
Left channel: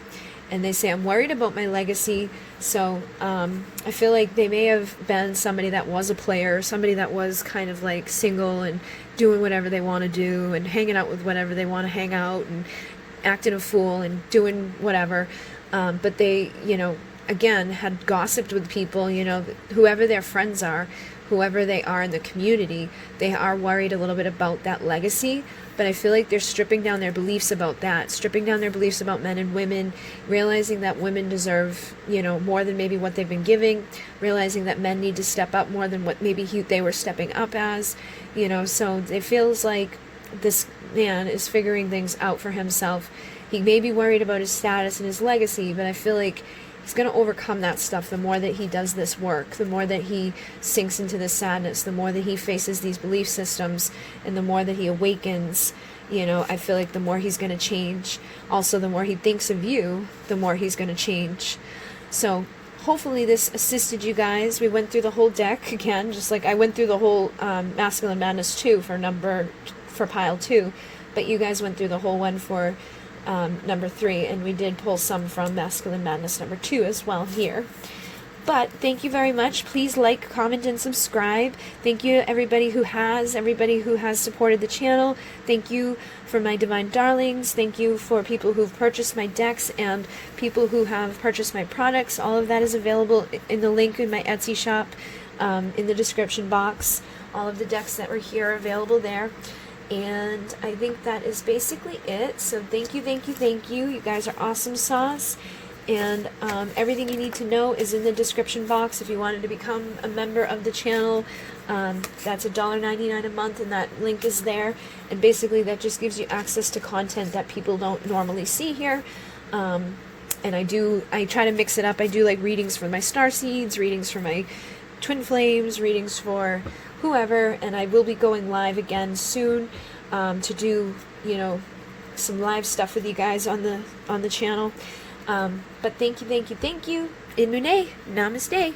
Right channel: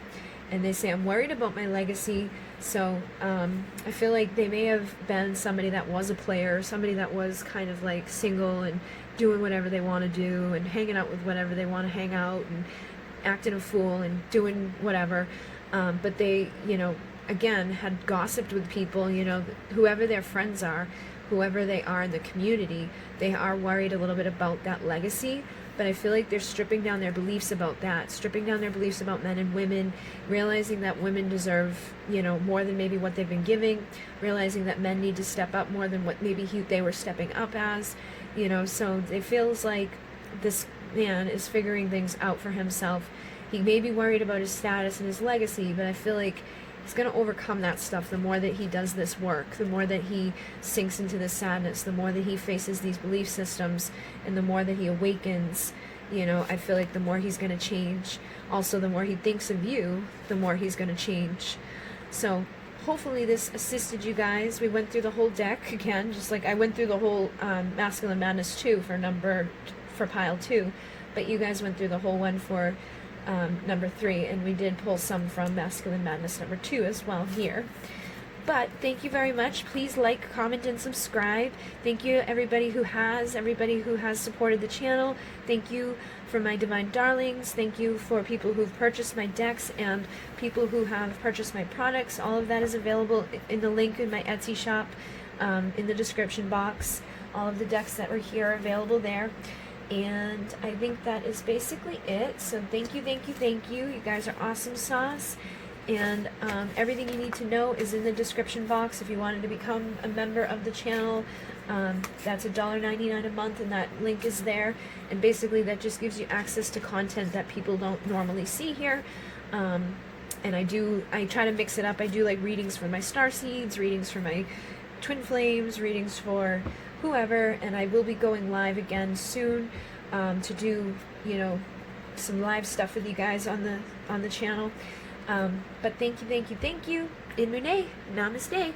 And they say, I'm worried about my legacy. So I feel like they may have been somebody that was a player, somebody that was kind of like single and doing whatever they want to do and hanging out with whatever they want to hang out and acting a fool and doing whatever. But they, you know, again, had gossiped with people, you know, whoever their friends are, whoever they are in the community, they are worried a little bit about that legacy. But I feel like they're stripping down their beliefs about that, stripping down their beliefs about men and women, realizing that women deserve, you know, more than maybe what they've been giving, realizing that men need to step up more than what maybe they were stepping up as, you know. So it feels like this man is figuring things out for himself. He may be worried about his status and his legacy, but I feel like he's going to overcome that stuff the more that he does this work, the more that he sinks into this sadness, the more that he faces these belief systems, and the more that he awakens. You know, I feel like the more he's going to change. Also, the more he thinks of you, the more he's going to change. So hopefully this assisted you guys. We went through the whole deck again, just like I went through the whole Masculine Madness 2 for pile 2, but you guys went through the whole one for number 3, and we did pull some from Masculine Madness number 2 as well here. But thank you very much. Please like, comment, and subscribe. Thank you to everybody who has supported the channel. Thank you for my divine darlings. Thank you for people who've purchased my decks and people who have purchased my products. All of that is available in the link in my Etsy shop, in the description box. All of the decks that were here are available there. And I think that is basically it. So thank you, thank you, thank you. You guys are awesome sauce. And everything you need to know is in the description box if you wanted to become a member of the channel. That's $1.99 a month, and that link is there. And basically that just gives you access to content that people don't normally see here. And I try to mix it up. I do like readings for my starseeds, readings for my twin flames, readings for whoever, and I will be going live again soon to do, you know, some live stuff with you guys on the channel. But thank you, thank you, thank you. Inune, namaste.